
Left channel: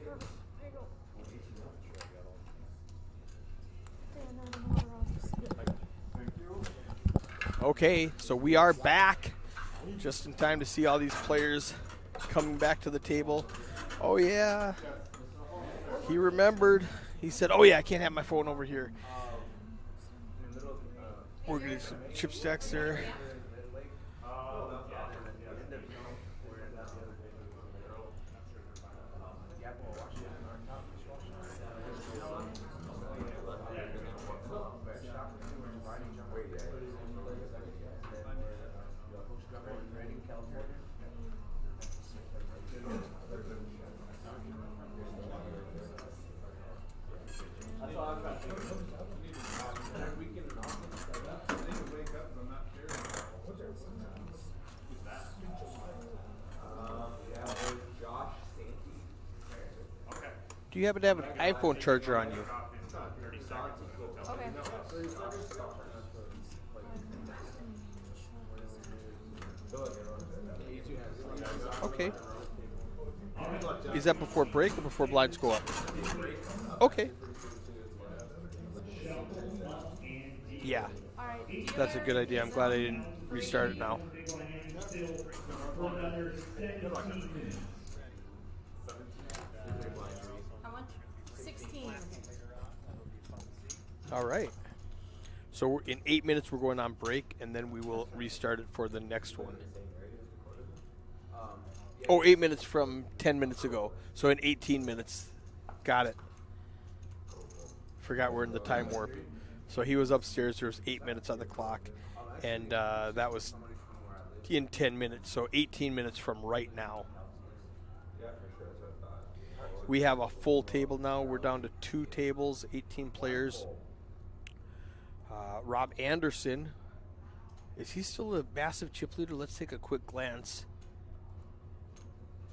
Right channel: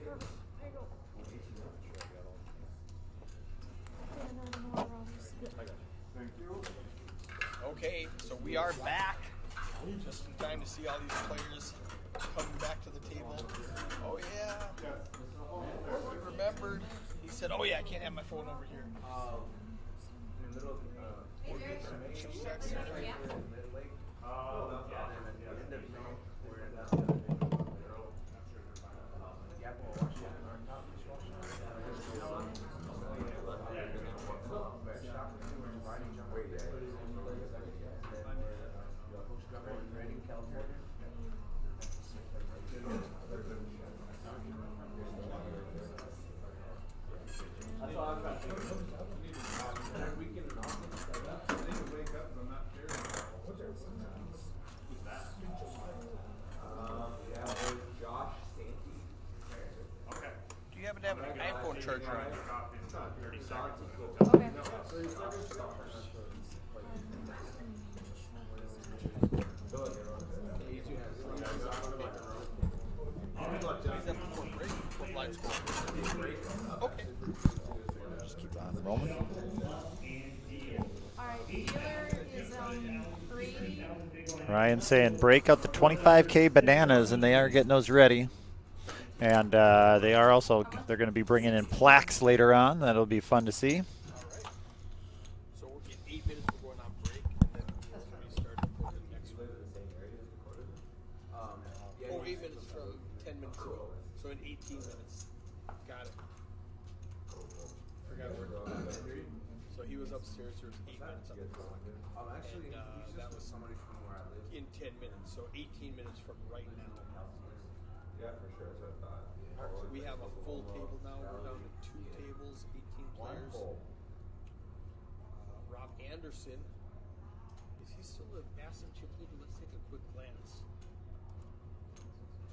you go. And I don't know where else. Okay, so we are back just in time to see all these players coming back to the table. Oh yeah, he remembered. He said, "Oh yeah, I can't have my phone over here." We're getting some chip stacks there. Do you happen to have an iPhone charger on you? Okay. Okay. Is that before break or before blind school? Okay. Yeah, All right. that's a good idea. I'm glad I didn't restart it now. Ryan's saying break out the 25K bananas, and they are getting those ready. And they are also, they're going to be bringing in plaques later on. That'll be fun to see. All right. So in 8 minutes, we're going on break, and then we will restart it for the next one. Oh, 8 minutes from 10 minutes ago. So in 18 minutes. Got it. Forgot we're in the time warp. So he was upstairs. There was 8 minutes on the clock. And that was in 10 minutes. So 18 minutes from right now. We have a full table now. We're down to 2 tables, 18 players. Rob Anderson. Is he still a massive chip leader? Let's take a quick glance.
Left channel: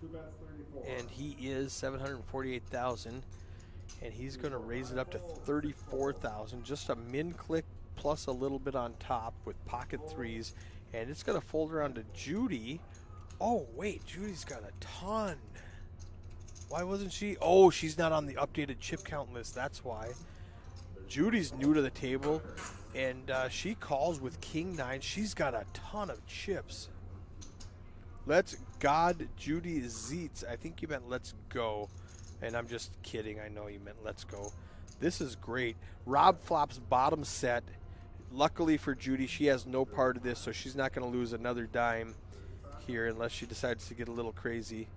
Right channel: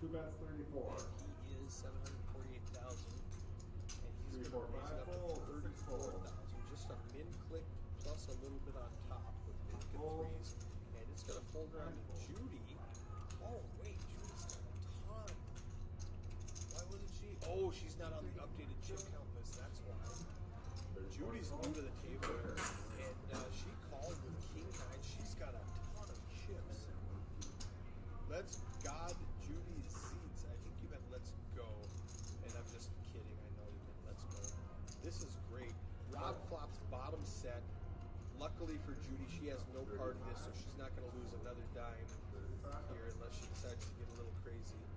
2 bets 34. And he is 748,000. And he's going to raise it up to 34,000. Just a min click plus a little bit on top with pocket threes. And it's going to fold around to Judy. Oh, wait. Judy's got a ton. Why wasn't she? Oh, she's not on the updated chip count list. That's why. Judy's new to the table, and she calls with King 9. She's got a ton of chips. Let's God Judy Zeets. I think you meant let's go. And I'm just kidding. I know you meant let's go. This is great. Rob flops bottom set. Luckily for Judy, she has no part of this, so she's not going to lose another dime here unless she decides to get a little crazy.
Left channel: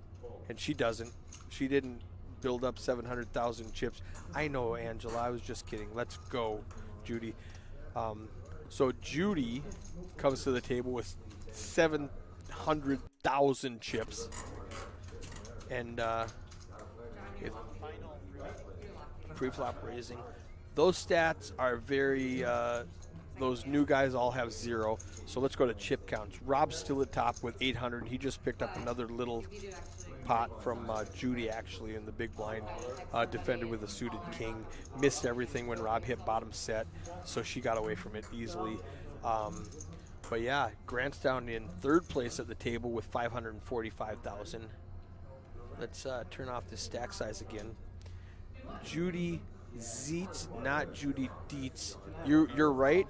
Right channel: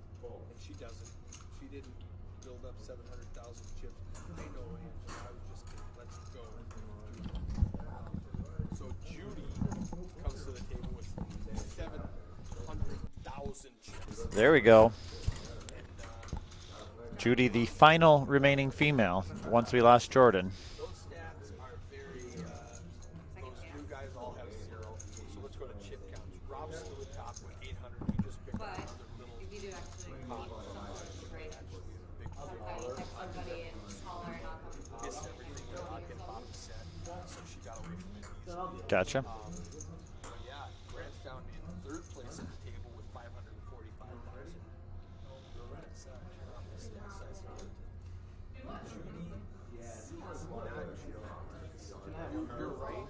And she doesn't. She didn't build up 700,000 chips. I know, Angela. I was just kidding. Let's go, Judy. So Judy comes to the table with 700,000 chips. There we go. And Judy, the final remaining female once we lost Jordan. those stats are very, those new guys all have 0. So let's go to chip counts. Rob's still at top with 800. He just picked up another little pot from Judy, actually, in the big blind. Defended with a suited king. Missed everything when Rob hit bottom set, so she got away from it easily. Gotcha. But yeah, Grant's down in 3rd place at the table with 545,000. Let's turn off the stack size again. Judy Zeets, not Judy Dietz. You're right.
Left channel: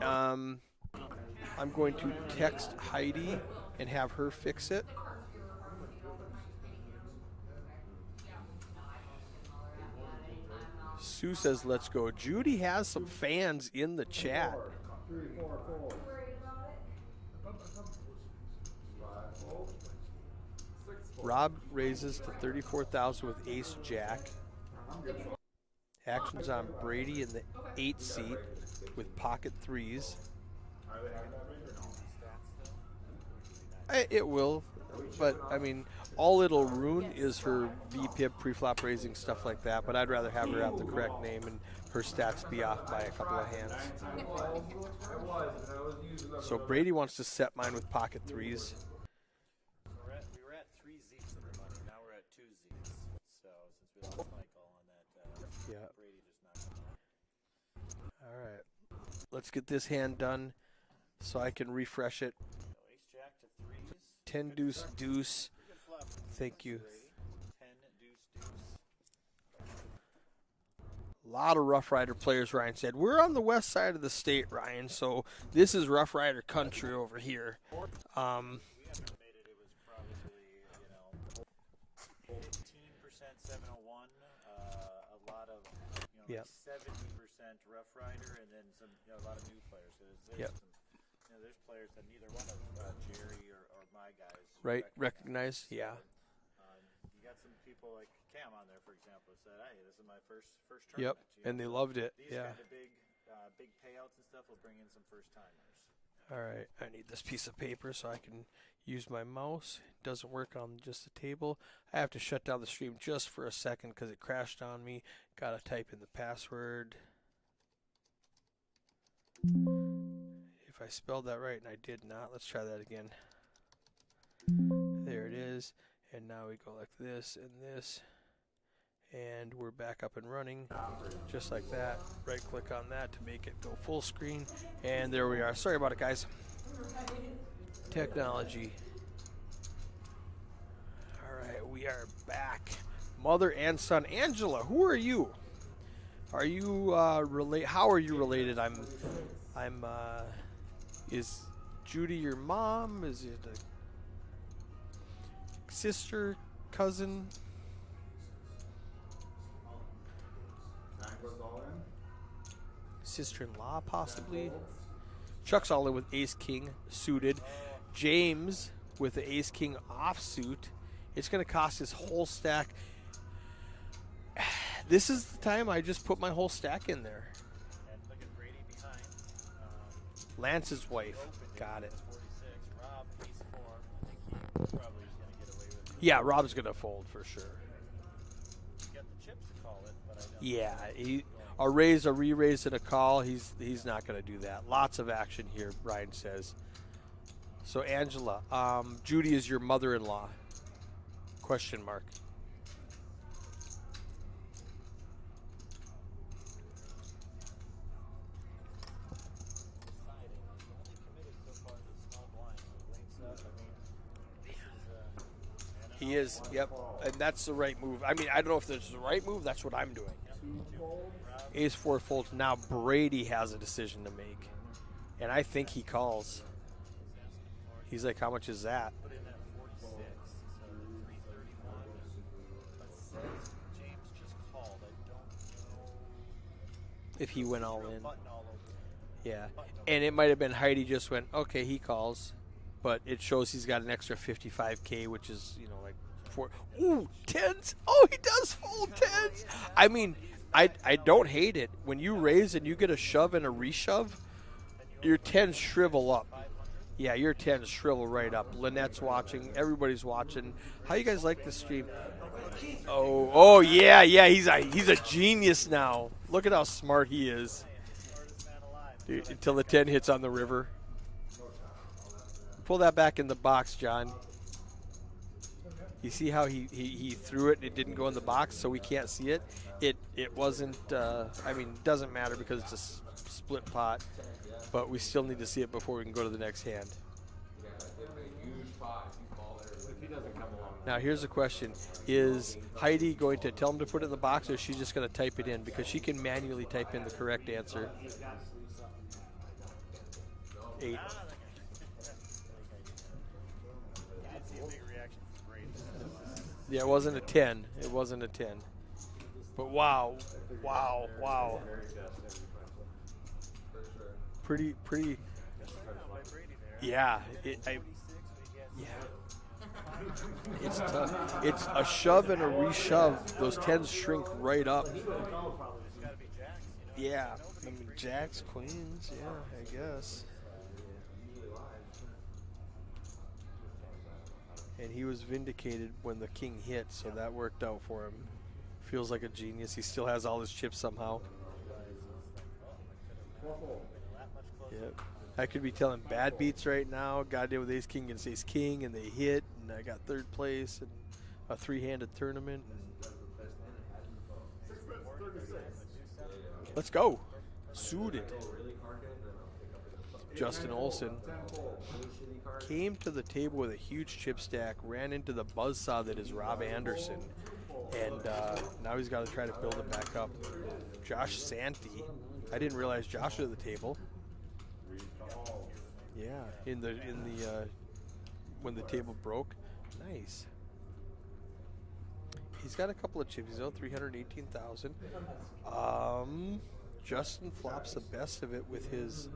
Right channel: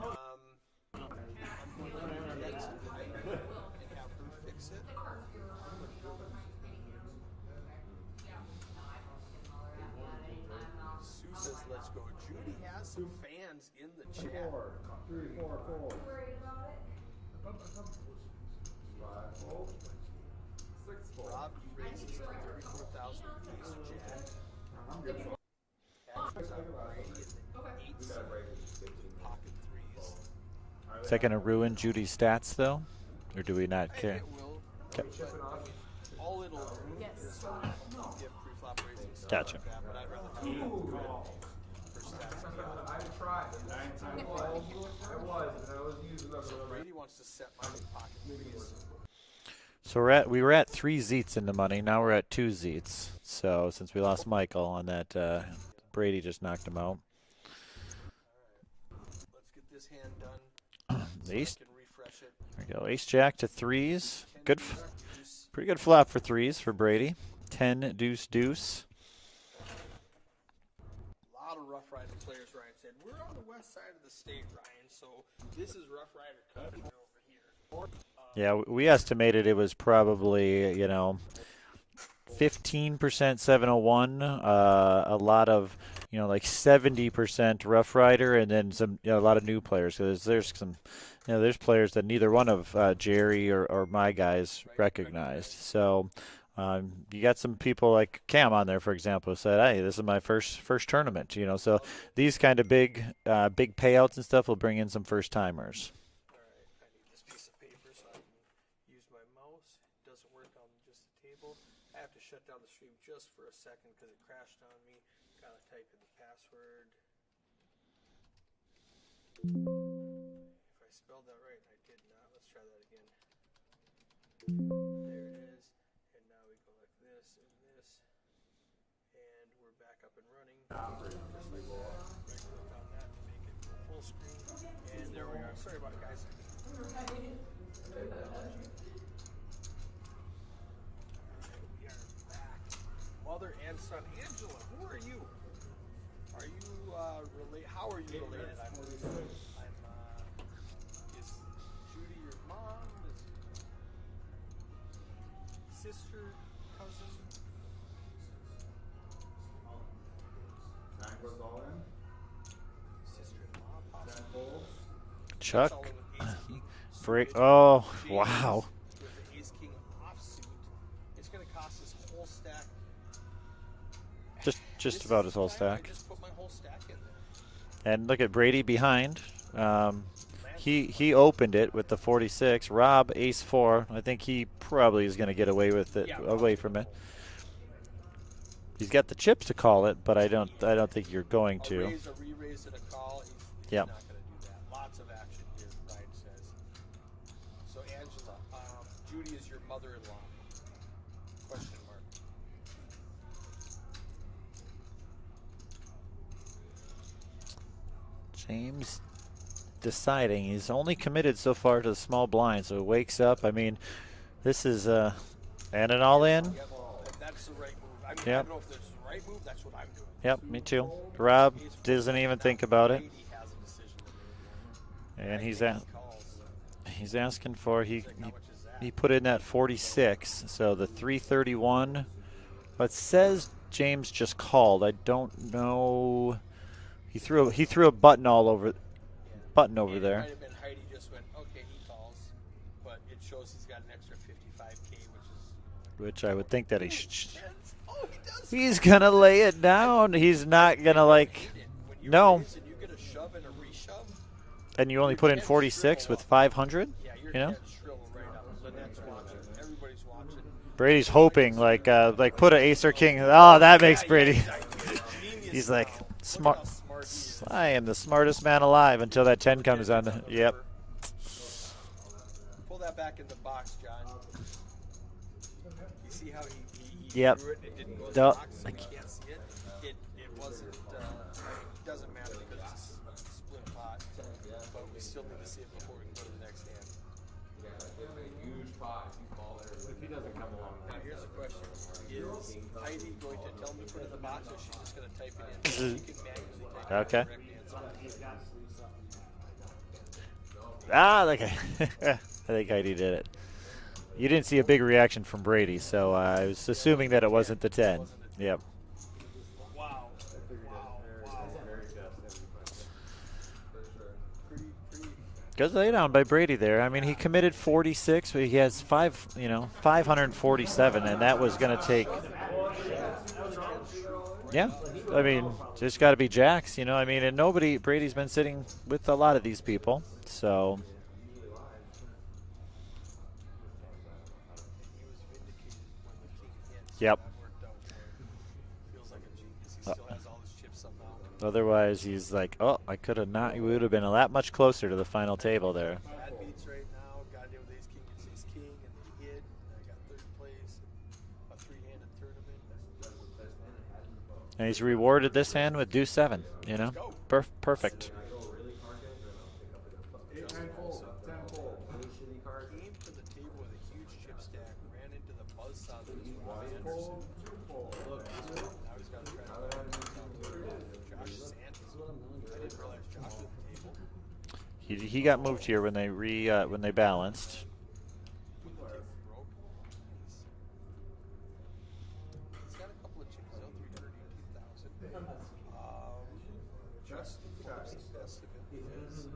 I'm going to text Heidi and have her fix it. Sue says, let's go. Judy has some fans in the chat. 3, 4, 4. Rob raises to 34,000 with ace jack. Action's on Brady in the 8 seat with pocket threes. Is that going to ruin Judy's stats, though? Or do we not care? It will, but I mean, all it'll ruin is her VPIP, pre-flop raising, stuff Gotcha. like that. But I'd rather have her have the correct name and her stats be off by a couple of hands. So Brady wants to set mine with pocket threes. So we were at 3 Zeets in the money. Now we're at 2 Zeets. So since we lost Michael on that, Brady just knocked him out. All right, let's get this hand done so I can refresh it. There we go. Ace Jack to 3s. 10 Good, deuce deuce. pretty good flop for 3s for Brady. 10 deuce deuce. A lot of Rough Rider players, Ryan said. We're on the west side of the state, Ryan, so this is Rough Rider country over here. Yeah, we estimated it was probably, 15% 701, a lot of, like 70% Rough Rider, and then some, a lot of new players. There's some, there's players that neither one of Jerry or my guys recognize. So you got some people like Cam on there, for example, who said, "Hey, this is my first tournament." and they So loved it. these kind of big payouts and stuff will bring in some first timers. All right, I need this piece of paper so I can use my mouse. It doesn't work on just the table. I have to shut down the stream just for a second because it crashed on me. Got to type in the password. If I spelled that right, and I did not, let's try that again. There it is. And now we go like this and this. And we're back up and running. Just like that. Right click on that to make it go full screen. And there we are. Sorry about it, guys. Technology. Alright, we are back. Mother and son. Angela, who are you? Are you related? How are you related? Is Judy your mom? Is it a sister, cousin? Nine goes all in. Sister-in-law, possibly. Chuck's Chuck. all in with ace king Great. suited. Oh, James wow. with the ace king offsuit. It's going to cost his whole stack. Just This about is his the whole time stack. I just put my whole stack in there. And look at Brady behind. Lance He is he white. opened it with the 46. Rob ace 4. I think he probably is going to get away with it. Yeah, away Rob's from going to it. fold for sure. He's got the chips to call it, but I don't think he- you're going a to. raise, a re-raise, and a call. He's Yeah. not going to do that. Lots of action here, Ryan says. So Angela, Judy is your mother-in-law? Question mark. James deciding. He's only committed so far to the small blind, so he wakes up. I mean, this is and an all in. Yep, and that's the right move. I mean, Yep. I don't know if this is the right move. That's what I'm doing. Yep, me too. Rob Ace four doesn't fold. even Now think about it. Brady has a decision to make, and I he's think at- he calls. He's asking for He's like, how much is that? He put in that 46, so the 331. But says James just called. I don't know. He If threw he he went threw a all in. button all over. Yeah. Button over and there. it might have been Heidi just went, okay, he calls, but it shows he's got an extra 55K, which is, you know, like. Which I would think that he Ooh, should. tens. Oh, he does. He's fold gonna tens. lay it I down. mean, He's not I gonna don't like. hate it when you No. raise and you get a shove and a reshove. And you only your put in tens 46 shrivel with up. 500. Yeah, your you know? tens shrivel right up. Lynette's watching. Everybody's watching. Brady's How you guys hoping the like stream? put an ace or king. Oh, that yeah, makes yeah. Brady. He's a genius He's like, now. Look smart- at how smart he is. I am the smartest man alive until that 10 the comes 10 hits on on the yep. river. Pull that back in the box, John. You see how he Yep. threw it and it didn't go in the Nope. box, so we can't see it. It wasn't. I mean, it doesn't matter because it's a split pot, but we still need to see it before we can go to the next hand. If he doesn't come along. Now here's the question: is Heidi going to tell him to put it in the box, or is she just going to type it in? Because she can manually type in the Okay. correct answer. Okay. I think Heidi did it. You didn't see a big reaction from Brady, so I was Yeah, assuming wasn't that a it wasn't 10. the 10. It wasn't a 10. Yep. But wow. Pretty. Good lay down by Brady there. I mean, he Yeah. committed 46, but he has 547, and that was going to a take. shove and a reshove. Those tens shrink right Yeah. up. I mean, just got to be jacks, you know. I mean, Yeah. and Brady's been Jacks, sitting queens. with a lot of these people, so And he was vindicated when the king hit, so Yep. that worked out for him. Feels like a genius. He still has all his chips somehow. otherwise he's like, oh, I could have not. We would have been a lot much closer to the final I table could be there. killing bad beats right now. Got it with ace king against ace king, and they hit, and I got third place in a three-handed tournament. And he's rewarded this hand with deuce 7. You Let's know? go. Perfect. Suited. Justin Olson came to the table with a huge chip stack, ran into the buzzsaw that is Rob Anderson, and now he's got to try to build it back up. Josh Santee, I didn't realize Josh was at the table. He got moved here when they when they balanced. When the table broke. Nice. He's got a couple of chips though, 318,000. Justin flops the best of it with his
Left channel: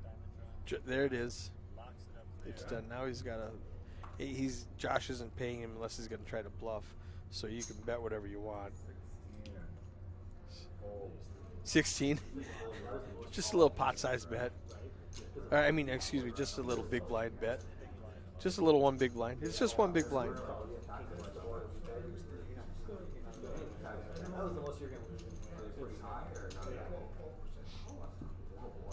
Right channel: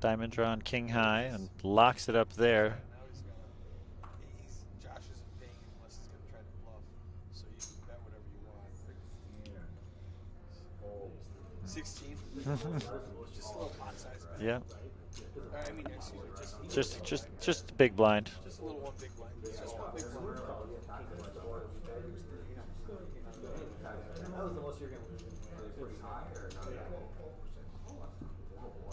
Diamond drawn king There it high is. and locks it up there. now he's got Josh isn't paying him unless he's going to try to bluff. So you can bet whatever you want. 16. Just a little pot-sized bet. Yeah. I mean, excuse me, just a little big blind bet. Just big blind. Just a little one big blind. It's just one big blind. That was the most you're going to lose.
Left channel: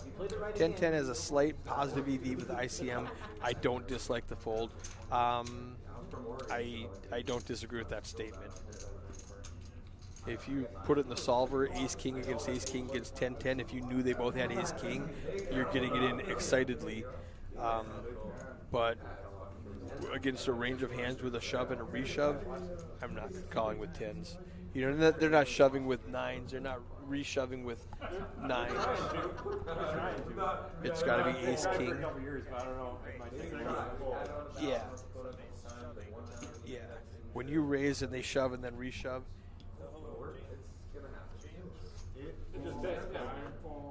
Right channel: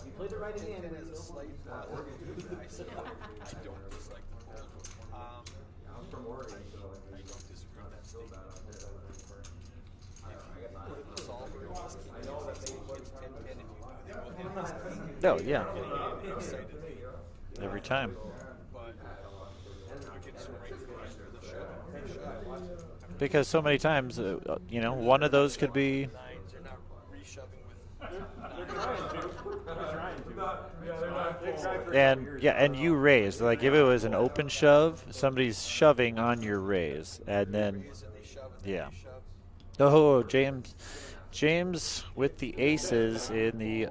You played the right 10-10 has a slight positive EV with ICM. I don't dislike the fold. I don't disagree with that statement. If you put it in the solver, ace king against ace king gets 10-10. If you knew they both had ace king, Oh, yeah. you're getting it in excitedly. Every time. But against a range of hands with a shove and a reshove, I'm not Because so many calling times, tens. you know, They're one not of those could shoving be. with nines. They're not reshoving with 9. It's gotta be ace king. And you raised. Like if it was an open shove, somebody's shoving on your raise, and You then raise and they shove and then yeah. reshove. oh, James with the aces in the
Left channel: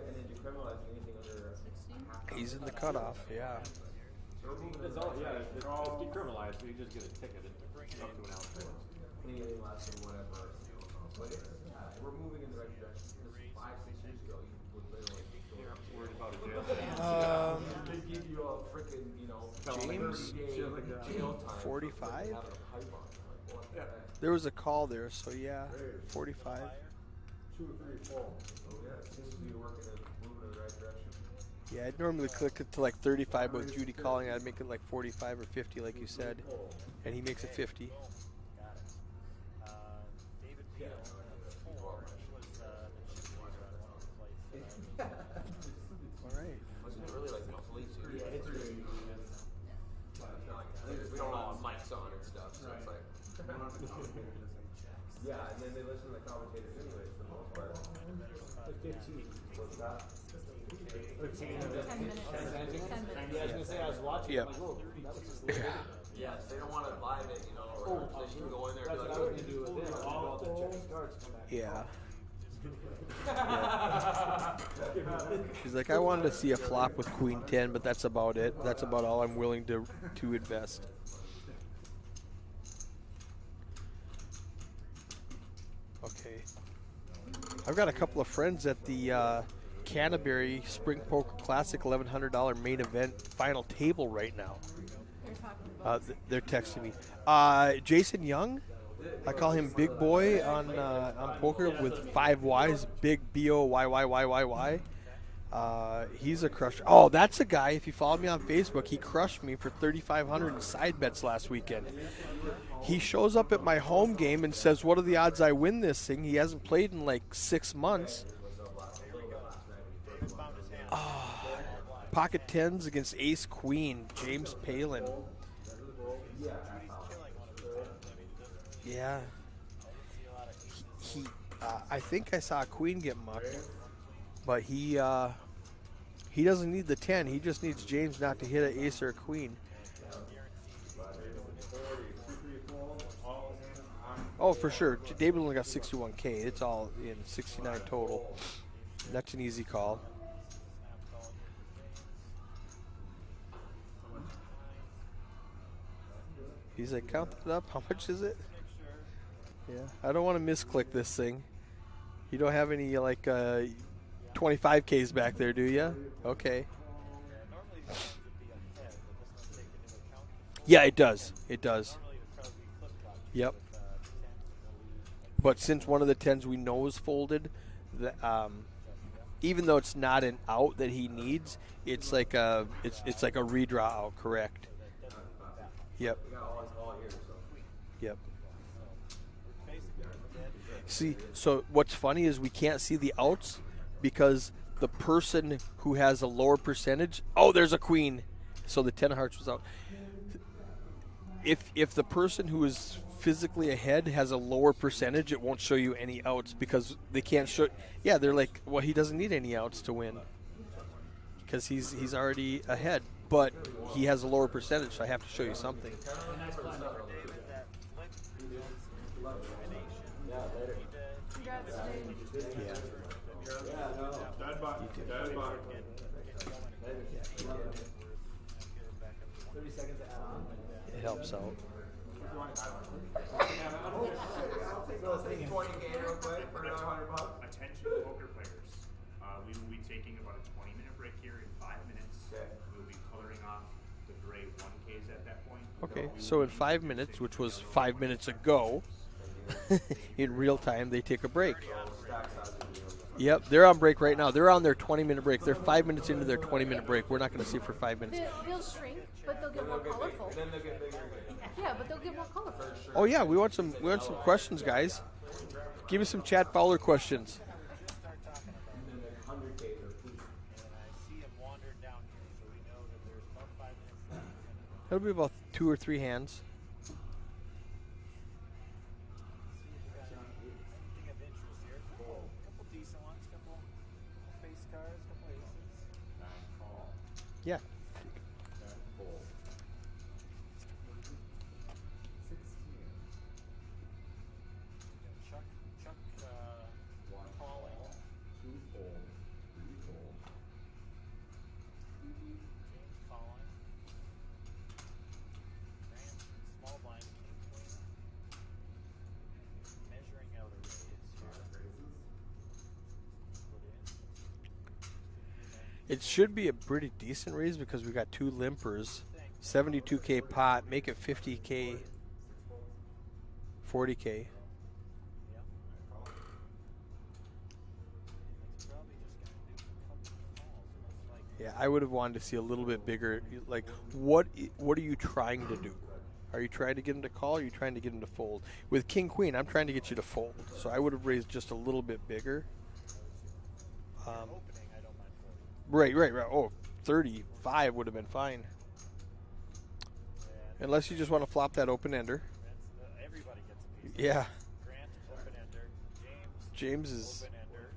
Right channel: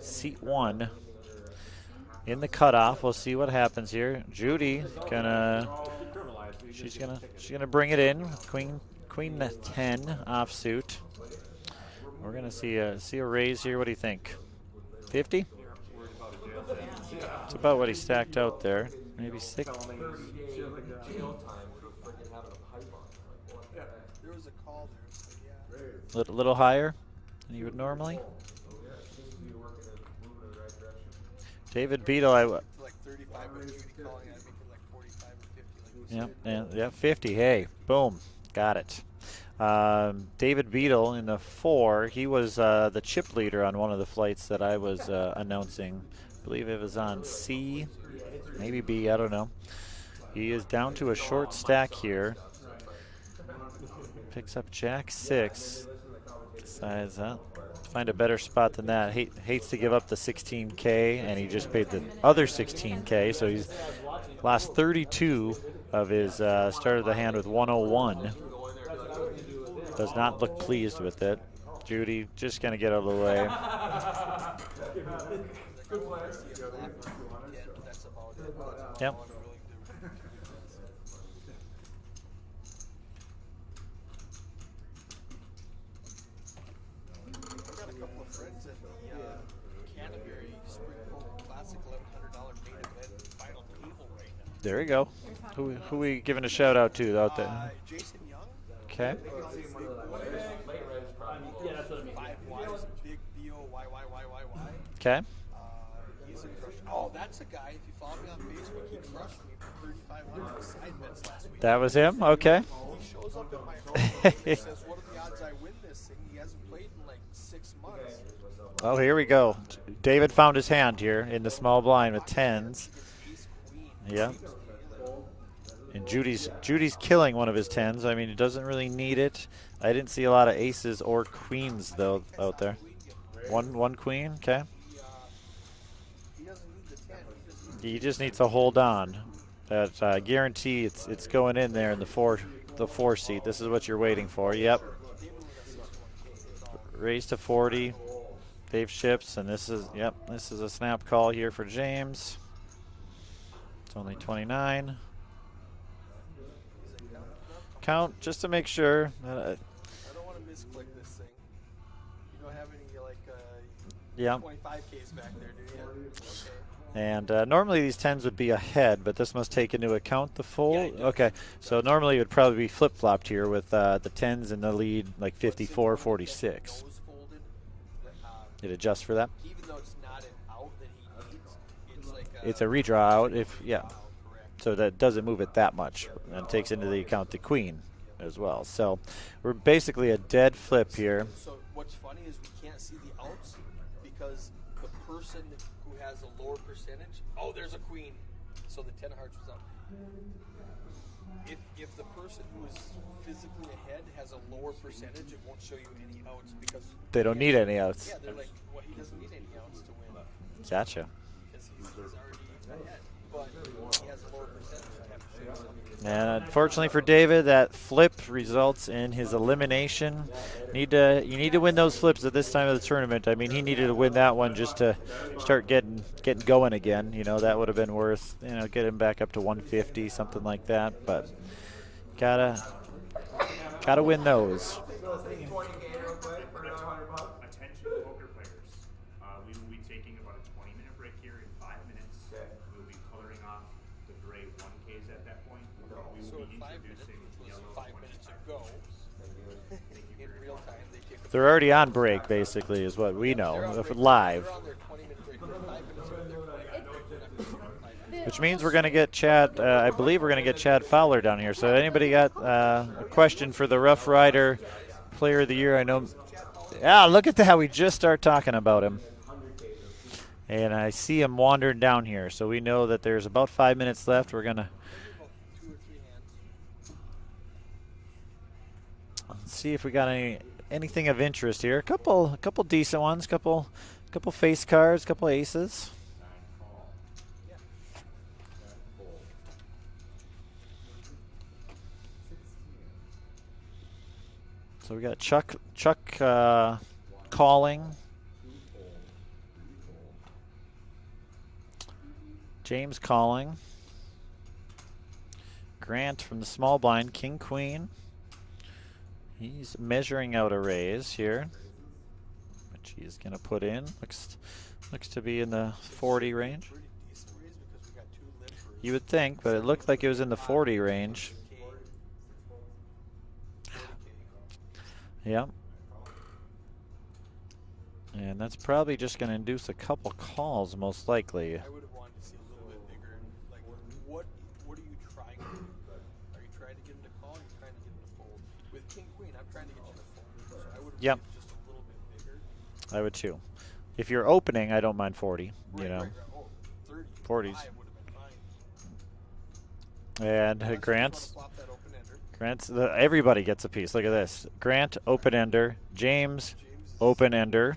seat 1 in the cutoff. We'll see what happens here. Judy she's gonna bring it in. Queen 10 offsuit. We're gonna see a raise here. What do you think? 50? That's about what he stacked out there. Maybe 60. 45. There was a call there, so yeah. A little higher than you would normally. David Beadle, I would to like 35 with Judy calling. I'd make it like 45 or 50, like you said. Yeah, 50. Hey, 50. Boom, got it. David Beadle in the 4. He was the chip leader on one of the flights that I was announcing. I believe it was on C, maybe B. I don't know. He is down to a short stack here. Picks up Jack 6. Decides find a better spot than that. Hates to give up the 16K, and he just paid the other 16K, so he's lost 32 of his start of the hand with 101. Does not look pleased with it. Judy just gonna get out of the way. He's like, I wanted to see a flop with Queen 10, but that's about it. That's about all I'm willing to invest. I've got a couple of friends at the Canterbury Spring Poker Classic $1,100 main event final table right now. There you go. Who are we giving a shout out to out there? Jason Young. Okay. I call him Big Boy on poker with 5 Ys. Big BOYYYYY. Okay. He's a crusher. Oh, that's a guy. If you follow me on Facebook, he crushed me for 3,500 in side bets last week. That was him? Okay. He shows up at my home game and says, what are the odds I win this thing? He hasn't played in like 6 months. Oh, here we go. David found his hand here in the small blind with Pocket 10s against Ace Queen. Yep. James Palin. And Judy's killing one of his 10s. I mean, he doesn't really need it. I didn't see a lot of aces or queens though. I think I saw there. a queen get mugged. One queen. Okay. But he doesn't need the 10. He just needs. He just needs to hold on. That guarantee it's going in there in the four seat. This is what you're waiting for. Oh, for sure. David only got 61K. It's all raised to 40. Total. Dave ships, That's an and easy this call. is this is a snap call here for James. It's only 29. He's like, count it up. How Count much is just it? to make sure. I don't want to misclick this thing. You don't have any like 25Ks back there, do you? Okay. And normally these 10s would be ahead, but this must take into account the fold. Yeah, it does. Okay. It does. So normally it would probably be flip-flopped here with the 10s in the lead, like 54, but since one of the 46. 10s we know is folded, it adjusts for that? Even though it's not an out that he needs, it's like it's a redraw it's out. like a redraw out, correct. So that doesn't move it that much. Yep. And takes into the account the queen Yep. as well. So we're basically a dead flip here. So what's funny is we can't see the outs because the person who has a lower percentage, oh, there's a queen. So the 10 of hearts was out. If the person who is physically ahead has a lower percentage, it won't show you any outs because They don't can't need show, any outs. Yeah, they're like, well, he doesn't need any outs to win Gotcha. because he's already ahead, but he has a lower percentage. So I have to show you something. And unfortunately for David, that flip results in his elimination. You need to win those flips at this time of the tournament. I mean, he needed to win that one just to start getting going again. You know, that would have been worth, get him back up to 150, something like that. But gotta win those. Attention poker players. We will be taking about a 20-minute break here. In 5 minutes, we'll be coloring off the gray 1Ks at that point. Okay, so in 5 minutes, which was 5 minutes ago, in real time, they take a break. They're already on break, basically, is what we know. They're on break right now. Live. They're on their 20-minute break. They're 5 minutes into their 20-minute break. We're not going to see for 5 minutes. Which means we're going to get Chad, I believe we're going to get Chad Fowler down here. So anybody got a question for the Rough Rider guys. Player of the Year? I know. Give us some Chad Fowler Yeah, questions. look at that. We just start talking about him. And I see him wandering down here. So we know that there's about 5 minutes left. We're going to... There'll be about 2 or 3 hands. Let's see if we got anything of interest here. A couple decent ones. Couple face cards. Couple aces. Yeah. So we got Chuck calling. James calling. Grant from the small blind, king, queen. He's measuring out a raise here, which he's going to put in. Looks to be in the It 40 should be range. a pretty decent raise because we got 2 limpers. You would think, but it looked like it was 72K in the pot, 40 make it range. 50K. 40K. Yep. And that's probably just going to induce a couple calls, most likely. I would have wanted to see a little bit bigger. Like, what are you trying to do? Are you trying to get him to call? Or are you trying to get him to fold? With king queen, I'm trying to get you to fold. So I would have raised just a little bit bigger. I would too. If you're opening, I don't mind 40. Right, you know. right. Oh, 30, 40s. 5 would have been fine. And Unless you just Grant's, want to flop that open ender. everybody gets a piece. Look at Yeah. this. Grant, open ender. James Is open ender.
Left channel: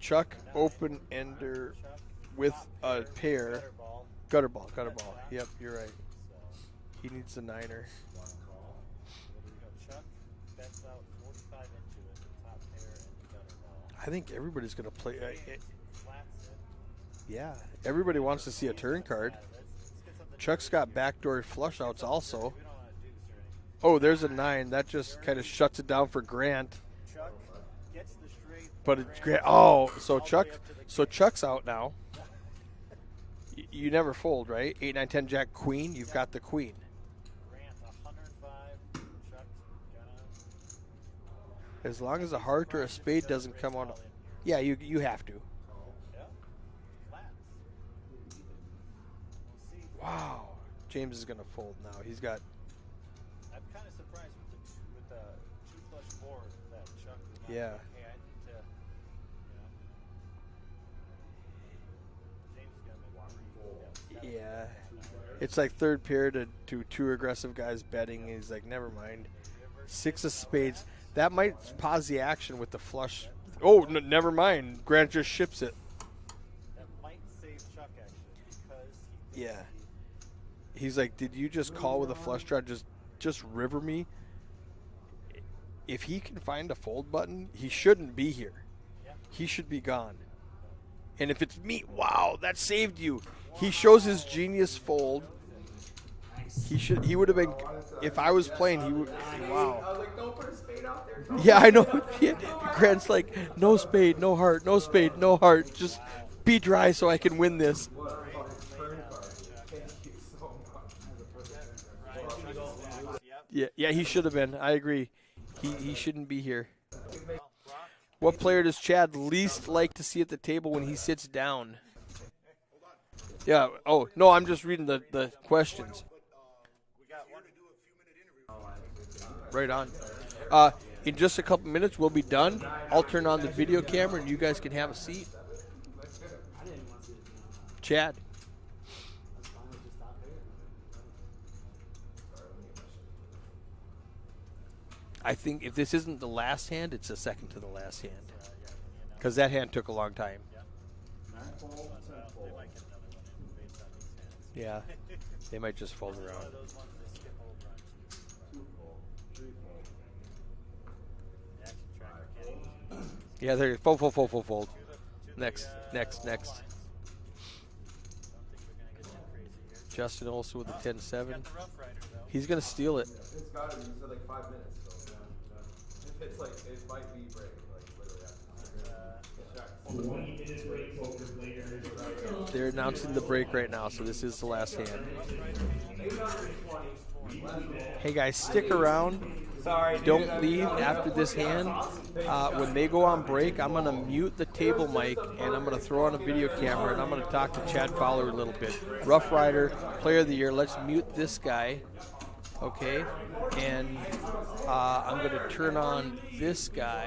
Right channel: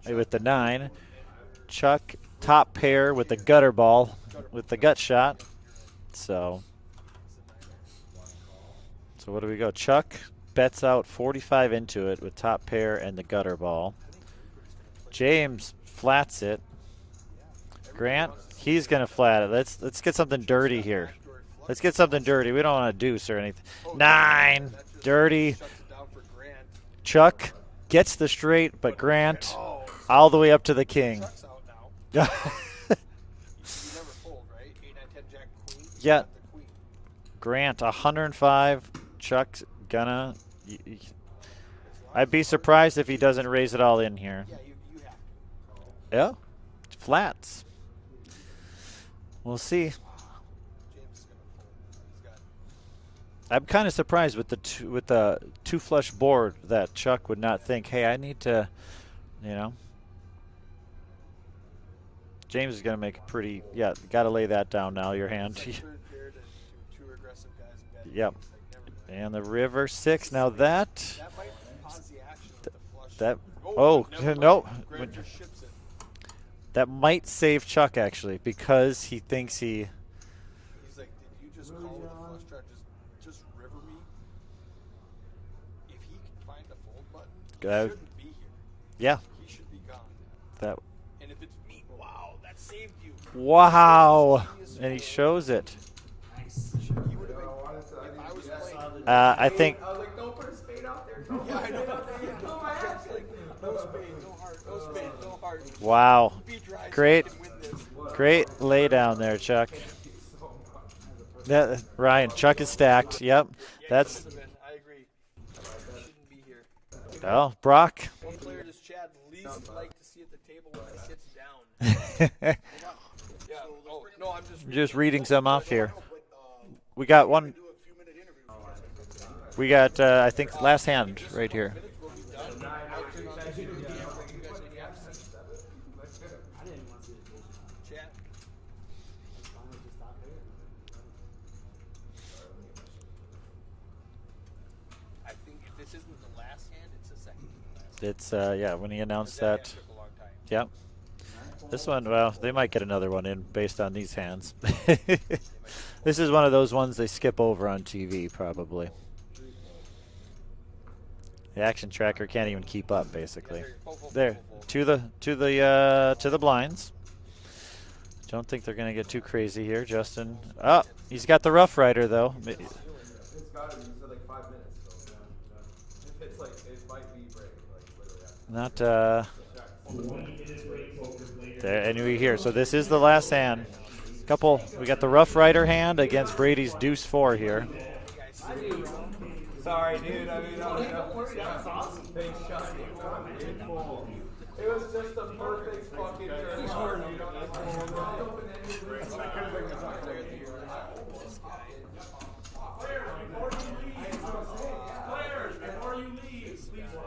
Chuck, With the 9. open ender Chuck, with top pair a with the pair. gutter ball. Gutter ball, with the gutter gut ball. shot. Yep, you're right. So He needs a 9er. So what do we go? Chuck bets out 45 into it with top pair and the gutter ball. I think everybody's going to play. James flats it. Yeah. Everybody Grant, wants to see he's a going to turn flat card. it. Let's get something Chuck's dirty got here. backdoor flush Let's get outs something also. dirty. We don't want to deuce or anything. Oh, there's a 9. 9. That just dirty. kinda shuts it down for Grant. Chuck gets the straight, but Grant so all the Chuck- way up to the king. So Chuck's out now. You never fold, right? 8, 9, 10, Jack, Queen. You Yeah. got the Queen. Grant 105. Chuck's gonna. As long I'd as be the hard surprised card if he spade doesn't raise come it all up. in here. Yeah, you have to. Yeah. Flats. We'll see. Wow. James is gonna fold now. He's got. I'm kind of surprised with the two flush board that Chuck would not Yeah. think, hey, I need to, you know. James is going to make a pretty, got to lay that down now, your hand. It's like third pair to 2 aggressive guys betting. Yep. He's like, never mind. And the river 6. of Now spades. that That might pause the action with the flush. That- but never nope. mind. Grant just ships it. that might save Chuck actually because he thinks He's like, did you just call with a flush draw? Just river me. If he can find a fold button, he shouldn't be here. Yeah. He should be gone. That. And if it's me, wow, that saved you. Wow. He shows his genius and fold. he shows it. He would have been. If I was playing, he would. I think. I was like, don't put a spade out there. Yeah, I know. Yeah. Grant's like, no spade, no heart, no spade, no heart. Just Wow. be dry so I Great. can win this. Great lay down there, Chuck. Ryan, Chuck is stacked. Yep. Yeah, he That's- should have been. I agree. He shouldn't be here. Oh, Brock. What player does Chad least like to see at the table when he sits down? Yeah. Oh no, I'm just reading. Just the, reading the some off here. questions. We got one. We got, I think, last hand. In just a right couple here. minutes, we'll be done. I'll turn on the video camera and you guys can have a seat. Chad. I think if this isn't the last hand, it's the second to the last hand. It's when he announced Because that hand took a long time. Yep. This one, well, they might get another one in based on these hands. Yeah. They might just fold. This is one of those ones they skip over on TV, probably. The action tracker can't even keep up, basically. Yeah, they're fold. There, to the Next. blinds. Don't think they're gonna get too crazy here, Justin. Olsen with Oh, a 10-7. he's got the Rough Rider though. He's gonna steal it. It's got to be. You said like 5 minutes. So it's like it might be break. Like literally. Not there, and we here. So this is the announcing last the break hand. right now, so this is Couple. the last We got the Rough Rider hand against Brady's Deuce 4 here. Hey guys, stick around. Sorry, don't leave after this hand. When they go on break, I'm gonna mute the table mic and I'm gonna throw on a video camera and I'm gonna talk to Chad Fowler a little bit. Rough Rider, Player of the Year. Let's mute this guy, okay? And I'm gonna turn on this guy.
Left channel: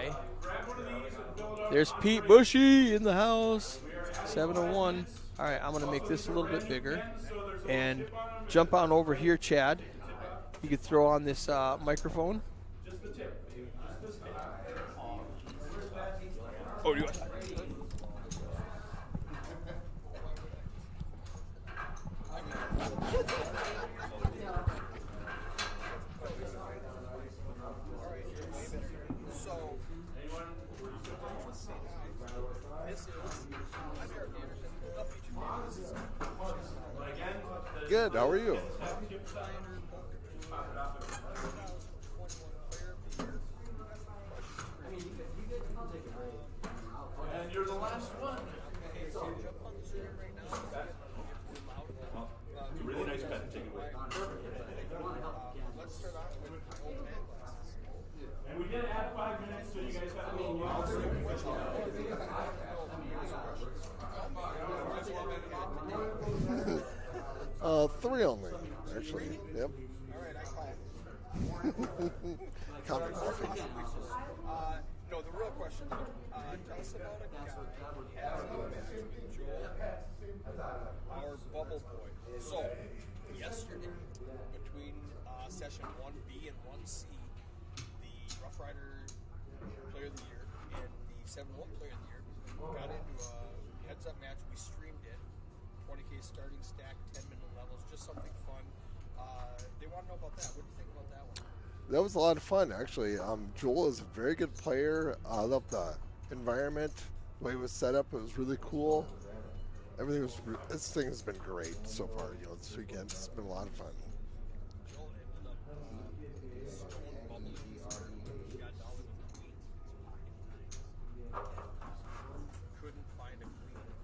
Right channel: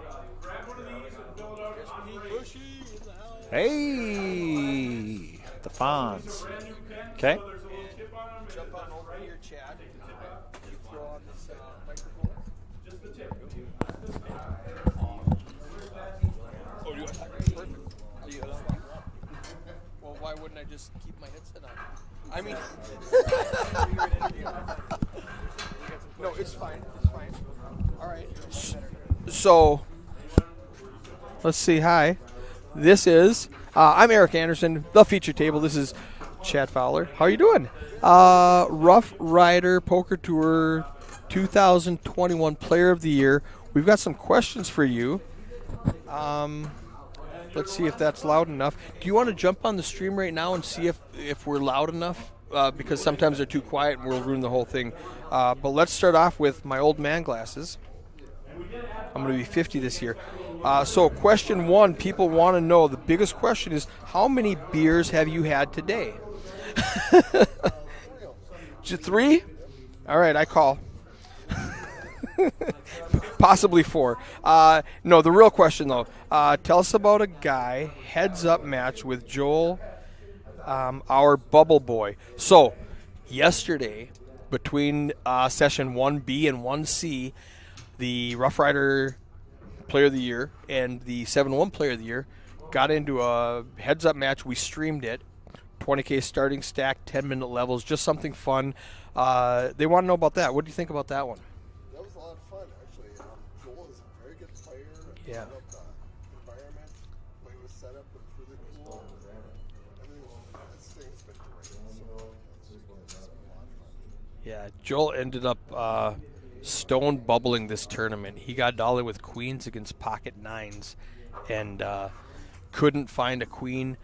There's Pete Bushy in the house. Hey. 7-1. All right, I'm gonna make this a little bit bigger. Okay. And jump on over here, Chad. You could throw on this microphone. Oh, you. Well, why wouldn't I just keep my headset on? I mean, no, it's fine. It's fine. All right. So, let's see. Hi, this is I'm Eric Anderson, the feature table. This is Chad Fowler. How are you doing? Rough Rider Poker Tour 2021 Player of the Year. We've got some questions for you. Let's see if that's loud enough. Do you want to jump on the stream right now and see if we're loud enough? Because sometimes they're too quiet and we'll ruin the whole thing. But let's start off with my old man glasses. I'm going to be 50 this year. So question one, people want to know, the biggest question is, how many beers have you had today? 3 only. 3? Yep. All right, I call. Possibly 4. No, the real question, though. Tell us about a guy heads-up match with Joel, our bubble boy. So, yesterday, between session 1B and 1C, the Rough Rider Player of the Year and the 7-1 Player of the Year got into a heads-up match. We streamed it. 20K starting stack, 10-minute levels, just something fun. They want to know about that. What do you think about that one? That was a lot of fun, actually. Joel is a very good player. I love the environment, the way it was set up. It was really cool. Everything was. This thing has been great so far. This weekend, it's been a lot of fun. Yeah, Joel ended up stone bubbling this tournament. He got dollar with queens against pocket nines, and couldn't find a queen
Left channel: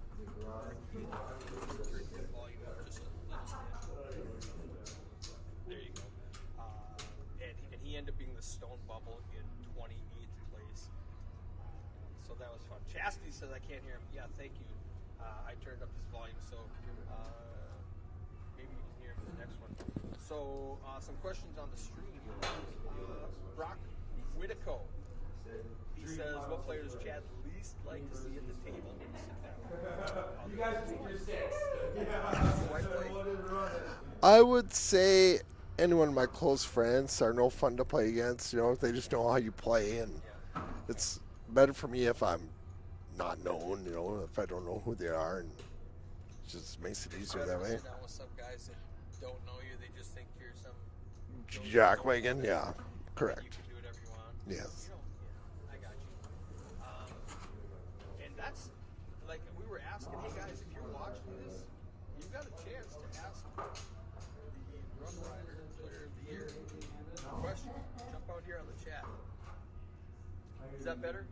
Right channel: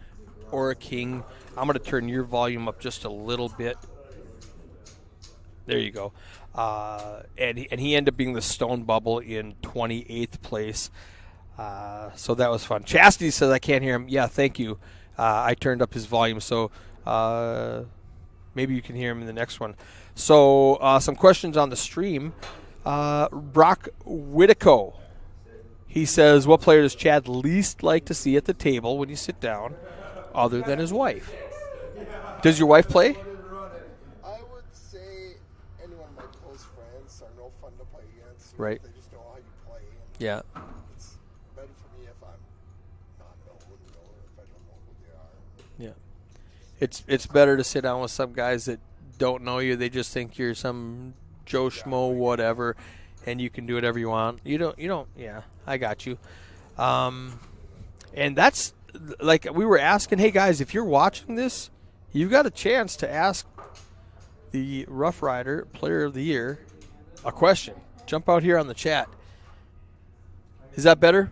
or a king. I'm going to turn your volume up just a little bit. There you go. And he ended up being the stone bubble in 28th place. So that was fun. Chastity says I can't hear him. Yeah, thank you. I turned up his volume, so maybe you can hear him in the next one. So some questions on the stream. Brock Whitico. He says, what player does Chad least like to see at the table when you sit down, other than his wife? Does your wife play? I would say anyone of my close friends are no fun to play against. You know, Right. they just know how you play, and Yeah. it's better for me if I'm not known. You know, if I don't know who they are. And Yeah. just It's makes it better to easier. sit down with some guys that don't know you. They just think you're some Joe Jack Schmo, Wigan, whatever, yeah. and Correct. you can do whatever you want. You don't. Yeah, I got you. And that's like we were asking. Hey guys, if you're watching this, you've got a chance to ask the Rough Rider Player of the Year a question. Jump out here on the chat. Is that better?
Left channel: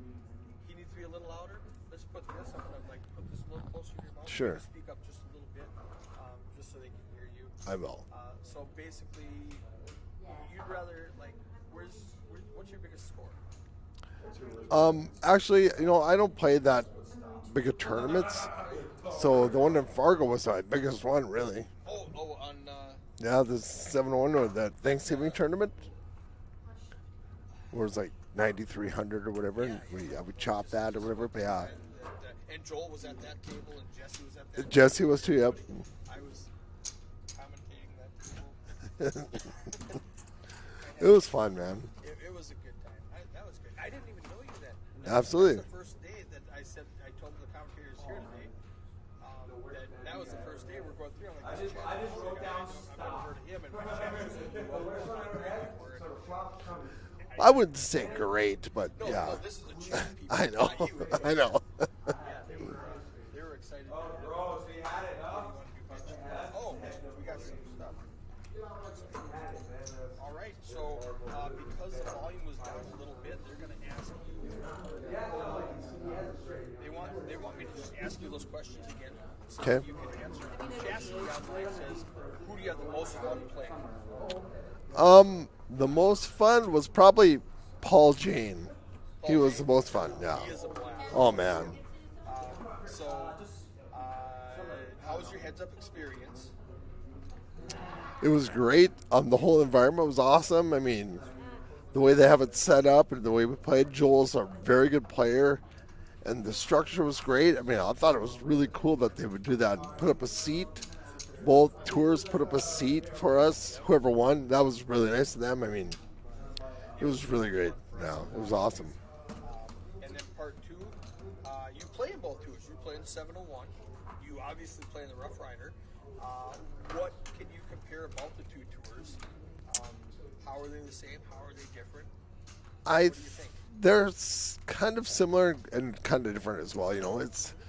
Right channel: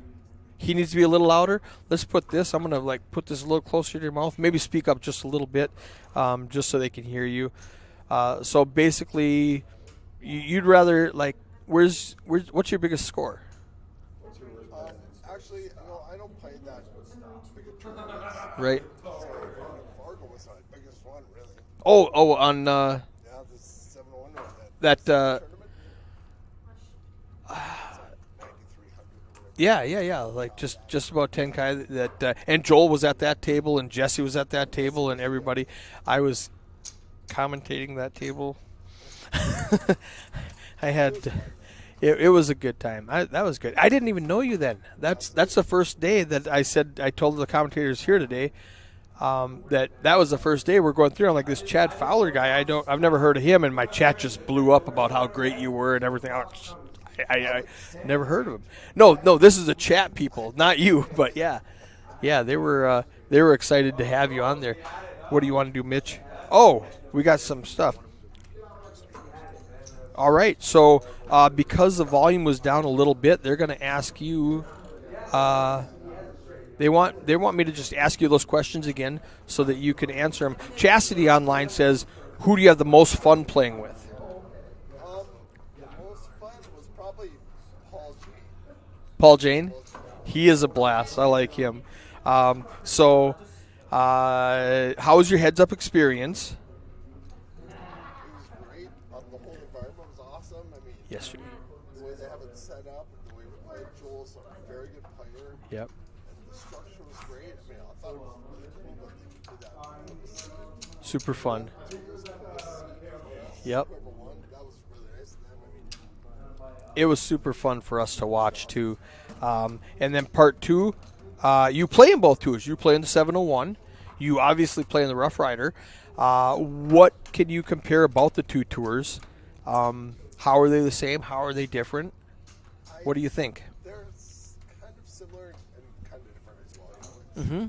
He needs to be a little louder. Let's put this. I'm gonna put this a little closer to your mouth. Sure. Maybe speak up just a little bit, just so they can hear you. I will. So basically, you'd rather what's your biggest score? Actually, you know, I don't play that big of tournaments. Right. So the one in Fargo was my biggest one, really. Oh, on Yeah, the 7-1 or that That, Thanksgiving tournament. It was like 9,300 or whatever. yeah, You like chop that or just whatever. about 10 Yeah. that and Joel was at that table and Jesse was at that Jesse table was and too, yep. everybody. I was commentating that table. I had It was fun, man. It was a good time. That was good. I didn't even know you then. That's Absolutely. the first day that I told the commentators here today that was the first day we're going through. I'm like, this Chad Fowler guy. I've never heard of him, and my chat just blew up about how great you were and everything. I wouldn't say never heard great, of him. but No, yeah. no, this is a chat people, I know. not you. I But yeah, know. yeah, they were excited to have you on there. What do you want to do, Mitch? Oh, we got some stuff. All right, so because the volume was down a little bit, they're going to ask you. They want me to just ask you those questions again so that you can answer them. Chastity Online says, "Who do you have the most fun playing with?" The most fun was probably Paul Jane. Paul He was Jane. the most fun. Yeah. He is a blast. I Oh, like man. him. So, how was your heads-up experience? It was great. The whole environment was awesome. I mean, Yes, sir. the way they have it set up and the way we played. Joel's a very good player. Yep. And the structure was great. I mean, I thought it was really cool that they would do that. Put up a seat. Super fun. Both tours put up a seat for us. Yep. Whoever won, that was really nice of them. I mean, It was really super great. fun for us Yeah, to it was watch awesome. too. And then part 2, you play in both tours. You play in the 701. You obviously play in the Rough Rider. What can you compare about the 2 tours? How are they the same? How are they different? What do you think? They're kind of similar and kind of different as well. You know, it's. Mm-hmm.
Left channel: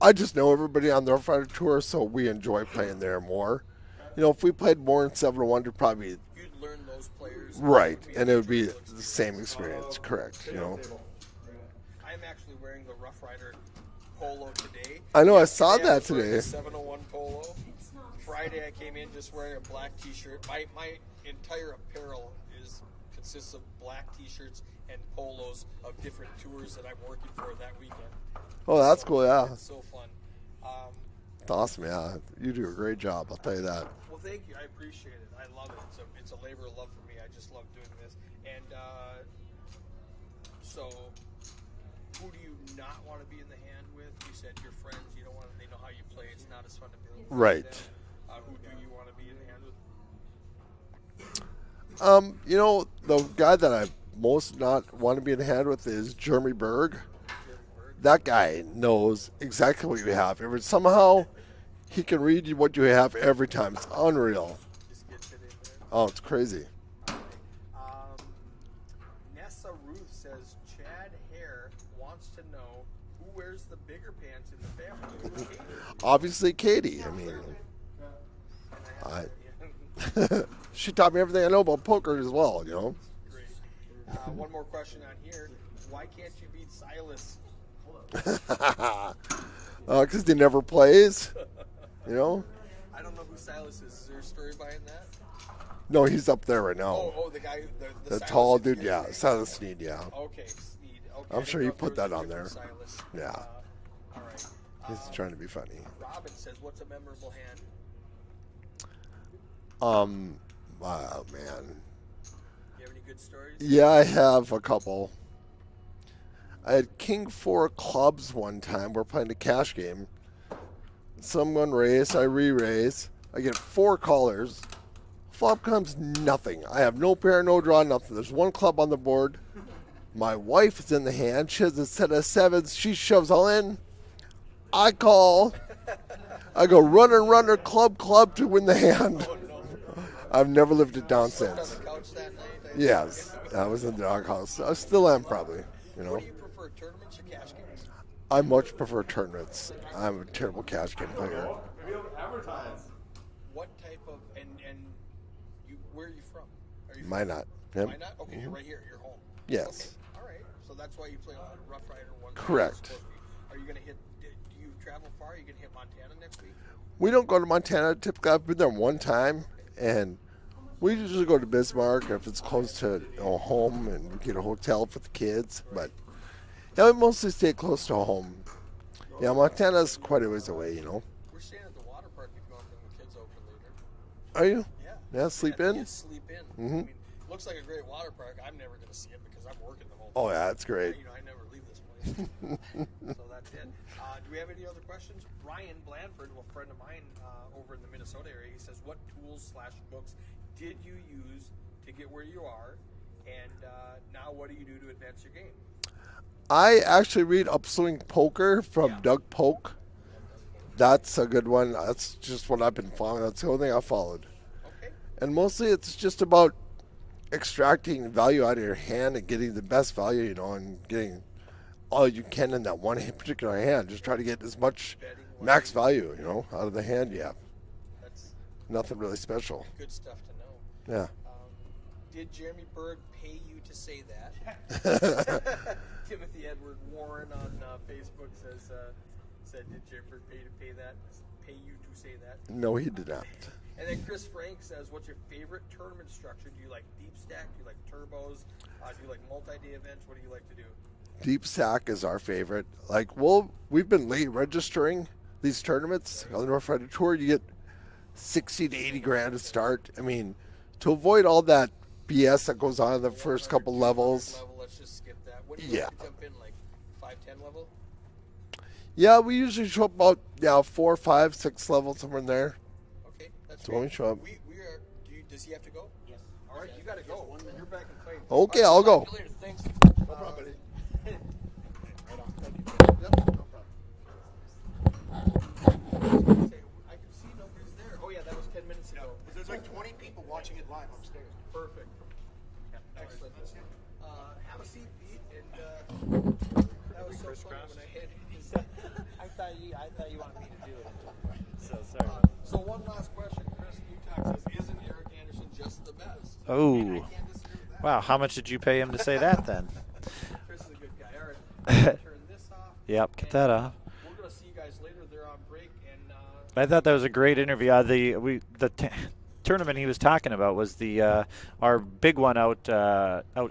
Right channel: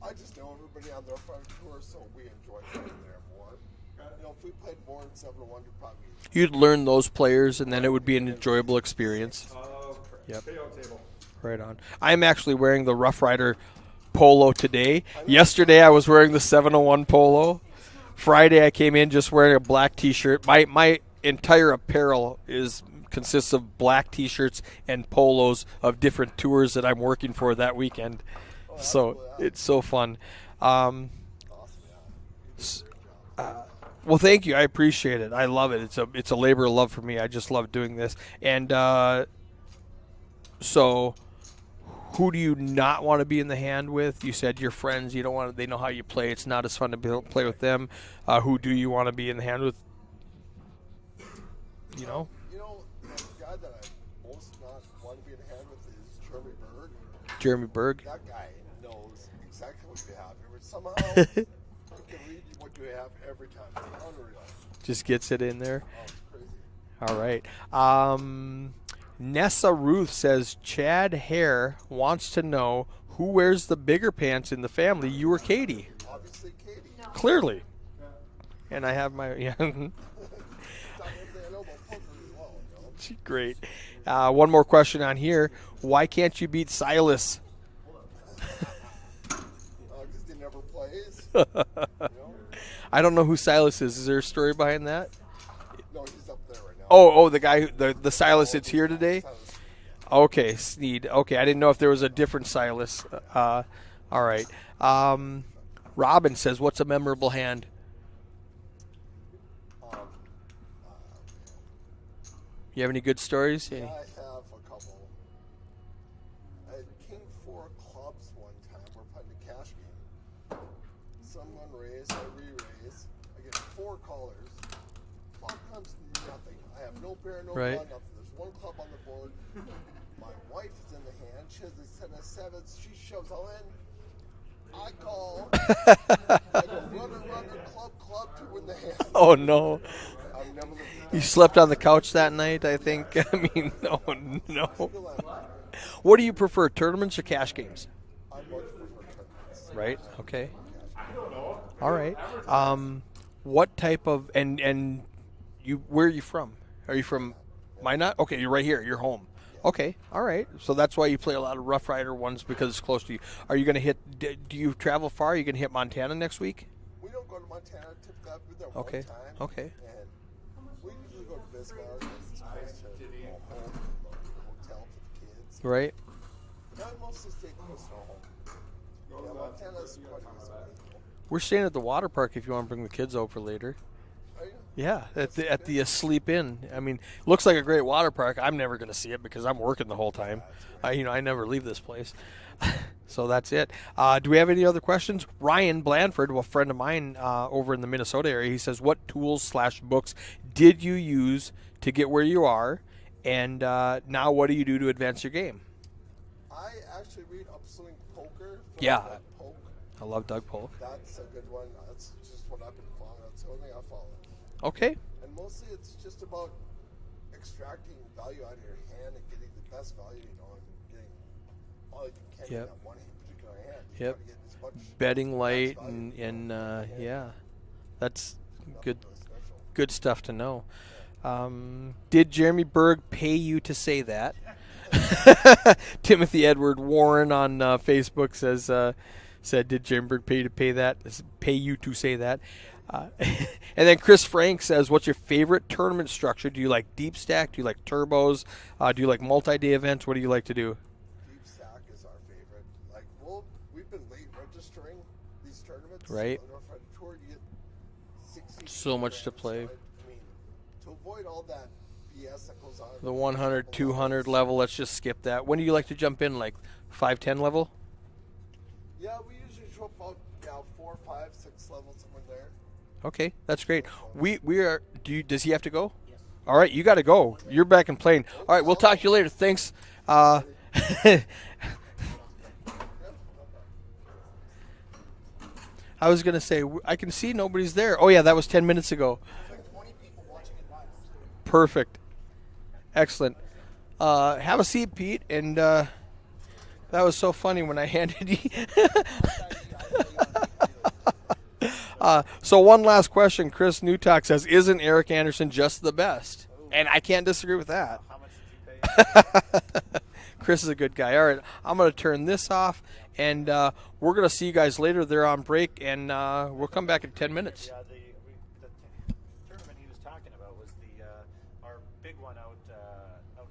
I just know everybody on the Rough Rider tour, so we enjoy playing there more. You know, if we played more in 701, it'd probably You'd learn those players, and then it Right, would be an and it would be enjoyable the experience. Same experience, correct. You know. Right on. I'm actually wearing the Rough Rider polo today. I know, I Yesterday saw I that was wearing today. the 701 polo. Friday I came in just wearing a black T-shirt. My entire apparel consists of black T-shirts and polos of different tours that I'm working for that weekend. Oh, that's So cool. Yeah, it's so fun. it's awesome. Yeah, you do a great job. I'll tell you that. Well, thank you. I appreciate it. I love it. It's a labor of love for me. I just love doing this. And so, who do you not want to be in the hand with? You said your friends. You don't want to. They know how you play. It's not as fun to play Right. with them. Who do you want to be in the hand with? You know, the guy that I most not want to be in the hand with is Jeremy Berg. Jeremy Berg. That guy knows exactly what you have. Somehow, he can read you what you have every time. It's unreal. Just gets it in there. Oh, it's crazy. All right. Nessa Ruth says Chad Hare wants to know who wears the bigger pants in the family. You or Katie? Obviously, Katie. Clearly. And I have my She taught me everything I know about poker as well. You know. She's great. One more question on here. Why can't you beat Silas? Because he never plays. You know. I don't know who Silas is. Is there a story behind that? No, he's up there right now. Oh, the guy, the Silas tall that's dude, here yeah, today? Silas Sneed, yeah. Okay, Sneed. Okay, I'm I didn't sure know you if there put was a that on different there. Silas. Yeah. All right. Trying to be funny. Robin says, what's a memorable hand? Oh, man. You have any good stories? Yeah, I have a couple. I had King 4 clubs one time. We're playing a cash game. Someone raise, I re-raise. I get 4 callers. Flop comes nothing. I have no pair, no draw, Right. nothing. There's 1 club on the board. My wife is in the hand. She has a set of 7s. She shoves all in. I call. I go runner, club to win the hand. Oh, no. I've never lived it down. You slept on the since. couch that night, I Yes, think. I mean, I was in the doghouse. no. I still am probably. What do you prefer, tournaments or cash games? I much prefer tournaments. Right, I'm okay. a terrible cash game player. All right. What type of and you? Where are you from? Are you from Minot. Yep. Minot? Okay, you're right here. You're home. Yes. Okay. All right. So that's why you play a lot of Rough Rider ones because it's Correct. close to you. Are you going to hit? Do you travel far? Are you going to hit Montana next week? We don't go to Montana. Typically, I've been there one Okay, time. okay. And we usually go to Bismarck if it's close to home and we get a hotel for the kids. Right. But, yeah, we mostly stay close to home. Yeah, Montana's quite a ways away, you know. We're staying at the water park if you want to bring the kids over later. Are you? Yeah, Yeah, at Sleep the Inn? Sleep Inn. Mhm. I mean, looks like a great water park. I'm never going to see it because I'm working the whole time. Oh, yeah, it's great. I never leave this place. So that's it. Do we have any other questions? Ryan Blandford, a friend of mine over in the Minnesota area, he says, what tools/books did you use to get where you are? And now what do you do to advance your game? I actually read Upswing Poker from Yeah. Doug Polk. I love Doug Polk. That's a good one. That's just what I've been following. That's the only thing I followed. Okay. And mostly it's just about extracting value out of your hand and getting the best value, you know, and getting all you can in that one particular hand. Just Yeah. try to get as much Betting light. max value, you and, know, out of the hand. Yeah. That's Nothing good. really special. Good stuff to know. Yeah. Did Jeremy Berg pay you to say that? Timothy Edward Warren on Facebook said, "Did Jeremy Berg pay you to say that?" No, he did not. And then Chris Frank says, "What's your favorite tournament structure? Do you like deep stack? Do you like turbos? Do you like multi-day events? What do you like to do?" Deep Stack is our favorite. Like, we've been late registering these tournaments. Right. On the Rough Rider Tour, you get 60 to So 80 much grand to to play. start. I mean, to avoid all that BS that goes on in The the first 100, couple 200 levels. level. Let's just skip that. When do you like Yeah. to jump in? Like 5, 10 level? Yeah, we usually show up about 4, 5, 6 levels, somewhere in there. Okay, that's So we great. show up. We are. Does he have to go? All right, you got to go. You're back and playing. All right, we'll I'll talk go. to you later. Thanks. I was going to say, I can see nobody's there. Oh, yeah, that was 10 minutes ago. There's like 20 people watching it live upstairs. Perfect. Excellent. Have a seat, Pete. And that was so funny when I handed you. So one last question. Chris Newtok says, isn't Eric Anderson just the best? Oh. And I can't disagree with that. Wow, how much did you pay him to say that then? Chris is a good guy. All right, I'm going to turn this off. Yep, put And that on. we're going to see you guys later. They're on break. And I thought that was a great interview. The tournament he was talking about was the our big one out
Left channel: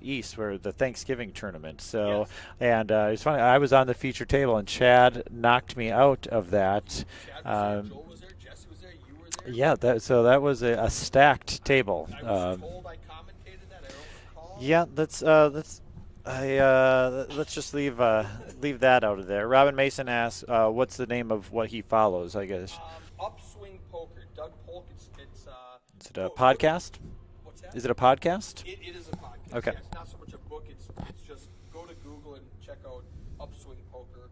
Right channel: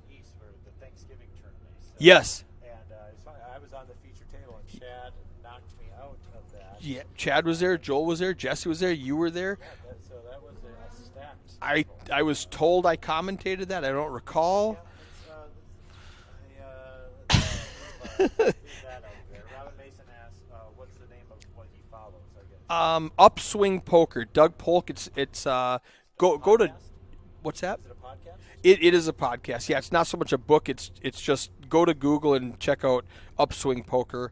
east, where the Thanksgiving tournament. So, Yes. And it's funny. I was on the feature table, and Chad knocked me out of that. Yeah, Chad was there. Joel was there. Jesse was there. You were there. Yeah. So that was a stacked table. I was told I commentated that. I don't recall. Yeah. Let's just leave that out of there. Robin Mason asks, "What's the name of what he follows?" I guess. Upswing Poker. Doug Polk. It's Is it a go podcast? to, what's that? Is it a podcast? It is a podcast. Okay. Yeah, it's not so much a book. It's just go to Google and check out Upswing Poker.